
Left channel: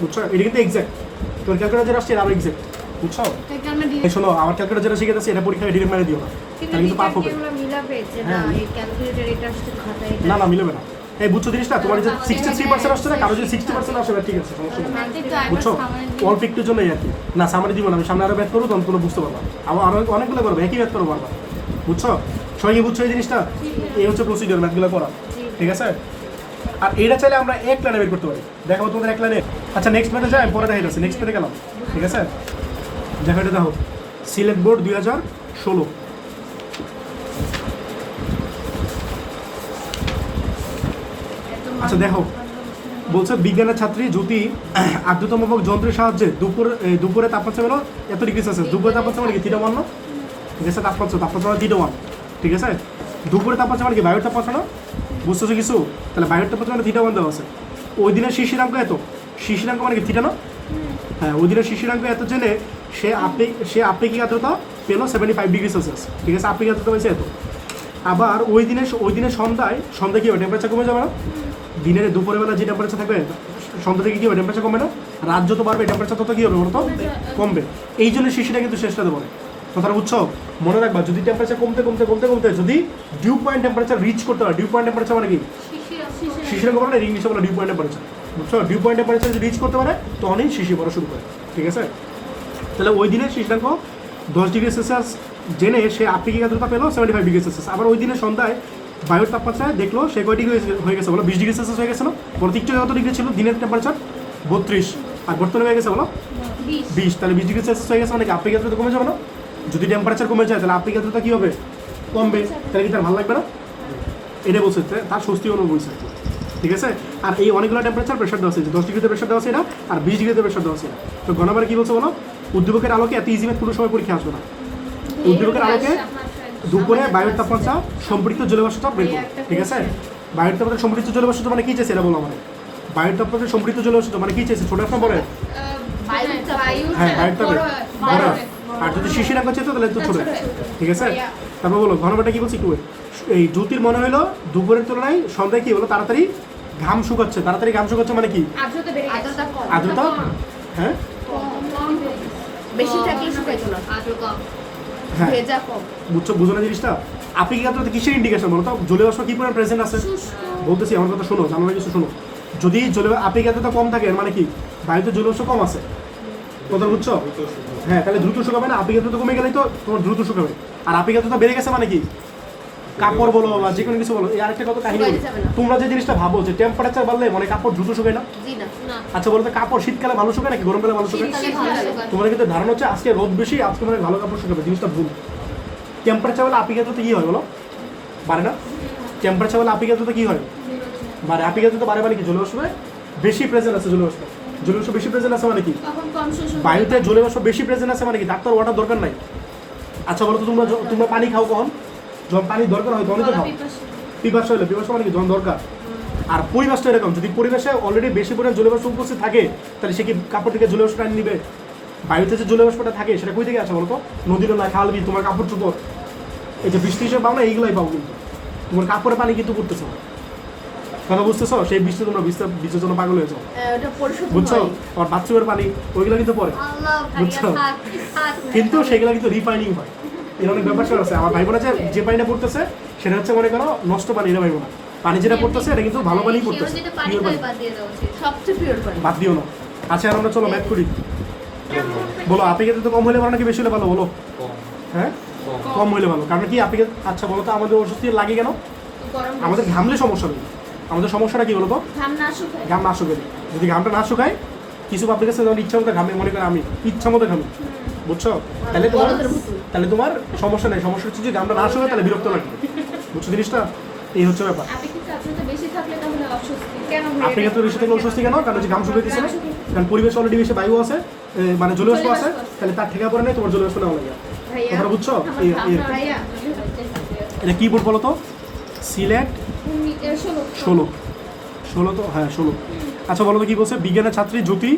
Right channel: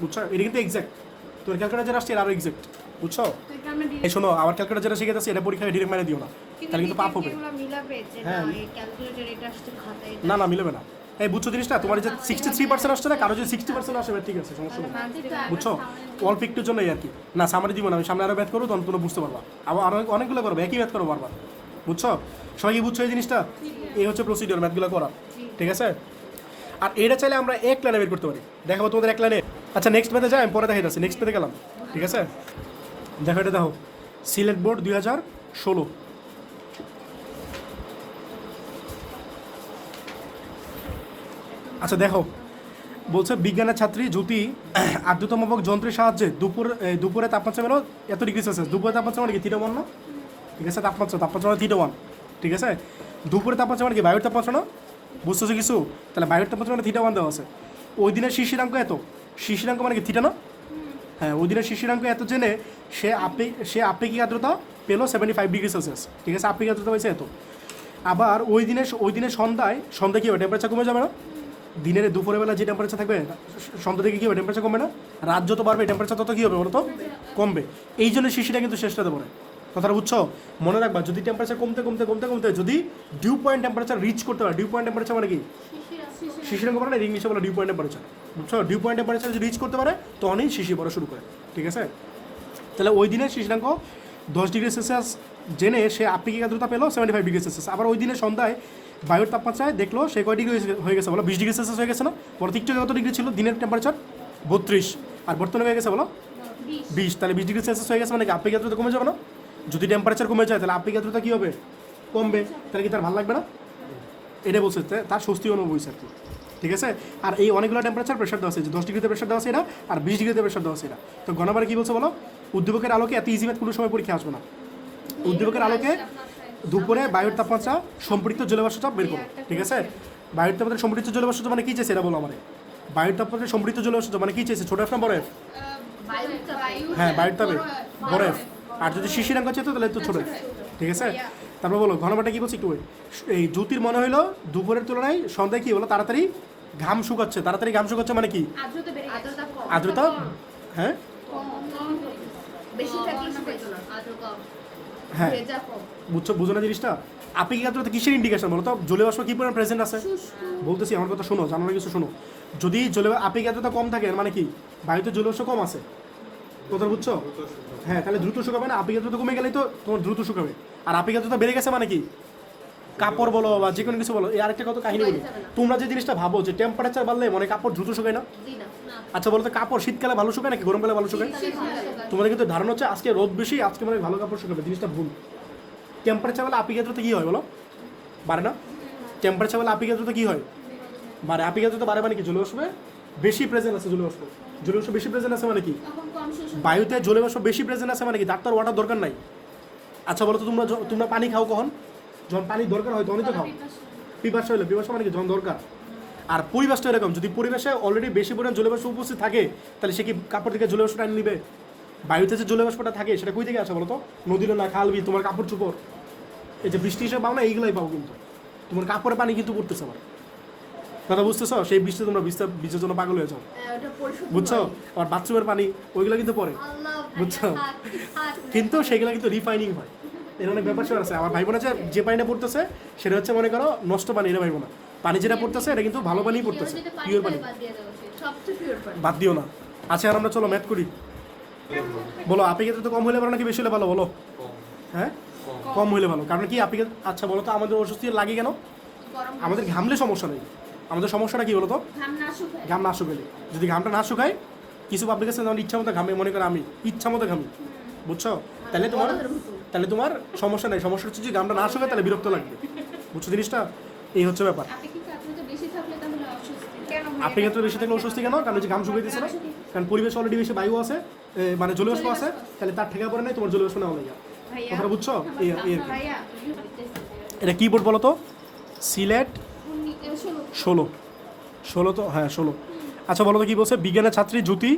বুঝছো? এটা কিন্তু এক্সাক্ট, তোর ক্যালকুলেটার যেটা আসছে আরও এক্সাক্ট, বুঝছো? এই শোনো, আমার ক্যালকুলেটার যেটা শিখে যাচ্ছে এটা পরীক্ষায় ডিরেক্ট মেরে দিও, তাহলে কিন্তু পাপ হবে। না না, মিলবে না। এই বুঝছো জিনিসটা? তোমার যে 63% আসছে না, কারো যদি 60% আসে, ঠিক আছে, সমস্যা নেই, বুঝছো? অল্প একটুর জন্যই আর কি। না, সামারি দিব না, আমি সামনে আরও ব্যাথ করবো, তখন কোনো বুঝতে পারবো। আবার অনেকগুলো করবো, একই ব্যাথ করবো বারবার, বুঝছো? সবাই বুঝছো এই জিনিসটা? এই হচ্ছে প্রসিডিওর ম্যাথগুলো করা, ঠিক আছে? আর এটা চাইলে আমরা এক লাইনে বের করতে পারি, দেখাবো তোমাদের এক লাইনে। আচ্ছা, নেক্সট ম্যাথে যাই, আমি পরে দেখাই যাচ্ছি, নেক্সট ম্যাথে গেলাম, ঠিক আছে? দেখো এটা দেখো, সিলেট বোর্ড 2016। আচ্ছা দেখো, বলছে বিজ্ঞানের ছাত্রী জ্যোতি আর্দ্রতামাপক যন্ত্রের সাহায্যে দুপুরে তাপমাত্রা মেলো এত ডিগ্রি সেলসিয়াস। দুপুরে তাপমাত্রা মানে কি? 3:1 না, ঠিক আছে? তাপমাত্রা 3:1, ঠিক আছে? দুপুরে তাপমাত্রা মানে কি? বায়ুর তাপমাত্রা না, বুঝতেছো কিছু? তাহলে বায়ুর তাপমাত্রা মানে 3:1 দেওয়া আছে। ওই দিনের শিশিরাঙ্ক এত, শিশিরাঙ্ক মানে কি? থিটা না? হ্যাঁ, ওই দিনের শিশিরাঙ্ক এত জেনে সে আপেক্ষিক আর্দ্রতা পেলো 75 ডিগ্রি সেলসিয়াস, ঠিক আছে? আপেক্ষিক আর্দ্রতা হয়েছে এত। আবার ওই দিনের সন্ধ্যায় কি হবে? টেম্পারেচার কমে যাবে না? দিনের দুপুরে বেলা যে টেম্পারেচার থাকবে, সন্ধ্যা থেকে কী হবে? টেম্পারেচার কমবে না? রাত যত বাড়বে টেম্পারেচার তত কী হবে বলো তো? কমবে। এই জন্য শিশিটা কিন্তু শেষটা দেবো না, কথাটা বুঝছো? মনে রাখবা, যদি টেম্পারেচার কমতে যদি ডিউ পয়েন্ট টেম্পারেচার রিচ করতে হয়, ডিউ পয়েন্ট টেম্পারেচার মানে কি? শিশির কমে না, ইংলিশে বলে ডিউ পয়েন্ট টেম্পারেচার। বুঝছো, ডিউ পয়েন্ট টেম্পারেচার যদি রিচ করতে পারে তখনই শিশি পড়া শুরু করে, ঠিক আছে। তাহলে ওই দিনের শিশিরাঙ্ক 10 ডিগ্রি সেলসিয়াস জেনে সে আপেক্ষিক আর্দ্রতা পেলো 75 ডিগ্রি সেলসিয়াস। আবার ওই দিনের সন্ধ্যায় বায়ুর তাপমাত্রায় দেখলো সে কয় ডিগ্রি হয়ে গেছে বলো, 20 ডিগ্রি সেলসিয়াস হয়ে গেছে না। প্রতীকটা কত ডিগ্রি ছিল দিনের টেম্পারেচার 32, আর বর্তমানে হয়ে গেছে বলো 20। তাহলে 20 ডিগ্রি সেলসিয়াস হয়ে গেছে মানে কি আপেক্ষিক আর্দ্রতা কমে যাবে না? যদি টেম্পারেচার কমে যায় তাহলে আপেক্ষিক আর্দ্রতা কী হবে? কমবে। তাহলে কি তার ভালো লাগবে না? এটা বলছে তার স্বস্তি অনুভব হয়েছে, ঠিক আছে। আর এই অনেকগুলো টেম্পারেচার প্রেশার দেওয়া আছে, 10 ডিগ্রিতে প্রেশার দেওয়া আছে এটা, আর 20 ডিগ্রিতে প্রেশার দেওয়া আছে এটা। তো গণবার কী বলছে বলো, উদ্দীপকের আলোকে এত ইজি ম্যাথ কোনো সময় পরীক্ষা আসবে না। উদ্দীপকের আলোকে দুপুরে বায়ুর তাপমাত্রা সম্পৃক্ত জলীয়বাষ্প চাপ বের করো, ঠিক আছে। বায়ুর তাপমাত্রা সম্পৃক্ত জলীয়বাষ্প চাপ মানে কী চাইছে এটা বলো আমাদের। বায়ুর তাপমাত্রা সম্পৃক্ত জলীয়বাষ্প চাপ মানে কী চাইছে, ছোট একটা বড়? হ্যাঁ, বায়ুর তাপে বড়। আর যদি শিশিরাঙ্ক চাইতো তাহলে তো ছোট, ঠিক আছে। তারপর বলো ঘনবাটা কী বলছি একটু, এই জ্যোতির মনে হলো দুপুরের তুলনায় সন্ধ্যায় কী হলো তাড়াতাড়ি ঘাম শুকাচ্ছে। তাড়াতাড়ি ঘাম শুকাচ্ছে মানে কি? আর্দ্রতা, হ্যাঁ বেশি থাকলে শুকাইতো না, হ্যাঁ, ভেজা কম। বুঝো না জিনিসটা। আপেক্ষিক আর্দ্রতা কিসের ইন্ডিকেশন বলো তো? জলীয়বাষ্প কি পরিমাণ প্রেজেন্ট আছে বলতেছি, আমার কথা শোনো, জানার কিছু শোনো। যদি আপেক্ষিক আর্দ্রতা কম থাকে মানে কি বায়ুতে জলীয়বাষ্প কম আছে, কথা বুঝছো? হ্যাঁ, তাহলে দ্রুত শুকাবে না। আপেক্ষিক আর্দ্রতা কমে গেলেই তো তোমার দ্রুত শুকাবে। আর আপেক্ষিক আর্দ্রতা বেড়ে গেছে মানে কি কাপড় বলো বা যে কোনো কিছু বলো। এই আরেকটা কত কাহিনী বলো, তোমরা যে জিনিসটা ভাবো যে টেম্পারেচার বাড়লে মানে কাপড় দ্রুত শুকায় না। আচ্ছা বলো তো কাপড় শীতকালে ভালো শুকায় নাকি গরমকালে ভালো শুকায়? তোমাদের কিন্তু ধারণা হচ্ছে আজকে রোদ বেশি, আজকে মানে ভালো কাপড় শুকাবে, জিনিসটা ভুল। টেম্পারেচার বলে আপেক্ষিক আর্দ্রতা কী হয় বলো, বাড়ে না? টেম্পারেচার বলে আপেক্ষিক আর্দ্রতা কী হয়, বাড়ে। আপেক্ষিক আর্দ্রতা বাড়ে মানে কি জলীয়বাষ্পে বেশি প্রেজেন্ট আছে, জলীয়বাষ্প বেশি প্রেজেন্ট আছে মানে কি বায়ুতে জলীয়বাষ্প বেশি প্রেজেন্ট আছে মানে কি ডাক্তার ওয়াটার দরকার নাই। আচ্ছা বলো তো তোমরা পানি খাও কখন? যখন পানির দরকার হয় তখনই তো খাও। পিপাসা হলে, পিপাসা মানে কি যখন দরকার। আর পরিবেশটা এরকম, যদি পরিবেশে অলরেডি বেশি পরিমাণ জলীয়বাষ্প উপস্থিত থাকে তাহলে সে কি কাপড় থেকে জলীয়বাষ্পটা নিয়ে নিবে? বায়ুতে যে জলীয়বাষ্পটা থাকে সেটা কই থেকে আসে বলো তো? নদীর না, খাল, বিল, তোমার কাপড় চোপড়, এই যে বৃষ্টি হিসেবে পাও না এইগুলাই পাও, কিন্তু তোমার কাপড়ে পানি কিন্তু পড়তেছে না, কথা বুঝতেছো? সেই বৃষ্টি তোমরা বীজের জন্য পাগল হয়ে যাও, বুঝছো? আর বাথরুমের পানি ওইগুলো কিন্তু পড়ে, বুঝছো? কিন্তু সেগুলো কিন্তু রিফাইনিং হয়, এই অনেক ব্যাপার আছে। আমার ভাই বোনা যে পানিটা পড়তেছে সেটা হচ্ছে মনে করো নষ্ট পানি, এটা ভাই বোনা পানি যেটা পড়তেছে এটা কিন্তু ভালো পানি পড়তেছে, পিওর পানি, সবচেয়ে পিওর পানি। বাদ দিও না। আচ্ছা আমরা চলো ম্যাথ করি। বলো আপেক্ষিক তো কম হলে ভালো নাকি বেশি হলে ভালো বলো? হ্যাঁ, কম হলে ভালো। কারণ কি আপেক্ষিক, আচ্ছা বলো তো আমাদের অস্বস্তি লাগে কেন? আমাদের ঘামলে সমস্যা নেই, আমাদের সমস্যাটা কি বলো তো? ঘাম না শুকালে। যদি ঘামটা না শুকায় কিছু পাবলিক আছে যেমন ইচ্ছা মতো ঘামে, মনে করে আমি ইচ্ছা মতো ঘামি, বুঝছো? তাহলে তোমার সমস্যা নেই। সমস্যা হচ্ছে যে ঘামটা না শুকায় তাহলে বিরক্ত লাগবে, বুঝছো জিনিসটা? এই হচ্ছে ব্যাপার। আপেক্ষিক আর্দ্রতা বেশি থাকলে অস্বস্তি কেন? কারণ যে ঘাম শুকিয়ে দিচ্ছে, কারণ পরিবেশ অলরেডি বেশি বায়ু আছে, মানে জলীয়বাষ্প আছে, তাহলে তার ঠেকা পড়ে নেই, তোমার জলীয়বাষ্প নেওয়া লাগে। তোমরা বুঝছো? এটা কি বোর্ড বলো তো? সিলেট 16 তো, হ্যাঁ 16। আচ্ছা বলো তো কী বলছে? বিজ্ঞানের ছাত্রী জ্যোতি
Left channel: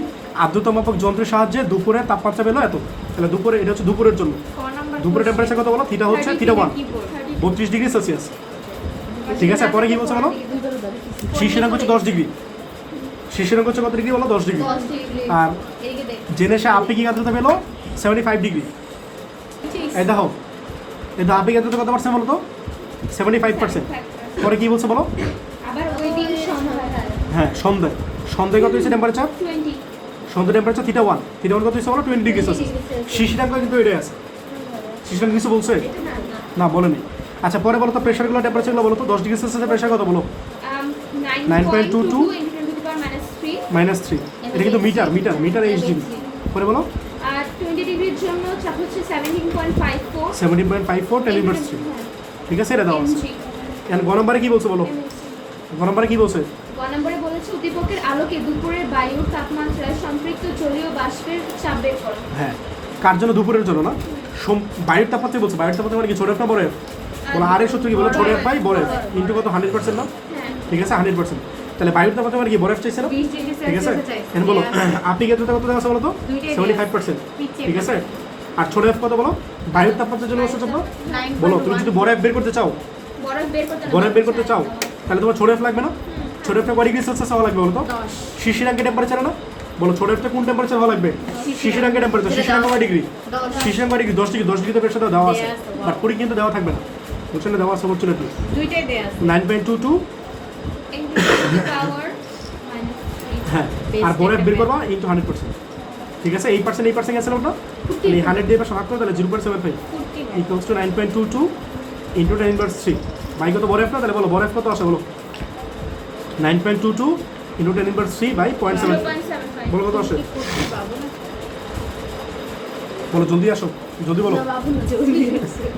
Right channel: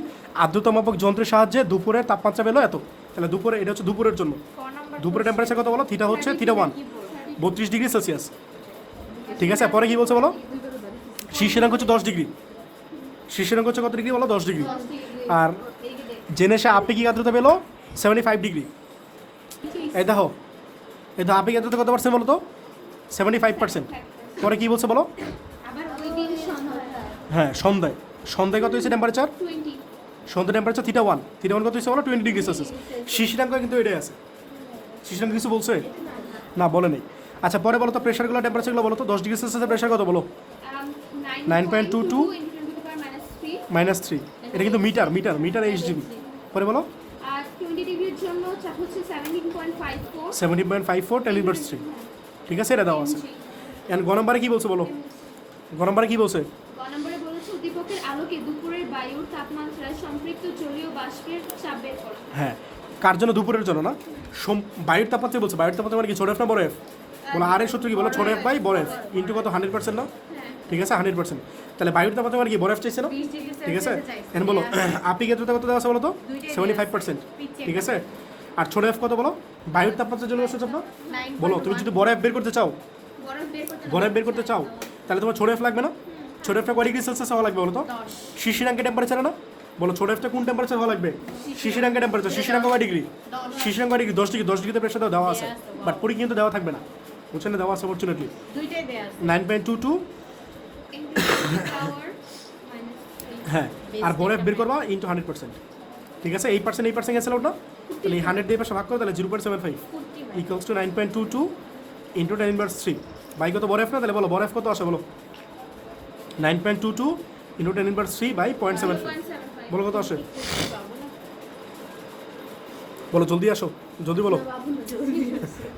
আর্দ্রতা মাপক যন্ত্রের সাহায্যে দুপুরের তাপমাত্রা পেলো এত। তাহলে দুপুরে, এটা হচ্ছে দুপুরের জন্য, দুপুরের টেম্পারেচার কত বলো? থিটা হচ্ছে থিটা 1, 32 ডিগ্রি সেলসিয়াস, ঠিক আছে। পরে কী বলছে বলো? শিশিরাঙ্ক হচ্ছে 10 ডিগ্রি, শিশিরাঙ্ক হচ্ছে কত ডিগ্রি বলো? 10 ডিগ্রি। আর জেনে সে আপেক্ষিক আর্দ্রতা পেলো 75 ডিগ্রি। এই দেখো আপেক্ষিক আর্দ্রতা কত পারছে বলো তো? 75%। পরে কী বলছে বলো? হ্যাঁ, সন্ধ্যায় কত হয়েছে টেম্পারেচার? সন্ধ্যা টেম্পারেচার থিটা 1 কত হয়েছে বলো? 20 ডিগ্রি সেলসিয়াস। শিশিরাঙ্ক কিন্তু এটাই আছে। শিশিরাঙ্ক কিছু বলছে না, বলেনি। আচ্ছা পরে বলো তো প্রেশারগুলো, টেম্পারেচারগুলো বলো তো? 10 ডিগ্রি সেলসিয়াসের প্রেশার কত বলো? 9.22 -3। এটা কিন্তু মিটার এইচডি। পরে বলো 20 ডিগ্রির জন্য চাপ হচ্ছে 17.54 10^3, ঠিক আছে। এটা দাও আছে। এখন গ নম্বরে কি বলছে বলো? গ নম্বরে কি বলছে? গ নম্বরে বলেছে উদ্দীপকের আলোকে দুপুরের বায়ুর তাপমাত্রায় সম্পৃক্ত জলীয় বাষ্পের চাপ বের করো। হ্যাঁ, কার জন্য? দুপুরের জন্য না, বায়ুর তাপমাত্রা বলছে। বায়ুর তাপমাত্রা মানে কি ছোট এফ না বড় এফ? বলো আর এর সূত্র কি বলো? ছোট এফ বাই বড় এফ ইন্টু কত? 100% না, ঠিক আছে 100%। তাহলে বায়ুর তাপমাত্রা মানে কি বড় এফ চাইছে না, ঠিক আছে। এখন বলো আপেক্ষিক আর্দ্রতা কত দেওয়া আছে বলো তো? 75%, ঠিক আছে। আর ছোট এফ কত বলো? বায়ুর তাপমাত্রার জন্য অবশ্য বলো। তুমি যদি বড় এফ বের করতে চাও, তাহলে তোমার ছোট এফ লাগবে না? ছোট এফটা কয় ডিগ্রি সেলসিয়াস হওয়া লাগবে বলো তো? শিশিরাঙ্কের টেম্পারেচার না, বলো ছোট এফটা কোন টেম্পারেচার হওয়া লাগবে? শিশিরাঙ্কের টেম্পারেচার। শিশিরাঙ্ক কয় ডিগ্রি? শিশিরাঙ্ক degree 10 degree. 10 ডিগ্রিতে প্রেশারটা দেওয়া আছে, বাট পরি কিন্তু দেওয়া থাকবে না, বুঝছেন না? দেওয়া আছে দুইটাই দেওয়া আছে 9.22। হ্যাঁ, আর বরফ বের করবা ইন্টু 100%। ঠিক আছে, 8% 8% গেছিল ওটা, তাহলে 100 দিয়ে পাশে ভাগ করো, তাহলে 0.75 ইকুয়ালস টু 9.22 ইন্টু 10^3। বাই কত বরফ না, তাহলে বলো বরফ কত আসে বলো। 9.22 ইন্টু 10^3 বাই 0.75, বলো কত আসে, বলো জলদি আসো, জলদি বলো,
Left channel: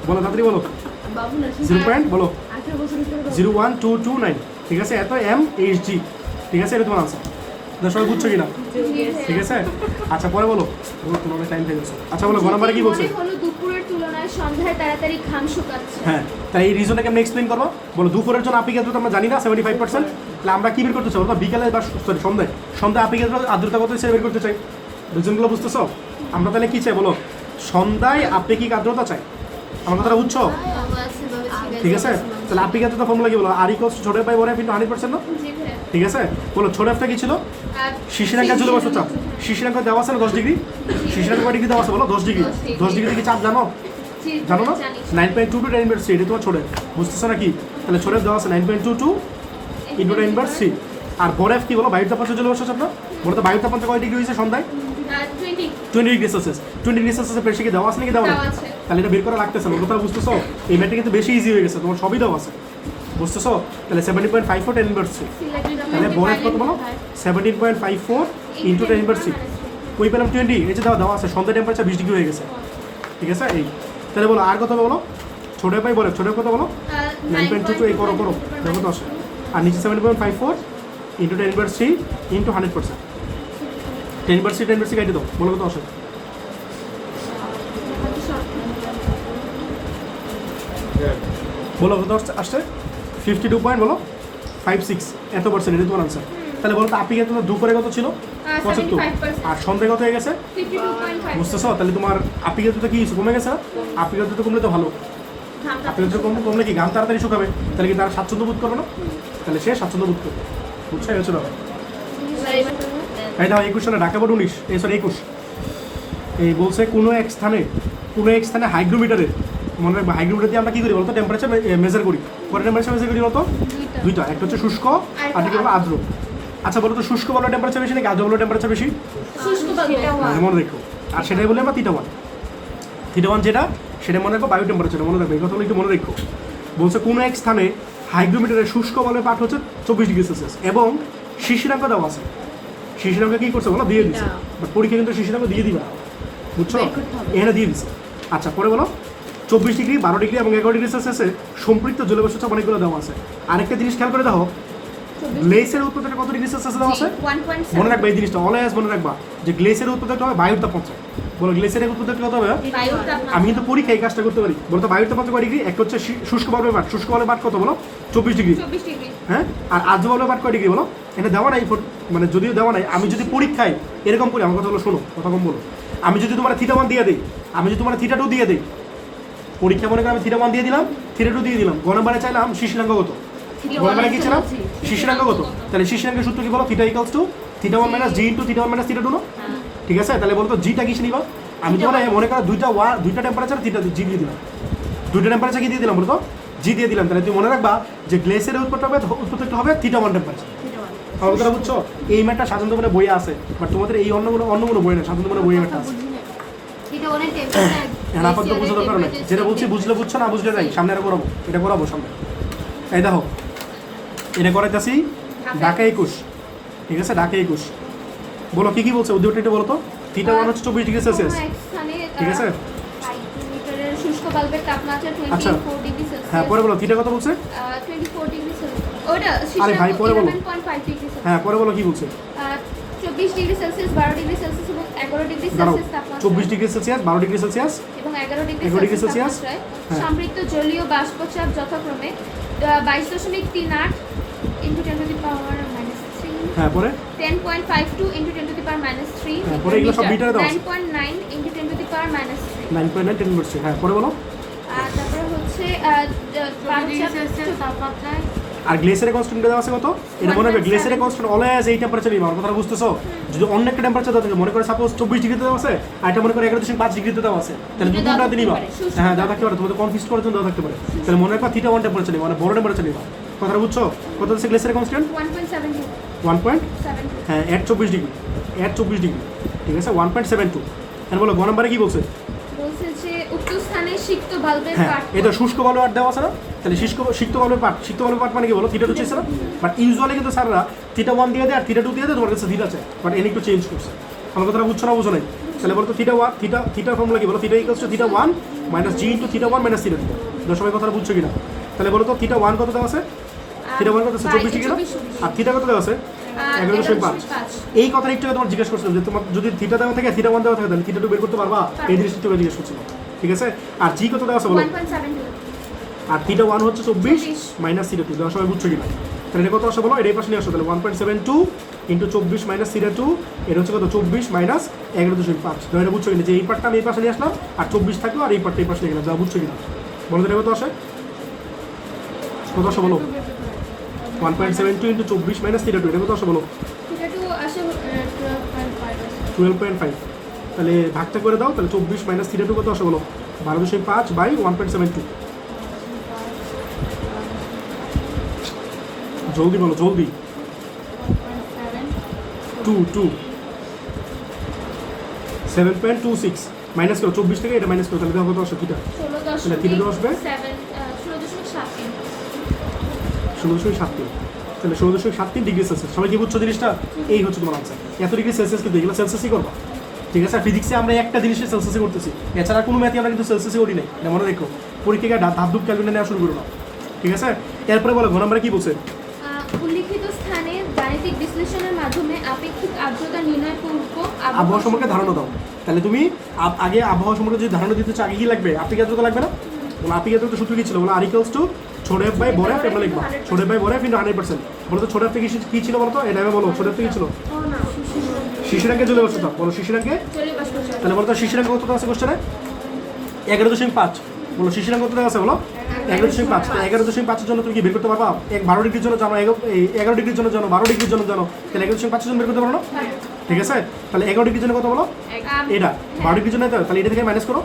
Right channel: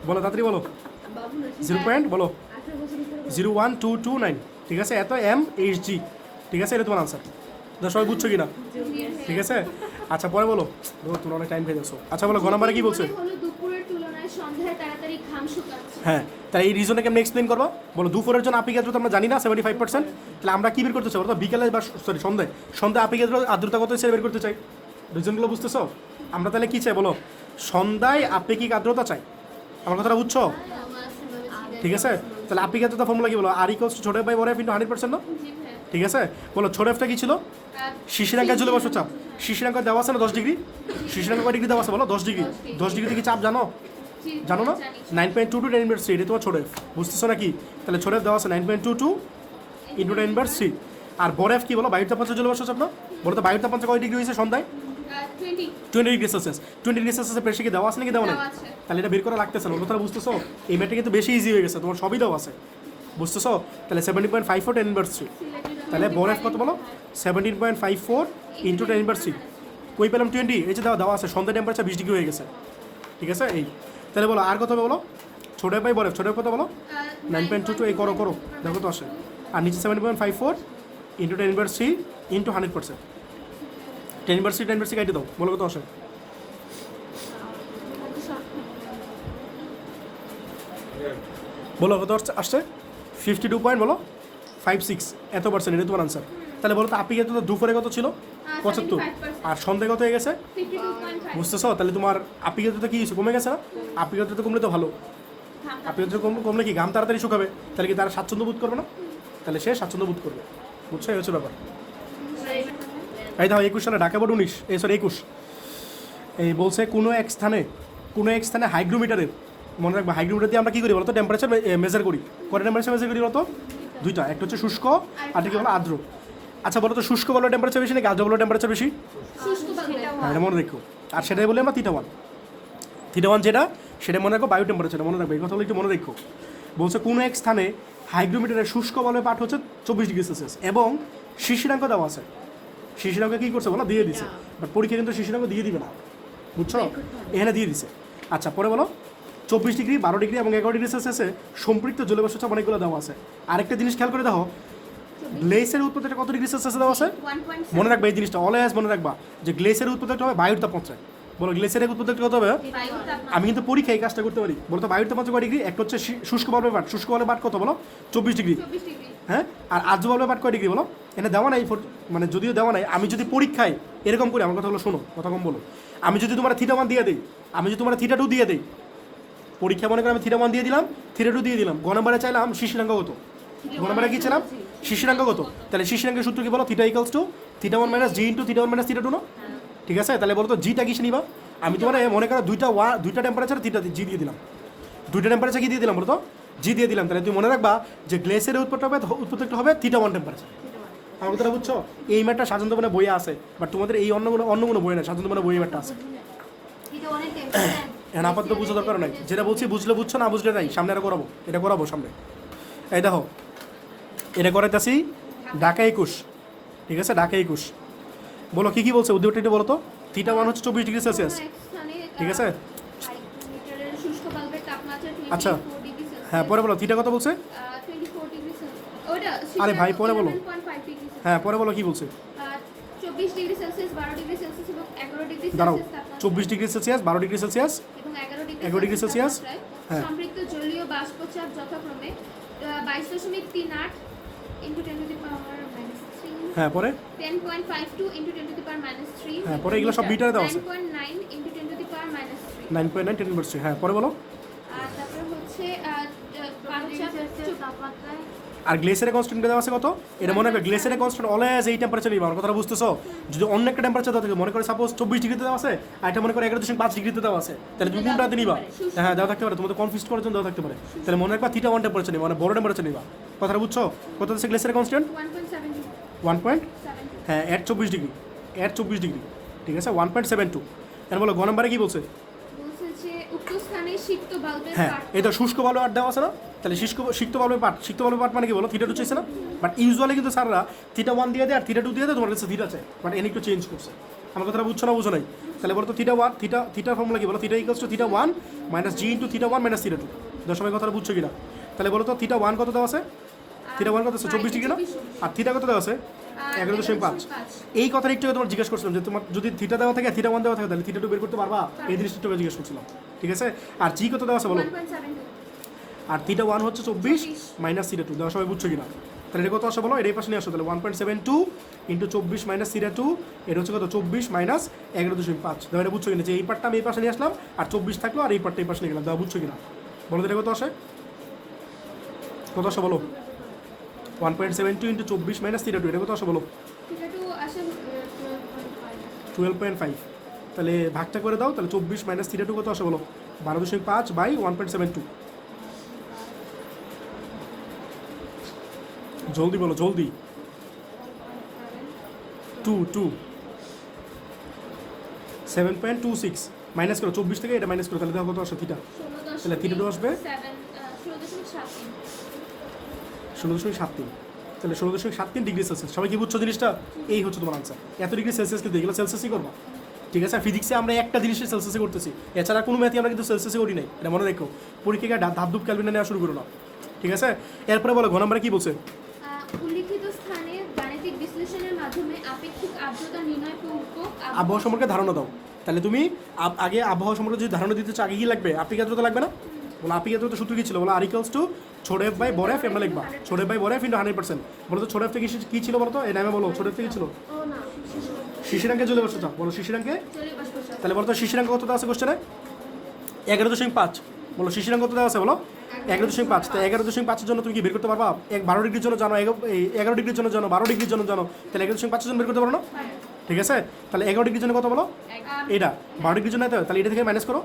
বলো তাড়াতাড়ি বলো। 0. বলো 0.1229। ঠিক আছে, এত mHg। ঠিক আছে, এটা তোমার আনসার। সবাই বুঝছো কিনা? ঠিক আছে, আচ্ছা পরে বলো, তোমার অনেক টাইম পেয়ে গেছো। আচ্ছা বলো, নাম্বারে কি বলছে? মনে হলো দুপুরের তুলনায় সন্ধ্যায় তাড়াতাড়ি ঘাম শুকাচ্ছে। হ্যাঁ, তাই এই রিজনটাকে আমি এক্সপ্লেন করবো। বলো দুপুরের জন্য আপিক আর্দ্রতা আমরা জানি না 75%, তাহলে আমরা কি বের করতে চাই বলো? বিকালে বা সরি সন্ধ্যায় আপিক আর্দ্রতা কত হিসেবে বের করতে চাই? রিজনগুলো বুঝতেছো? আমরা তাহলে কি চাই বলো? সন্ধ্যায় আপেক্ষিক আর্দ্রতা চাই। আমার কথাটা বুঝছো? ঠিক আছে, তাহলে আপেক্ষিক আর্দ্রতা ফর্মুলা কি বলো? আর ইকুয়ালস ছোট বাই বড় ইনটু 100% না? জি ভাইয়া। ঠিক আছে, বলো ছোট এফটা কি ছিল? শিশিরাঙ্কা জুলে বসে চাপ, শিশিরাঙ্কা দেওয়া আছে না 10 ডিগ্রি, শিশিরাঙ্কা কয় ডিগ্রি দেওয়া আছে বলো? 10 ডিগ্রি। 10 ডিগ্রি থেকে চাপ জানো? জি, জানো না? জানি। 9.22 10^3, এটা তোমার ছোট এফ, বুঝতেছো নাকি? তাহলে ছোট এফ দেওয়া আছে 9.22 ইন্টু 10^3। আর বড় এফ কি বলো? বায়ুর তাপমাত্রা জুলে বসে চাপ না? বলো তো বায়ুর তাপমাত্রা কয় ডিগ্রি হয়েছে সন্ধ্যায়? 20 20 ডিগ্রি সেলসিয়াস। 20 ডিগ্রি সেলসিয়াসের বেশি কি দেওয়া আছে নাকি দেওয়া নেই? দেওয়া আছে। তাহলে এটা বের করা লাগতেছে না, কথা বুঝতেছো? এই ম্যাটটা কিন্তু বেশি ইজি হয়ে গেছে, তোমার সবই দেওয়া আছে, বুঝতেছো? তাহলে 70.54 10^3, তাহলে বড় এফ কত বলো? 17.54 ইন্টু 10^3। কই পেলাম 20, এই যে দেওয়া আছে, সন্ধ্যা টেম্পারেচার 20 ডিগ্রি হয়ে গেছে। ঠিক আছে, এই তাহলে বলো আর কত বলো? ছোট পাই বলে ছোট কত বলো? 9.22, এই করো দেখো তো আসে। আর নিচে 7.54 ইন্টু 10^3 ইন্টু 100%। 10/3 কেটে দাও, বলো কত আসে? বলো কত আসছে? 52 পয়েন্ট বলো 56 এত পার্সেন্ট, এটা তোমার আনসার। তাহলে বলো তো আপনি তো দুপুরে কত ছিল? 75। 75%। আর সন্ধ্যায় কত হয়ে গেছে? 52.5 বুঝতেছো? তাহলে তোমার আপিকাতে কি কমে গেছে না? আপিকাতে কমলে তো ভালো, আপিকাতে কমলে কি ঘাম তাড়াতাড়ি শুকাবে, তাহলে কি তারা স্বাচ্ছন্দ্য বোধ করবে না? তাহলে সে স্বাচ্ছন্দ্য বোধ করবে, বুঝছো? এই হচ্ছে ব্যাপার। এই দাও 21 সালে ঢাকা বোর্ড 19 এই সরি 21 এই বলছে কোনো এক স্থানে হাইগ্রোমিটারের, মনে রাখবে হাইগ্রোমিটার দিয়ে আমরা কি করি বলতো? টেম্পারেচার মেজার করি। কত টেম্পারেচার মেজার করি বলতো? দুইটা, একটা হচ্ছে শুষ্ক আর একটা হলো আর্দ্র। আচ্ছা বলো তো শুষ্ক বলো টেম্পারেচার বেশি নাকি আর্দ্র বলো টেম্পারেচার বেশি? শুষ্ক বাতাস। মনে রেখো। আর সেটাই বলে আমরা থিটা 1 যেটা সেটা মনে রাখো বায়ু টেম্পারেচার, মনে রাখবে এই কথাগুলো একটু মনে রেখো। বলছে কোনো এক স্থানে হাইগ্রোমিটারের শুষ্ক বলে পাঠ হচ্ছে 24 ডিগ্রি সেলসিয়াস এবং শিশিরাঙ্ক দেওয়া আছে। শিশিরাঙ্ক কি করছে বলো? দিয়ে দিচ্ছে। বাট পরীক্ষা কিন্তু শিশিরাঙ্ক দিয়ে দিবে না, বুঝছো? এখানে দিয়ে দিচ্ছে। আচ্ছা পরে বলো 24 ডিগ্রি 12 ডিগ্রি এবং 11 ডিগ্রি সেলসিয়াসে সম্পৃক্ত জলবায়ু চাপ অনেকগুলো দেওয়া আছে। আরেকটা জিনিস খেয়াল করে দেখো, গ্লেসের উৎপাদনটা কত ডিগ্রি সেলসিয়াসে দেওয়া আছে? 1.7 মনে রাখবে এই জিনিসটা, অলওয়েজ মনে রাখবা যে গ্লেসের উৎপাদনটা হবে বায়ুর তাপমাত্রা। বলো গ্লেসের উৎপাদনটা কত হবে? বায়ুর তাপমাত্রা। আমি কিন্তু পরীক্ষায় এই কাজটা করতে পারি। বলতো বায়ুর তাপমাত্রা কয় ডিগ্রি? একটা হচ্ছে শুষ্ক বালবের পাঠ, শুষ্ক বালবের পাঠ কত বলো? 24 ডিগ্রি। 24 ডিগ্রি। হ্যাঁ, আর আর্দ্র বালবের পাঠ কয় ডিগ্রি বলো? এটা দেওয়া নাই, মানে যদিও দেওয়া নাই, আমি যদি পরীক্ষায় এরকম করি, আমার কথা হলো শোনো, কথা কম বলো, আমি যদি তোমার থিটা 1 দিয়ে দিই, আমি যদি তোমার থিটা 2 দিয়ে দিই, পরীক্ষা মনে করে আমি থিটা 1 দিয়ে দিলাম, থিটা 2 দিয়ে দিলাম, গণবারে চাইলাম শিশিরাঙ্ক কত? গণবারে কি ছিলাম? শিশিরাঙ্ক কত? তাহলে শিশিরাঙ্কের সূত্র কি বলো? Theta equals to theta 1 minus G into theta 1 minus theta 2 না? ঠিক আছে, তাহলে বলো তো জিটা কিসে নিবা? আমি তোমার মনে করো দুইটা টেম্পারেচার থিটা জি দিয়ে দিলাম, দুইটা টেম্পারেচার কি দিয়ে দিলাম বলো তো? জি দিয়ে দিলাম। তাহলে তুমি মনে রাখবা যে গ্লেসের উৎপত্তি হবে থিটা 1 টেম্পারেচার। আমার কথা বুঝছো? এই ম্যাটটা স্বাধীনতা মানে বইয়ে আছে, বাট তোমাদের এই অন্যগুলো বই না, স্বাধীনতা মানে বইয়ে ম্যাটটা আছে। এটা অনেক টেম্পারেচার। হ্যাঁ, আপাতত বোঝা দরকার নেই, যেটা বলছি বুঝলে বুঝছো, না বুঝলে যাই সামনে এটা করাবো সামনে। এই দেখো এটা করাইতেছি ঢাকা 21। ঠিক আছে, ঢাকা 21 বলো কি বলছে উদ্যোগটা একটু বলো তো? থিটা 1 হচ্ছে 24 ডিগ্রি সেলসিয়াস। ঠিক আছে, হাইগ্রোমিটারের শুষ্ক বাল্বের তাপমাত্রা আচ্ছা 24 ডিগ্রি সেলসিয়াস। হ্যাঁ পরে বলো থিটা কত বলছে? 24 ডিগ্রি সেলসিয়াস। ওটা আরে ভাই, পরে বলো। 11.5 ডিগ্রি সেলসিয়াস। হ্যাঁ পরে বলো কি বলছে? 24 ডিগ্রি সেলসিয়াস, 12 ডিগ্রি সেলসিয়াস এবং 11 ডিগ্রি দাঁড়াও, সেলসিয়াস তাপমাত্রা 24 ডিগ্রি সেলসিয়াস 12 ডিগ্রি সেলসিয়াস এবং 11 ডিগ্রি 11 ডিগ্রি সেলসিয়াস সেলসিয়াস, তাপমাত্রায় হ্যাঁ। সম্পৃক্ত জলীয় বাষ্পচাপ যথাক্রমে 22.38 ইনটু 10 টু দি পাওয়ার -3, হ্যাঁ পরে 10.52 ইনটু 10 টু দি পাওয়ার -3, হ্যাঁ, পরে এগুলো সব মিটারে দেওয়া আছে। 9.9 ইনটু 10 টু দি পাওয়ার -3। 9.9 10 বলছে। হ্যাঁ পরে বলো। আর তারপরে হচ্ছে তাপমাত্রায় আর গ্লেসিয়ারের কনস্ট্যান্ট দেওয়া আছে কত? এটা মনে রাখবে, গ্লেসিয়ারের কনস্ট্যান্ট অলওয়েজ এই টেম্পারেচার নিবা, আমার কথা বুঝতেছো? যদি অন্য একটা টেম্পারেচার দেওয়া থাকে, মনে করে সাপোজ 24 ডিগ্রিতে দেওয়া আছে আর এটা মনে করে 11.5 ডিগ্রিতে দেওয়া আছে, তাহলে দুটোটা নিবা। হ্যাঁ দেওয়া থাকতে পারে, তোমাদের কনফিউজ করার জন্য দেওয়া থাকতে পারে। তাহলে মনে রাখবা থিটা 1 টেম্পারেচার নিবা, মানে বড় টেম্পারেচার নিবা। কথাটা বুঝছো? কত আছে গ্লেসিয়ার কনস্ট্যান্ট? 1.72 1 পয়েন্ট, 72 হ্যাঁ, এর 24 ডিগ্রি, এর 24 ডিগ্রি, ঠিক আছে, 1.72। এখন বলো গ নম্বরে কি বলছে? বলছে যে উক্ত স্থানে সিক্ত বাল্বের হ্যাঁ, পাঠ এটা শুষ্ক বাল্ব আর দেওয়া আছে না? তাহলে সিক্ত বাল্বের পার্ট, সিক্ত বাল্বের পার্ট মানে কি বলো? থিটা 2 চাইছে না? বাট ইউজুয়ালি কিন্তু স্যাররা থিটা 1 দিয়ে দেয় আর থিটা 2 দিয়ে দেয়, তোমার কাছে থিটা আছে, বাট এনে একটু চেঞ্জ করছে। আমার কথাটা বুঝছো না বুঝো নাই? তাহলে বলো তো থিটা 1, থিটা ফর্মুলা কি বলো? Theta equals to theta 1 minus G into theta 1 minus theta 2। তোমরা সবাই কথাটা বুঝছো কিনা? তাহলে বলো তো থিটা 1 কত দেওয়া আছে? থিটা 1 কত আছে? 24 ডিগ্রি না? আর থিটা কত দেওয়া আছে? 11.5। এই কথাটা একটু আগে তোমার জিজ্ঞেস করছিলাম যে তোমার যদি থিটা দেওয়া থাকে, থিটা 1 দেওয়া থাকে, তাহলে থিটা 2 বের করতে পারবা? এই জিনিসটা তোকে জিজ্ঞেস করছিলাম, ঠিক আছে? আর জি কত দেওয়া আছে বলো? 1.72 আর থিটা 1 হচ্ছে 24 মাইনাস থিটা 2। দেওয়ার সময় বুঝছো কিনা? তাহলে এটা কত আসে বলো? এটাই পাশে নিয়ে আসো। তাহলে 1.72 ইন্টু 24 মাইনাস থিটা 2, এটা হচ্ছে কত? 24 মাইনাস 11.5। না, এটা বুঝছো কিনা যে এই পার্টটা আমি এই পাশে নিয়ে আসলাম আর 24 থাকলো আর এই পার্টটা এই পাশে নিয়ে গেলাম। যা বুঝছো কিনা বলো তো? এটা কত আসে? কত আসে বলো? 1.72 ইন্টু 24 মাইনাস থিটা 2, এটা কত আসে বলো? এটা তো আসে 12.5 12.5। তাহলে ভাগটা করে দাও। তাহলে 24 মাইনাস থিটা 2 কত আসে বলো? 12.5 বাই 1.72। জলদি বলো, জলদি। 7.26 মাইনাস করো 24 থেকে, এটা মাইনাস করো, তাহলে দেখো কত আসে থিটা? তাহলে থিটা 2 আসবে 16.73 16.73। তাহলে 16.73 ডিগ্রি সেলসিয়াস। সবাই কি বুঝছো জিনিসটা? এই হচ্ছে তোমার আনসার। এত ডিগ্রি সেলসিয়াস কিন্তু এগুলো সেলসিয়াসই করবা, ঠিক আছে? ফিজিক্সে আমরা একটা জিনিসের সেলসিয়াসে করতেছি, এছাড়া কোনো ম্যাথে আমরা কিন্তু সেলসিয়াসে করি নাই। এটা মনে রেখো, পরীক্ষায় ধাপ ধুপ ক্যালকুলেটর নেওয়া শুরু করো না, ঠিক আছে? এরপরে বলো ঘ নম্বরে কি বলছে? উল্লিখিত স্থানে গাণিতিক বিশ্লেষণের মাধ্যমে আপেক্ষিক আর্দ্রতা নির্ণয় পূর্বক আবহাওয়া সম্পর্কে ধারণা দাও। তাহলে তুমি আগে আবহাওয়া সম্পর্কে যদি ধারণা দিতে চাও, আগে কি লাগবে? আপেক্ষিক আর্দ্রতা লাগবে না? বলো আপেক্ষিক আর্দ্রতা সূত্র কি ছিল? বলো আর ইকুয়ালস টু ছোট এফ বাই বড় এফ, আমরা লিখবো ছোট এফ বাই বড় এফ ইন্টু 100%। বলো তো ছোট এফ থেকে কি ছিল বলো তো? এটা আমি বলো ছোট এফ থেকে কি ছিল? শিশিরাঙ্কে চলে বসতো। বলো শিশিরাঙ্কে। তাহলে বলো তো শিশিরাঙ্ক কত আছে কোশ্চেনে? 11.5। বলো শিশিরাঙ্ক কত আছে বলো? 11.5। তো 11.5 জন্য তুমি কি বের করতে পারবা? 12 ডিগ্রির জন্য জানো, 11 ডিগ্রির জন্য জানো, 12 ডিগ্রির জন্য জানো, তাহলে 11.5 জন বের করতে পারো না? ঠিক আছে? তাহলে 11 ডিগ্রির জন্য কত বলো? এটা 12 ডিগ্রির জন্য, তাহলে এটা থেকে মাইনাস করো।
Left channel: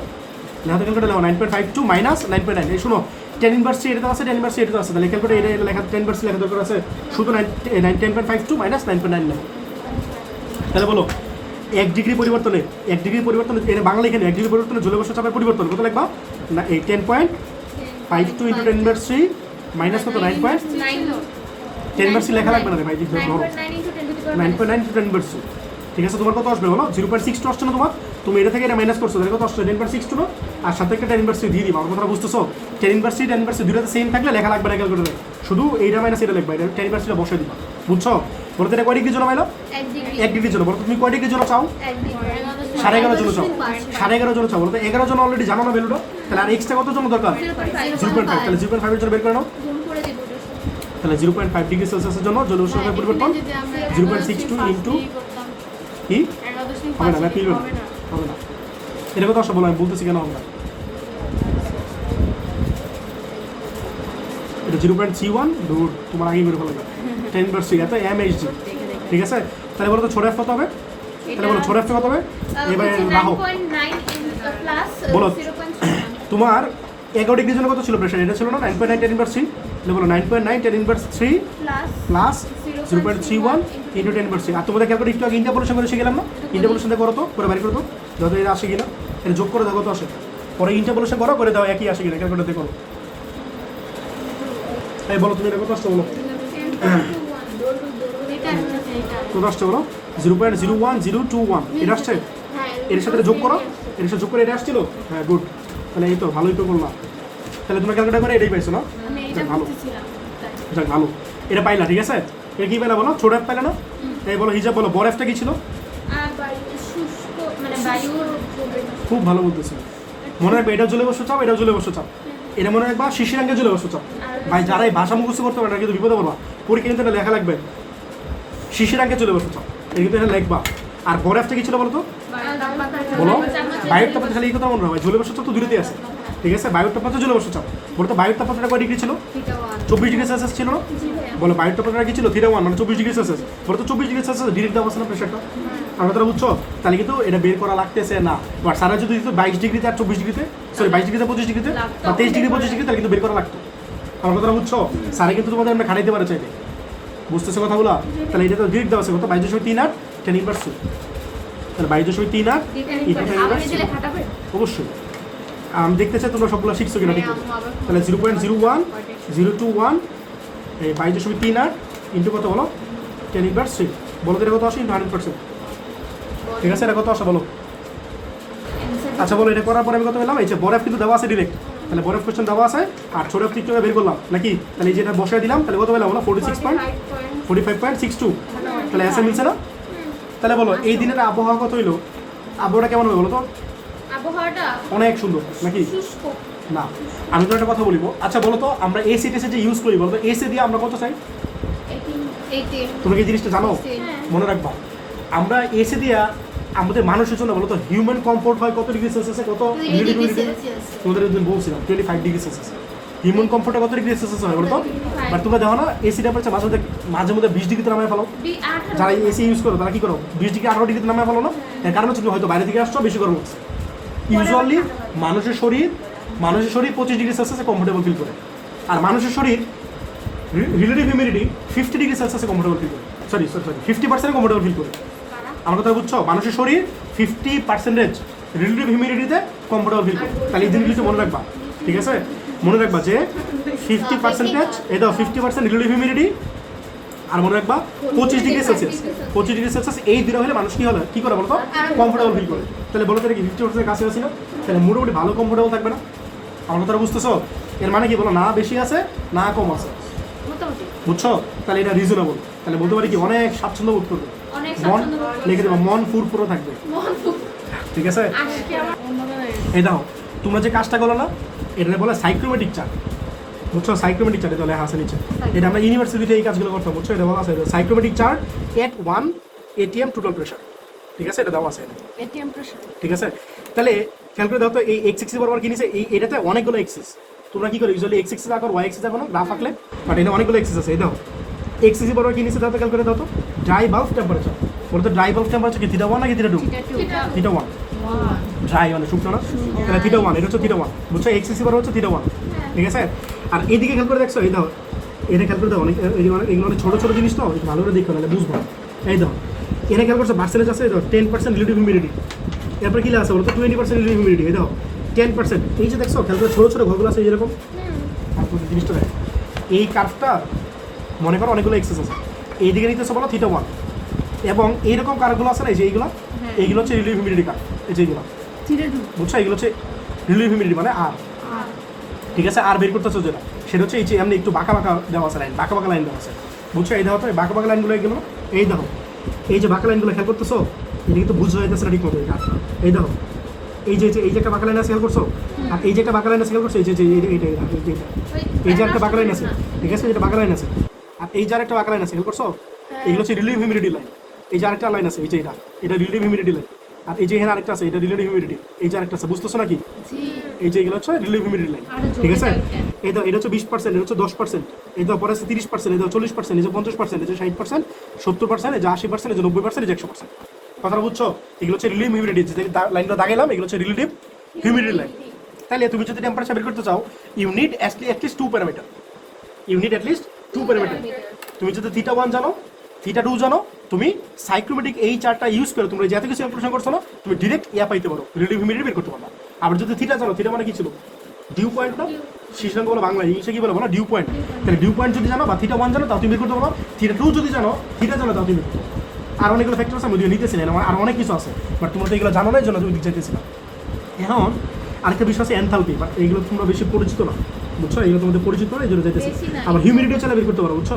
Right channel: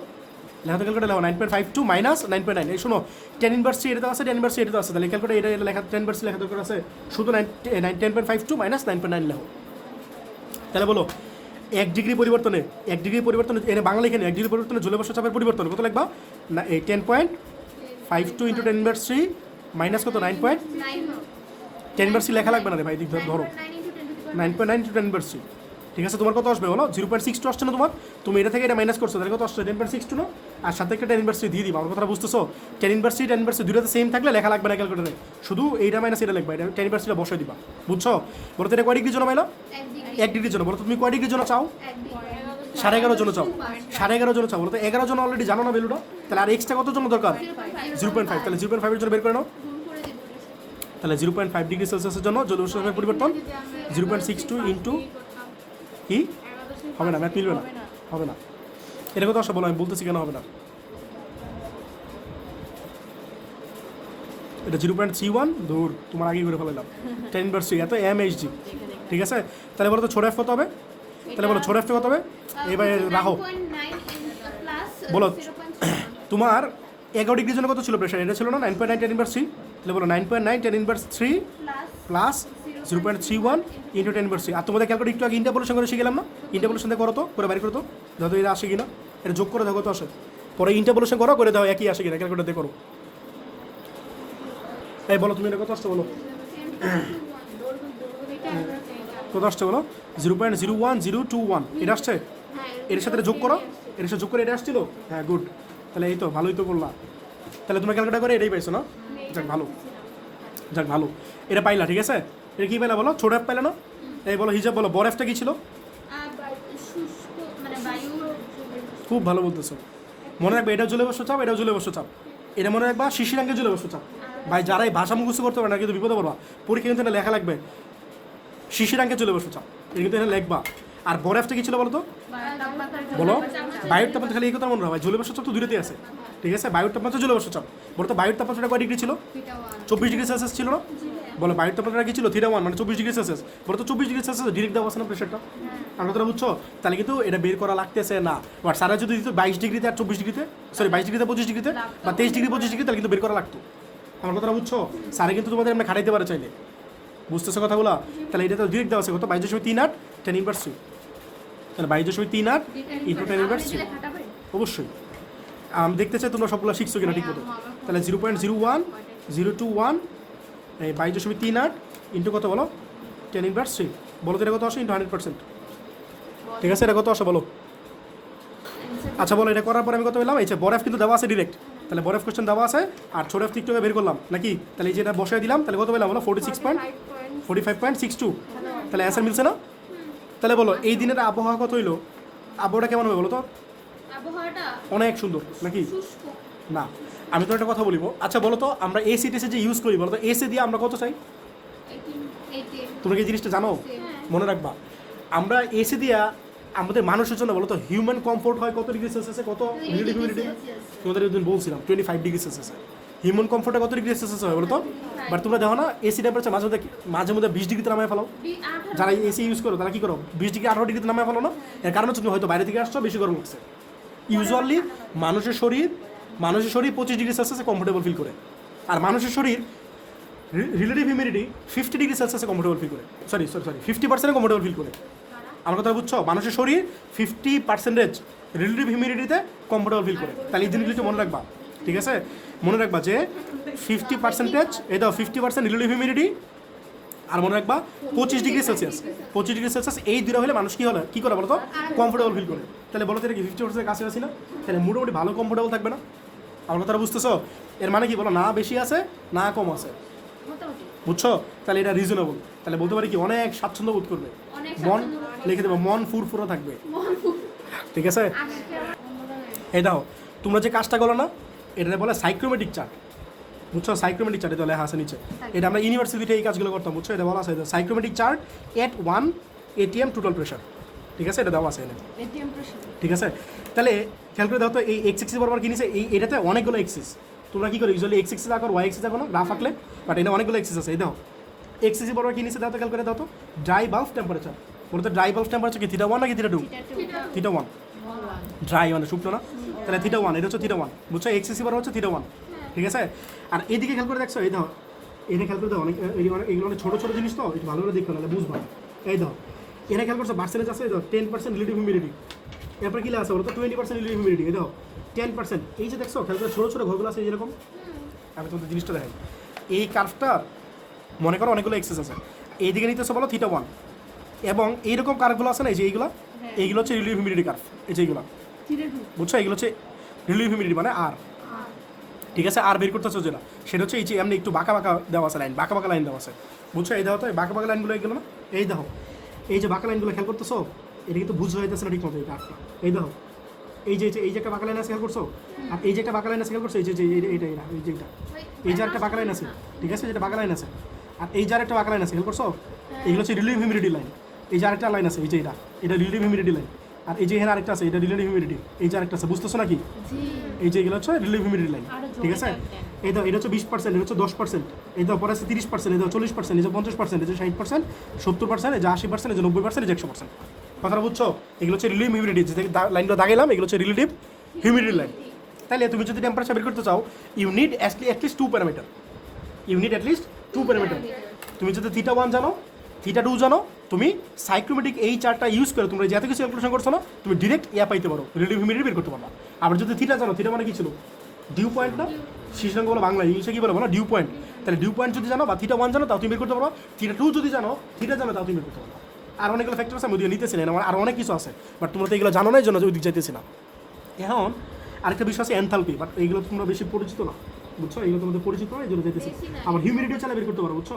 লেখা ক্যালকুলেটর লেখো 9.52 মাইনাস 9.9। এই শুনো, tan ইনভার্স এটা আছে, tan ইনভার্স এটা আছে, তাহলে ক্যালকুলেটর এটা লেখা tan ইনভার্স লেখা দরকার আছে। শুধু 10.52 মাইনাস 9.9 লেখো। তাহলে বলো 1 ডিগ্রি পরিবর্তনে, 1 ডিগ্রি পরিবর্তনে এর বাংলা এখানে 1 ডিগ্রি পরিবর্তনে জলীয় বাষ্প চাপের পরিবর্তন কত লিখবা? না এই 10.52 ইন্টু 10 ইনভার্স 3 মাইনাস কত? 9. 10 ইনভার্স লেখা লাগবে না রে ভাই, দিক ধরো 9.9 ইন্টু 10 ইনভার্স। ঠিক আছে, তোমার কত আসবে বলো? 0.62 আসছে না তোমার? তুমি এটা থেকে এটা মাইনাস করছো, তাহলে কত আসছে? 10.62 না? আর সাথে একটা 10 ইনভার্স দিয়ে দিবা। আমার কথাটা বুঝতেছো? 10 ইনভার্স 10 ইনভার্স দুটোতে সেম থাকলে লেখা লাগবে না ক্যালকুলেটরে, শুধু এইটা মাইনাস এটা লিখবা, এটা 10 ইনভার্স বসে দিবা। বুঝছো? বলতে এটা কয় ডিগ্রির জন্য মাইলো? 1 ডিগ্রির জন্য। বলো তুমি কয় ডিগ্রির জন্য চাও? 11.5 জন্য চাও। 11.5 জন্য চাও। বলতে 11 জন অলরেডি জানো না ভ্যালুটা, তাহলে আর এক্সট্রা কত জন্য দরকার? 0.5। তাহলে 0.5 এর জন্য বের করে নাও। তাহলে 0.5 ডিগ্রি সেলসিয়াসের জন্য জলীয় বাষ্পের পরিবর্তন 0.62 ইন্টু কি হবে না? ম্যাথ মিলবে না, হবে না। এটা কথা আসলে বলো, আমি বলতেছি কেন হবে না। এটা 0.31 দূর, তোমার আগেই বের হলো না। 10 ইনভার্স 3 এত mhg, ঠিক আছে? তাহলে বলো তো ছোট এফ কত হবে? তাহলে বলো ছোট এফ কত হবে? এবার রাখো, বলো তোমার 11 ডিগ্রির জন্য কত ছিল প্রেশার? এটা ছিল না 9.9 10 ইনভার্স 3। তাহলে বলো 9.9 10 ইনভার্স 3 প্লাস 0.31 ইন্টু 10 ইনভার্স 3। আর তোমাদের ক্যালকুলেট একটু আগে ইন্টারপোলেশন করে শিখলাম না? ইন্টারপোলেশন দিয়ে করো তো, করে বাড়ি করো তো, যত এটা আসে কিনা এটা যোগ করে দাও কত আসে, পরে ইন্টারপোলেশন করো, করে দাও একই আসে কিনা ক্যালকুলেটর দিয়ে করো। তাই বলো তুমি এটা কত আসছে বলো? কত আসছে বলো? 0.01021 এটা আসছে। এর সাথে যোগ করো, এর সাথে যোগ করে এটা আসছিল। হ্যাঁ গুড, তাহলে এই তো ভালোই তো করলাম। তাহলে তোমরা ক্যালকুলেট করে এটাই পাইছো না? যাক ভালো, যাক ভালো, এটা পাইলা, ঠিক আছে? এটা কি পাইলা বলো? ছোট এফ পাইলা না? তাই বলো হিসাব বলো, বড় এফটা কি ছিল? খুব ভালো বলতেছো, মনে রাখবে এটাও জলীয় বাষ্প চাপ, এটাও জলীয় বাষ্প চাপ। এটা মনে রাখবা শিশিরাঙ্কে জলীয় বাষ্প চাপ। ভাই যারা এই ভাষা মুখস্থ করতে পারে না কিন্তু বিপদে পড়বা, পরীক্ষা কিন্তু এটা লেখা লাগবে শিশিরাঙ্কে জলীয় বাষ্প চাপ, এটা কিন্তু এটা লিখবা। আর বড় এফটা কি ছিল বলো তো? বলো বায়ুর তাপমাত্রা, খালি এই কথা মনে রাখবে, জলীয় বাষ্প চাপ তো দূরেতেই আছে, ঠিক আছে? বায়ুর তাপমাত্রা জলীয় বাষ্প চাপ। বলো তো বায়ুর তাপমাত্রা কয় ডিগ্রি ছিল? 24 ডিগ্রি সেলসিয়াস ছিল না? বলো বায়ুর তাপমাত্রা কি ছিল? থিটা 1 মানে 24 ডিগ্রি সেলসিয়াস। বলো তো 24 ডিগ্রি সেলসিয়াস ডিরেক্ট দেওয়া আছে না প্রেশারটা? আমরা তোরা বুঝছো? তাহলে কিন্তু এটা বের করা লাগতেছে না। বাট সারা যদি দিত 22 ডিগ্রিতে আর 24 ডিগ্রিতে, সরি 22 ডিগ্রিতে 25 ডিগ্রিতে বা 23 ডিগ্রি 25 ডিগ্রি, তাহলে কিন্তু বের করা লাগতো। আমার কথাটা বুঝছো? স্যারে কিন্তু তোমাদের আমরা খাটাইতে পারে চাইলে, বুঝতেছো কথাগুলো? তাহলে এটা তো ডিরেক্ট দেওয়া আছে কত, 22.38 10 ইনভার্স 2, তাহলে 22.38 ইন্টু 10 ইনভার্স 2। খাটাবে অবশ্যই আমি দেখতে চাই তোমরা সবগুলো শিখছো কিনা ঠিক করে। তাহলে 0.01 021 এই 22.38 ইন্টু কত হলো 10 ইনভার্স 3, বলো তো এটা কত আসে ইন্টু 100%, ঠিক আছে? এটা কত আসে বলো? আচ্ছা বলো, এটা করার পরে আমি কত পেলাম? এই যে বরফ কিন্তু দেওয়া আছে ডিরেক্ট, তাহলে বরফ কোশ্চেন দেওয়া আছে আর ছোট এফ থেকে বের করলাম নাকি? তাহলে এই যেটা বসায় দিলাম, তাহলে কত পেলাম হলো 45.62, তাহলে অ্যান্সার মিলছে না? তাহলে বলো এই দিনের আবহাওয়া কত হইলো? আবহাওয়াটা কেমন হবে বলো তো? আবহাওয়াটা অনেক সুন্দর নাকি? শুষ্ক। না, আমি তো একটা কথা বলিব। আচ্ছা বলো তো আমরা এসি টেসে যে ইউজ করি, বলো তো এসি দিয়ে আমরা কত চাই? 18 তোমরা কি এই জিনিসটা জানো? হ্যাঁ। মনে রাখবা, আমরা এসি দিয়ে আমাদের মানুষের জন্য বলো তো হিউম্যান কমফোর্ট হয় কত ডিগ্রি সেলসিয়াসে, কত 20 ডিগ্রি ডিগ্রি হিউমিডিটি? সেলসিয়াস। তোমাদের ওই দিন বলছিলাম 25 ডিগ্রি সেলসিয়াস। হিউম্যান কমফোর্টটা কত ডিগ্রি সেলসিয়াস হয় বলো তো? 25 বাট তোমরা দেখো না এসি টেম্পারেচার মাঝে মধ্যে 20 ডিগ্রিতে নামায় ফেলো। 18 যারা এসি ইউজ করো তারা কি করো 20 ডিগ্রি 18 ডিগ্রিতে নামায় ফেলো না? এর কারণ হচ্ছে তুমি হয়তো বাইরে থেকে আসছো, বেশি গরম হচ্ছে। ইউজুয়ালি মানুষের শরীর 25 ডিগ্রি সেলসিয়াসে কমফোর্টেবল ফিল করে, আর মানুষের শরীর রিলেটিভ হিউমিডিটি 50 ডিগ্রি সেলসিয়াসে কমফোর্টেবল ফিল করে, সরি 50% কমফোর্টেবল ফিল করে। আমার কথা বুঝছো? মানুষের শরীর 50% রিলেটিভ হিউমিডিটিতে কমফোর্টেবল ফিল করে। তাহলে এই জিনিসটা মনে রাখবা, ঠিক আছে? মনে রাখবা যে 50% এই দাও 50% রিলেটিভ হিউমিডিটি, আর মনে রাখবা 25 ডিগ্রি সেলসিয়াস। 25 ডিগ্রি সেলসিয়াস এই দুটো হলে মানুষ কি হলো কি করে বলতো? কমফোর্টেবল ফিল করে। তাহলে বলো তো এটা কি 50% কাছে আছে না? তাহলে মোটামুটি ভালো কমফোর্টেবল থাকবে না? আমার কথাটা বুঝতেছো? এর মানে কি বলো, না বেশি আছে না কম আছে, মোটামুটি বুঝছো? তাহলে এটা রিজনেবল। তাহলে বলতে পারি কি অনেক স্বাচ্ছন্দ্য বোধ করবে, অনেক মন স্বাচ্ছন্দ্য বোধ করবে। লিখে দেবো মন ফুরফুরে থাকবে, মন খুব ঠিক আছে? আজকে আমার এই দাও তোমরা যে কাজটা করো না, এটা বলে সাইক্রোমেটিক চার্ট, বুঝছো? সাইক্রোমেটিক চার্ট এটা লেখা আছে নিচে, এটা আমরা ইউনিভার্সিটিতে এই কাজগুলো করতাম, বুঝছো? এটা বলা আছে সাইক্রোমেটিক চার্ট এট 1 ATM টোটাল প্রেশার, ঠিক আছে? এটা দেওয়া আছে, এটিএম প্রেশার ঠিক আছে? তাহলে খেয়াল করে দাও তো এই এক্স এক্সিস বরাবর কি নিছে, এই এটাতে অনেকগুলো এক্সিস। তোমরা কি করো ইউজুয়ালি এক্স এক্সিস আঁকো, ওয়াই এক্সিস আঁকো না গ্রাফ আঁকলে, বাট এটা অনেকগুলো এক্সিস আছে। এই দাও এক্স এক্সিস বরাবর কি নিছে দাও তো, খেয়াল করে দাও তো ড্রাই বাল্ব টেম্পারেচার, বলতো ড্রাই বাল্ব টেম্পারেচার কি থিটা 1 নাকি থিটা 2? থিটা 1, ড্রাই মানে শুকনো না, তাহলে থিটা 1, এটা হচ্ছে থিটা 1, বুঝছো? এক্স এক্সিস বরাবর হচ্ছে থিটা 1, ঠিক আছে? আর এদিকে খেয়াল করে দেখছো, এই দাও এটা খেয়াল করে দাও, অনেক এগুলো অনেক ছোটো ছোটো জিনিস তো, একটু ভালো করে দেখো নাহলে বুঝবো। এই দাও এখানে খেয়াল করছো পার্সেন্টেজ আছে, এই দাও 10% রিলেটিভ হিউমিডিটি, এরপর কি আছে বলতো 20% রিলেটিভ হিউমিডিটি, এই দাও 10%। এই যে দেখছো খেয়াল করে ছোটো ছোটো ঘরগুলো আছে যেরকম, তারপর জিনিসটা দেখ এই কার্ভটা মনে করো অনেকগুলো এক্সেস আছে, এইদিকে নিতেছে বলো থিটা 1, এবং এইরকম কার্ভগুলো আছে না, এই যে এইগুলো হচ্ছে রিলেটিভ হিউমিডিটি কার্ভ, এই যে এইগুলো, বুঝছো? এইগুলো হচ্ছে রিলেটিভ হিউমিডিটি মানে আর, ঠিক আছে? আর বের করতে হচ্ছে যেটা সেটা হচ্ছে এই যে এমনি একটু বাঁকা বাঁকা দেওয়া আছে লাইন, বাঁকা বাঁকা লাইন দেওয়া আছে, বুঝছো? এই দেখো তো এই বাঁকা বাঁকা লাইনগুলো এইগুলো, এই দেখো এই যে বাঁকা লাইনগুলো খেয়াল করতেছো, এটা কিন্তু বুঝতে যাইতেছে না ঠিক মতো। এই দেখো এই যে এই যে একটা বাঁকা লাইন আছে খেয়াল করছো, আর এই যে একটা বাঁকা লাইন আছে খেয়াল করছো, এই যে এই যে একটা বাঁকা লাইন আছে, ঠিক আছে? যেটা বাঁকা লাইন আছে, আর এই যে একটা বাঁকা লাইন আছে খেয়াল করছো, এগুলো হচ্ছে রিলেটিভ হিউমিডিটি লাইন। এই যে আরেকটা লাইন আছে, এই যে এটা রিলেটিভ হিউমিডিটি লাইন, আর এই যে এখানে আরেকটা আছে, এটা রিলেটিভ হিউমিডিটি, এই যে আরেকটা আছে, বুঝতেছো নাকি? এই যে এগুলো হচ্ছে রিলেটিভ হিউমিডিটি লাইন, ঠিক আছে? এই তো এটা হচ্ছে 20%, এটা হচ্ছে 10%, এই তো পরে আছে 30%, এই তো 40%, এই যে 50%, এই যে 60%, 70%, এই যে 80%, এই যে 90%, এই যে 100%। কথাটা বুঝছো? এগুলো হচ্ছে রিলেটিভ হিউমিডিটি, যে লাইনটা দাগাইলাম এগুলো হচ্ছে রিলেটিভ হিউমিডিটি লাইন। তাহলে তুমি যদি টেম্পারেচার বের করতে চাও you need at least 2 parameter, you need at least 2 parameter. তুমি যদি থিটা 1 জানো, থিটা 2 জানো, তুমি সাইক্রোমেটিক এই চার্টটা ইউজ করে তোমরা যত কিছু ক্যালকুলেশন করছো না, তুমি ডিরেক্ট পাইতে পারো, রিলেটিভ হিউমিডিটি বের করতে পারো। আবার যদি থিটা জানো, থিটা মানে কি ছিল? ডিউ পয়েন্ট না, শীর্ষাঙ্ক বলো বাংলা, ইংলিশে কি বলো বলো ডিউ পয়েন্ট। তাহলে ডিউ পয়েন্ট যদি জানো বা থিটা 1 জানো, তাও তুমি বের করতে পারো। থিটা 2 যদি জানো, থিটা জানো, তাও তুমি বের করতে পারো। আর অনেকগুলো ফ্যাক্টর আছে, আমি নিতেছিলেন আর অনেক কিছু আছে, বাট তোমরা তো এগুলো জানো না, এই জন্য ওই দিক চাইতেছিলাম। এখন আরেকটা বিষয় আছে এনথালপি, বাট এইগুলো তোমরা বেশি পরিচিত না, বুঝছো? এগুলো তোমাদের পরিচিত না, এই জন্য চাইতেছি। আবার হিউমিডিটিও চাইলে বের করতে পারো, বুঝছো?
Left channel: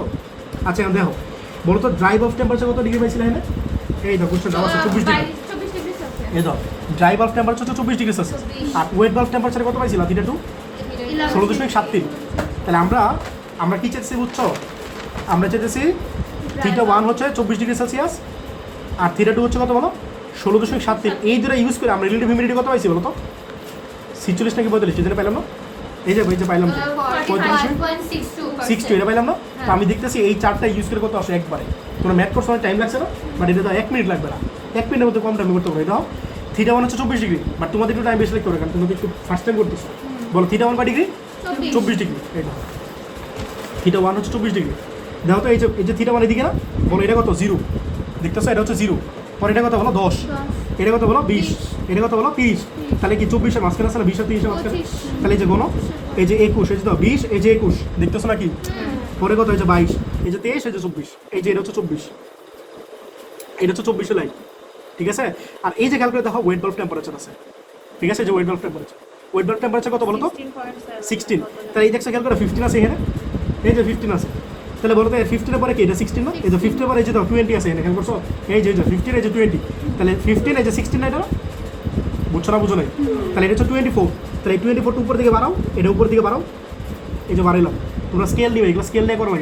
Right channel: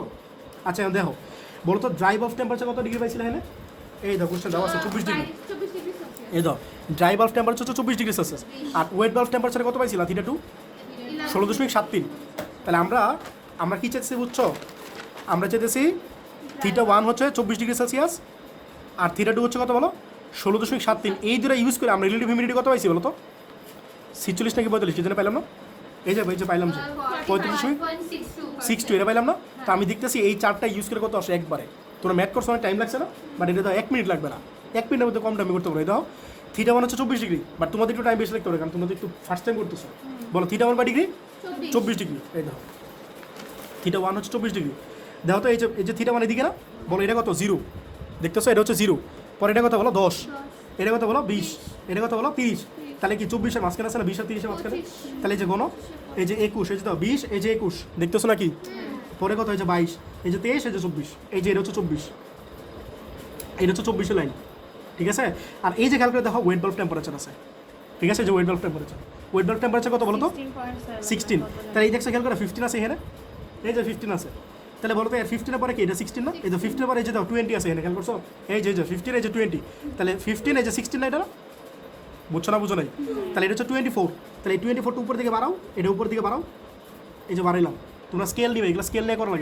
আচ্ছা এখন দেখো বলো তো ড্রাই বাল্ব টেম্পারেচার কত ডিগ্রি পাইছিলে এখানে? এই দেখো কোশ্চেন দেওয়া আছে 24 ডিগ্রি। 24 degree Celsius. এই দাও ড্রাই বাল্ব টেম্পারেচার হচ্ছে 24 ডিগ্রি সেলসিয়াস, আর ওয়েট বাল্ব টেম্পারেচার কত পাইছিলা? থিটা 2 16.73। তাহলে আমরা কি চাইছি বুঝছো? আমরা চাইতেছি থিটা 1 হচ্ছে 24 ডিগ্রি সেলসিয়াস, আর থিটা 2 হচ্ছে কত বলো? 16.73। এই দুটো ইউজ করে আমরা রিলেটিভ হিউমিডিটি কত পাইছি বলো তো? 46 নাকি 45, যেটা পাইলাম না? এই যে পাইলাম যে 45.62, এটা পাইলাম না? তো আমি দেখতেছি এই চার্টটা ইউজ করে কত আসে একবারে। তোমরা ম্যাথ করছো, টাইম লাগছে না, বাট এটা তো 1 মিনিট লাগবে না, 1 মিনিটের মধ্যে কম টাইমে করতে পারবে। দাও থিটা 1 হচ্ছে 24 ডিগ্রি, বাট তোমাদের একটু টাইম বেশি লাগতে হবে, কারণ তোমরা একটু ফার্স্ট টাইম করতেছো। বলো থিটা 1 বা ডিগ্রি 24 ডিগ্রি। এই না থিটা 1 হচ্ছে 24 ডিগ্রি। দেখো তো এই যে থিটা মানে এদিকে না, বলো এটা কত 0, দেখতেছো এটা হচ্ছে 0, পরে এটা কত বলো 10, 10, এটা কত বলো 20, এটা কত বলো 30, তাহলে কি 24 এর মাঝখানে আছে না, 20 আর 30 এর মাঝখানে, 25, তাহলে এই যে কোনো এই যে 21, এই যে দাও 20, এই যে 21, দেখতেছো নাকি, পরে কত এই যে 22, এই যে 23, এই যে 24, এই যে এটা হচ্ছে 24, এটা হচ্ছে 24 লাইন, ঠিক আছে। আর এই যে ক্যালকুলেট দেখো ওয়েট বাল্ব টেম্পারেচার আছে, ঠিক আছে, এই যে ওয়েট বাল্ব টেম্পারেচার কত বলো তো 16, তাহলে এই দেখছো খেয়াল করে 15 আছে এখানে, এই যে 15 আছে, তাহলে বলো তো 15 এর পরে কি এটা 16 না, এই যে 15 এর পরে এই যে দাও 20 আছে এখানে, খেয়াল করছো, এই যে 15, এই যে 20, তাহলে 15 এই যে 16 না, এটা না? বুঝছো না, বুঝো নাই, তাহলে এটা হচ্ছে 24, তাহলে এই 24 উপর দিকে বাড়াও, এটা উপর দিকে বাড়াও, এই যে বাড়াইলাম, তোমরা স্কেল নিবে, এগুলো স্কেল নিয়ে করো না,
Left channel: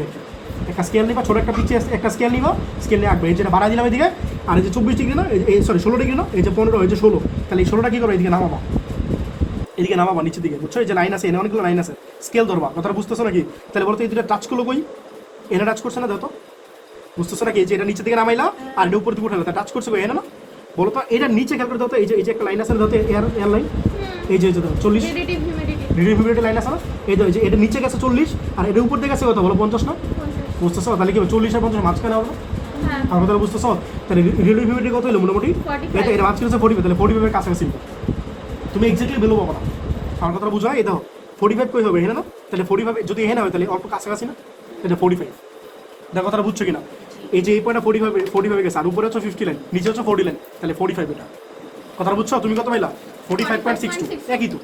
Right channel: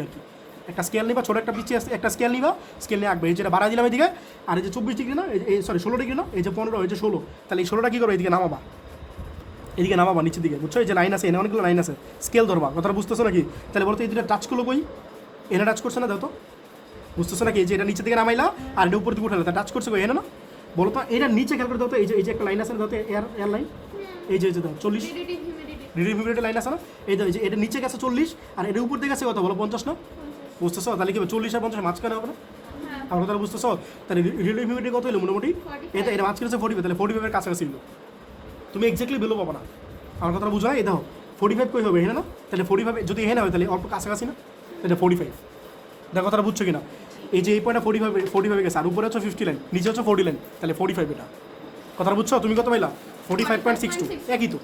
একটা স্কেল নিবা, ছোটো একটা পিছিয়ে একটা স্কেল নিবা, স্কেল নিয়ে আঁকবে, এই যেটা বাড়াই দিলাম এদিকে, আর এই যে 24 ডিগ্রি না, এই সরি 16 ডিগ্রি না, এই যে 15, এই যে 16, তাহলে এই 16টা কী করো, এদিকে নামাবা, এদিকে নামাবা নিচের দিকে, বুঝছো, এই যে লাইন আছে, এনে অনেকগুলো লাইন আছে, স্কেল ধরবা, কথাটা বুঝতেছো নাকি? তাহলে বলতো এই দুটো টাচ করলো কই, এনে টাচ করছে না, দাও তো, বুঝতেছো নাকি? এই যে এটা নিচের দিকে নামাইলা আর এটা উপর দিকে উঠালো, তা টাচ করছে কই, এনে না, বলো তো এটা নিচে খেয়াল করে দাও তো, এই যে একটা লাইন আছে না, দাও তো এয়ার লাইন, এই যে দাও 40 রিলেটিভ হিউমিডিটি রিলেটিভ লাইন আছে না, এই যে এটা নিচে গেছে 40 আর এটা উপর দিকে গেছে কত বলো 50 না, 50, বুঝতেছো? তাহলে কি 40 আর 50 মাঝখানে হবে, হ্যাঁ আমার কথা বুঝতেছো? তাহলে রিলেটিভ হিউমিডিটি কত হলো মোটামুটি, 45, এটা মাঝখানে হচ্ছে 45, তাহলে 45 এর কাছাকাছি নিবে। তুমি এক্স্যাক্টলি বেলো পাবো না, আমার কথা বুঝো না, এই দেখো 45 কই হবে, হ্যাঁ না, তাহলে 45 যদি হ্যাঁ হয় তাহলে অল্প কাছাকাছি না, এটা 45, দেখো কথাটা বুঝছো কিনা, এই যে এই পয়েন্টটা 45 গেছে, আর উপরে হচ্ছে 50 লাইন, নিচে হচ্ছে 40 লাইন, তাহলে 45 এটা, কথাটা বুঝছো? তুমি কত পাইলা 45.62, একই তো,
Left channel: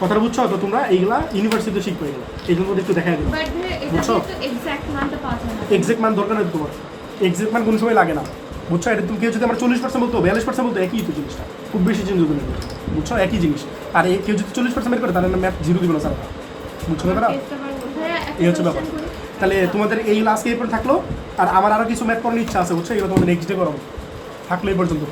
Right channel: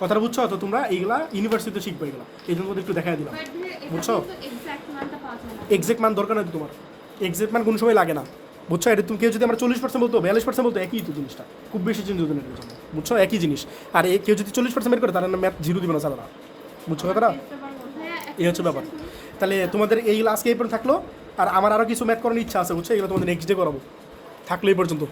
কথাটা বুঝছো? তো তোমরা এইগুলা ইউনিভার্সিটিতে শিখবে, এগুলো এই জন্য একটু দেখাই দিও, বাট এটা বুঝছো? তো এক্সাক্ট মানটা পাওয়া যায় না। এক্সাক্ট মান দরকার নেই তোমার, এক্সাক্ট মান কোনো সময় লাগে না, বুঝছো? এটা তুমি কেউ যদি আমার 40% বলতো 42% বলতো, একই তো জিনিসটা, খুব বেশি জিনিস হবে না, বুঝছো, একই জিনিস। আর কেউ যদি 40% বের করে তাহলে ম্যাথ 0 দিবে না স্যার, বুঝছো কথাটা? হ্যাঁ, একটা এই হচ্ছে ব্যাপার। question করি। তাহলে তোমাদের এইগুলো আজকে এই পর্যন্ত থাকলো, আর আমার আরও কিছু ম্যাথ করার ইচ্ছা আছে, বুঝছো, এগুলো তোমাদের নেক্সট ডে করাবো, থাকলো এই পর্যন্ত।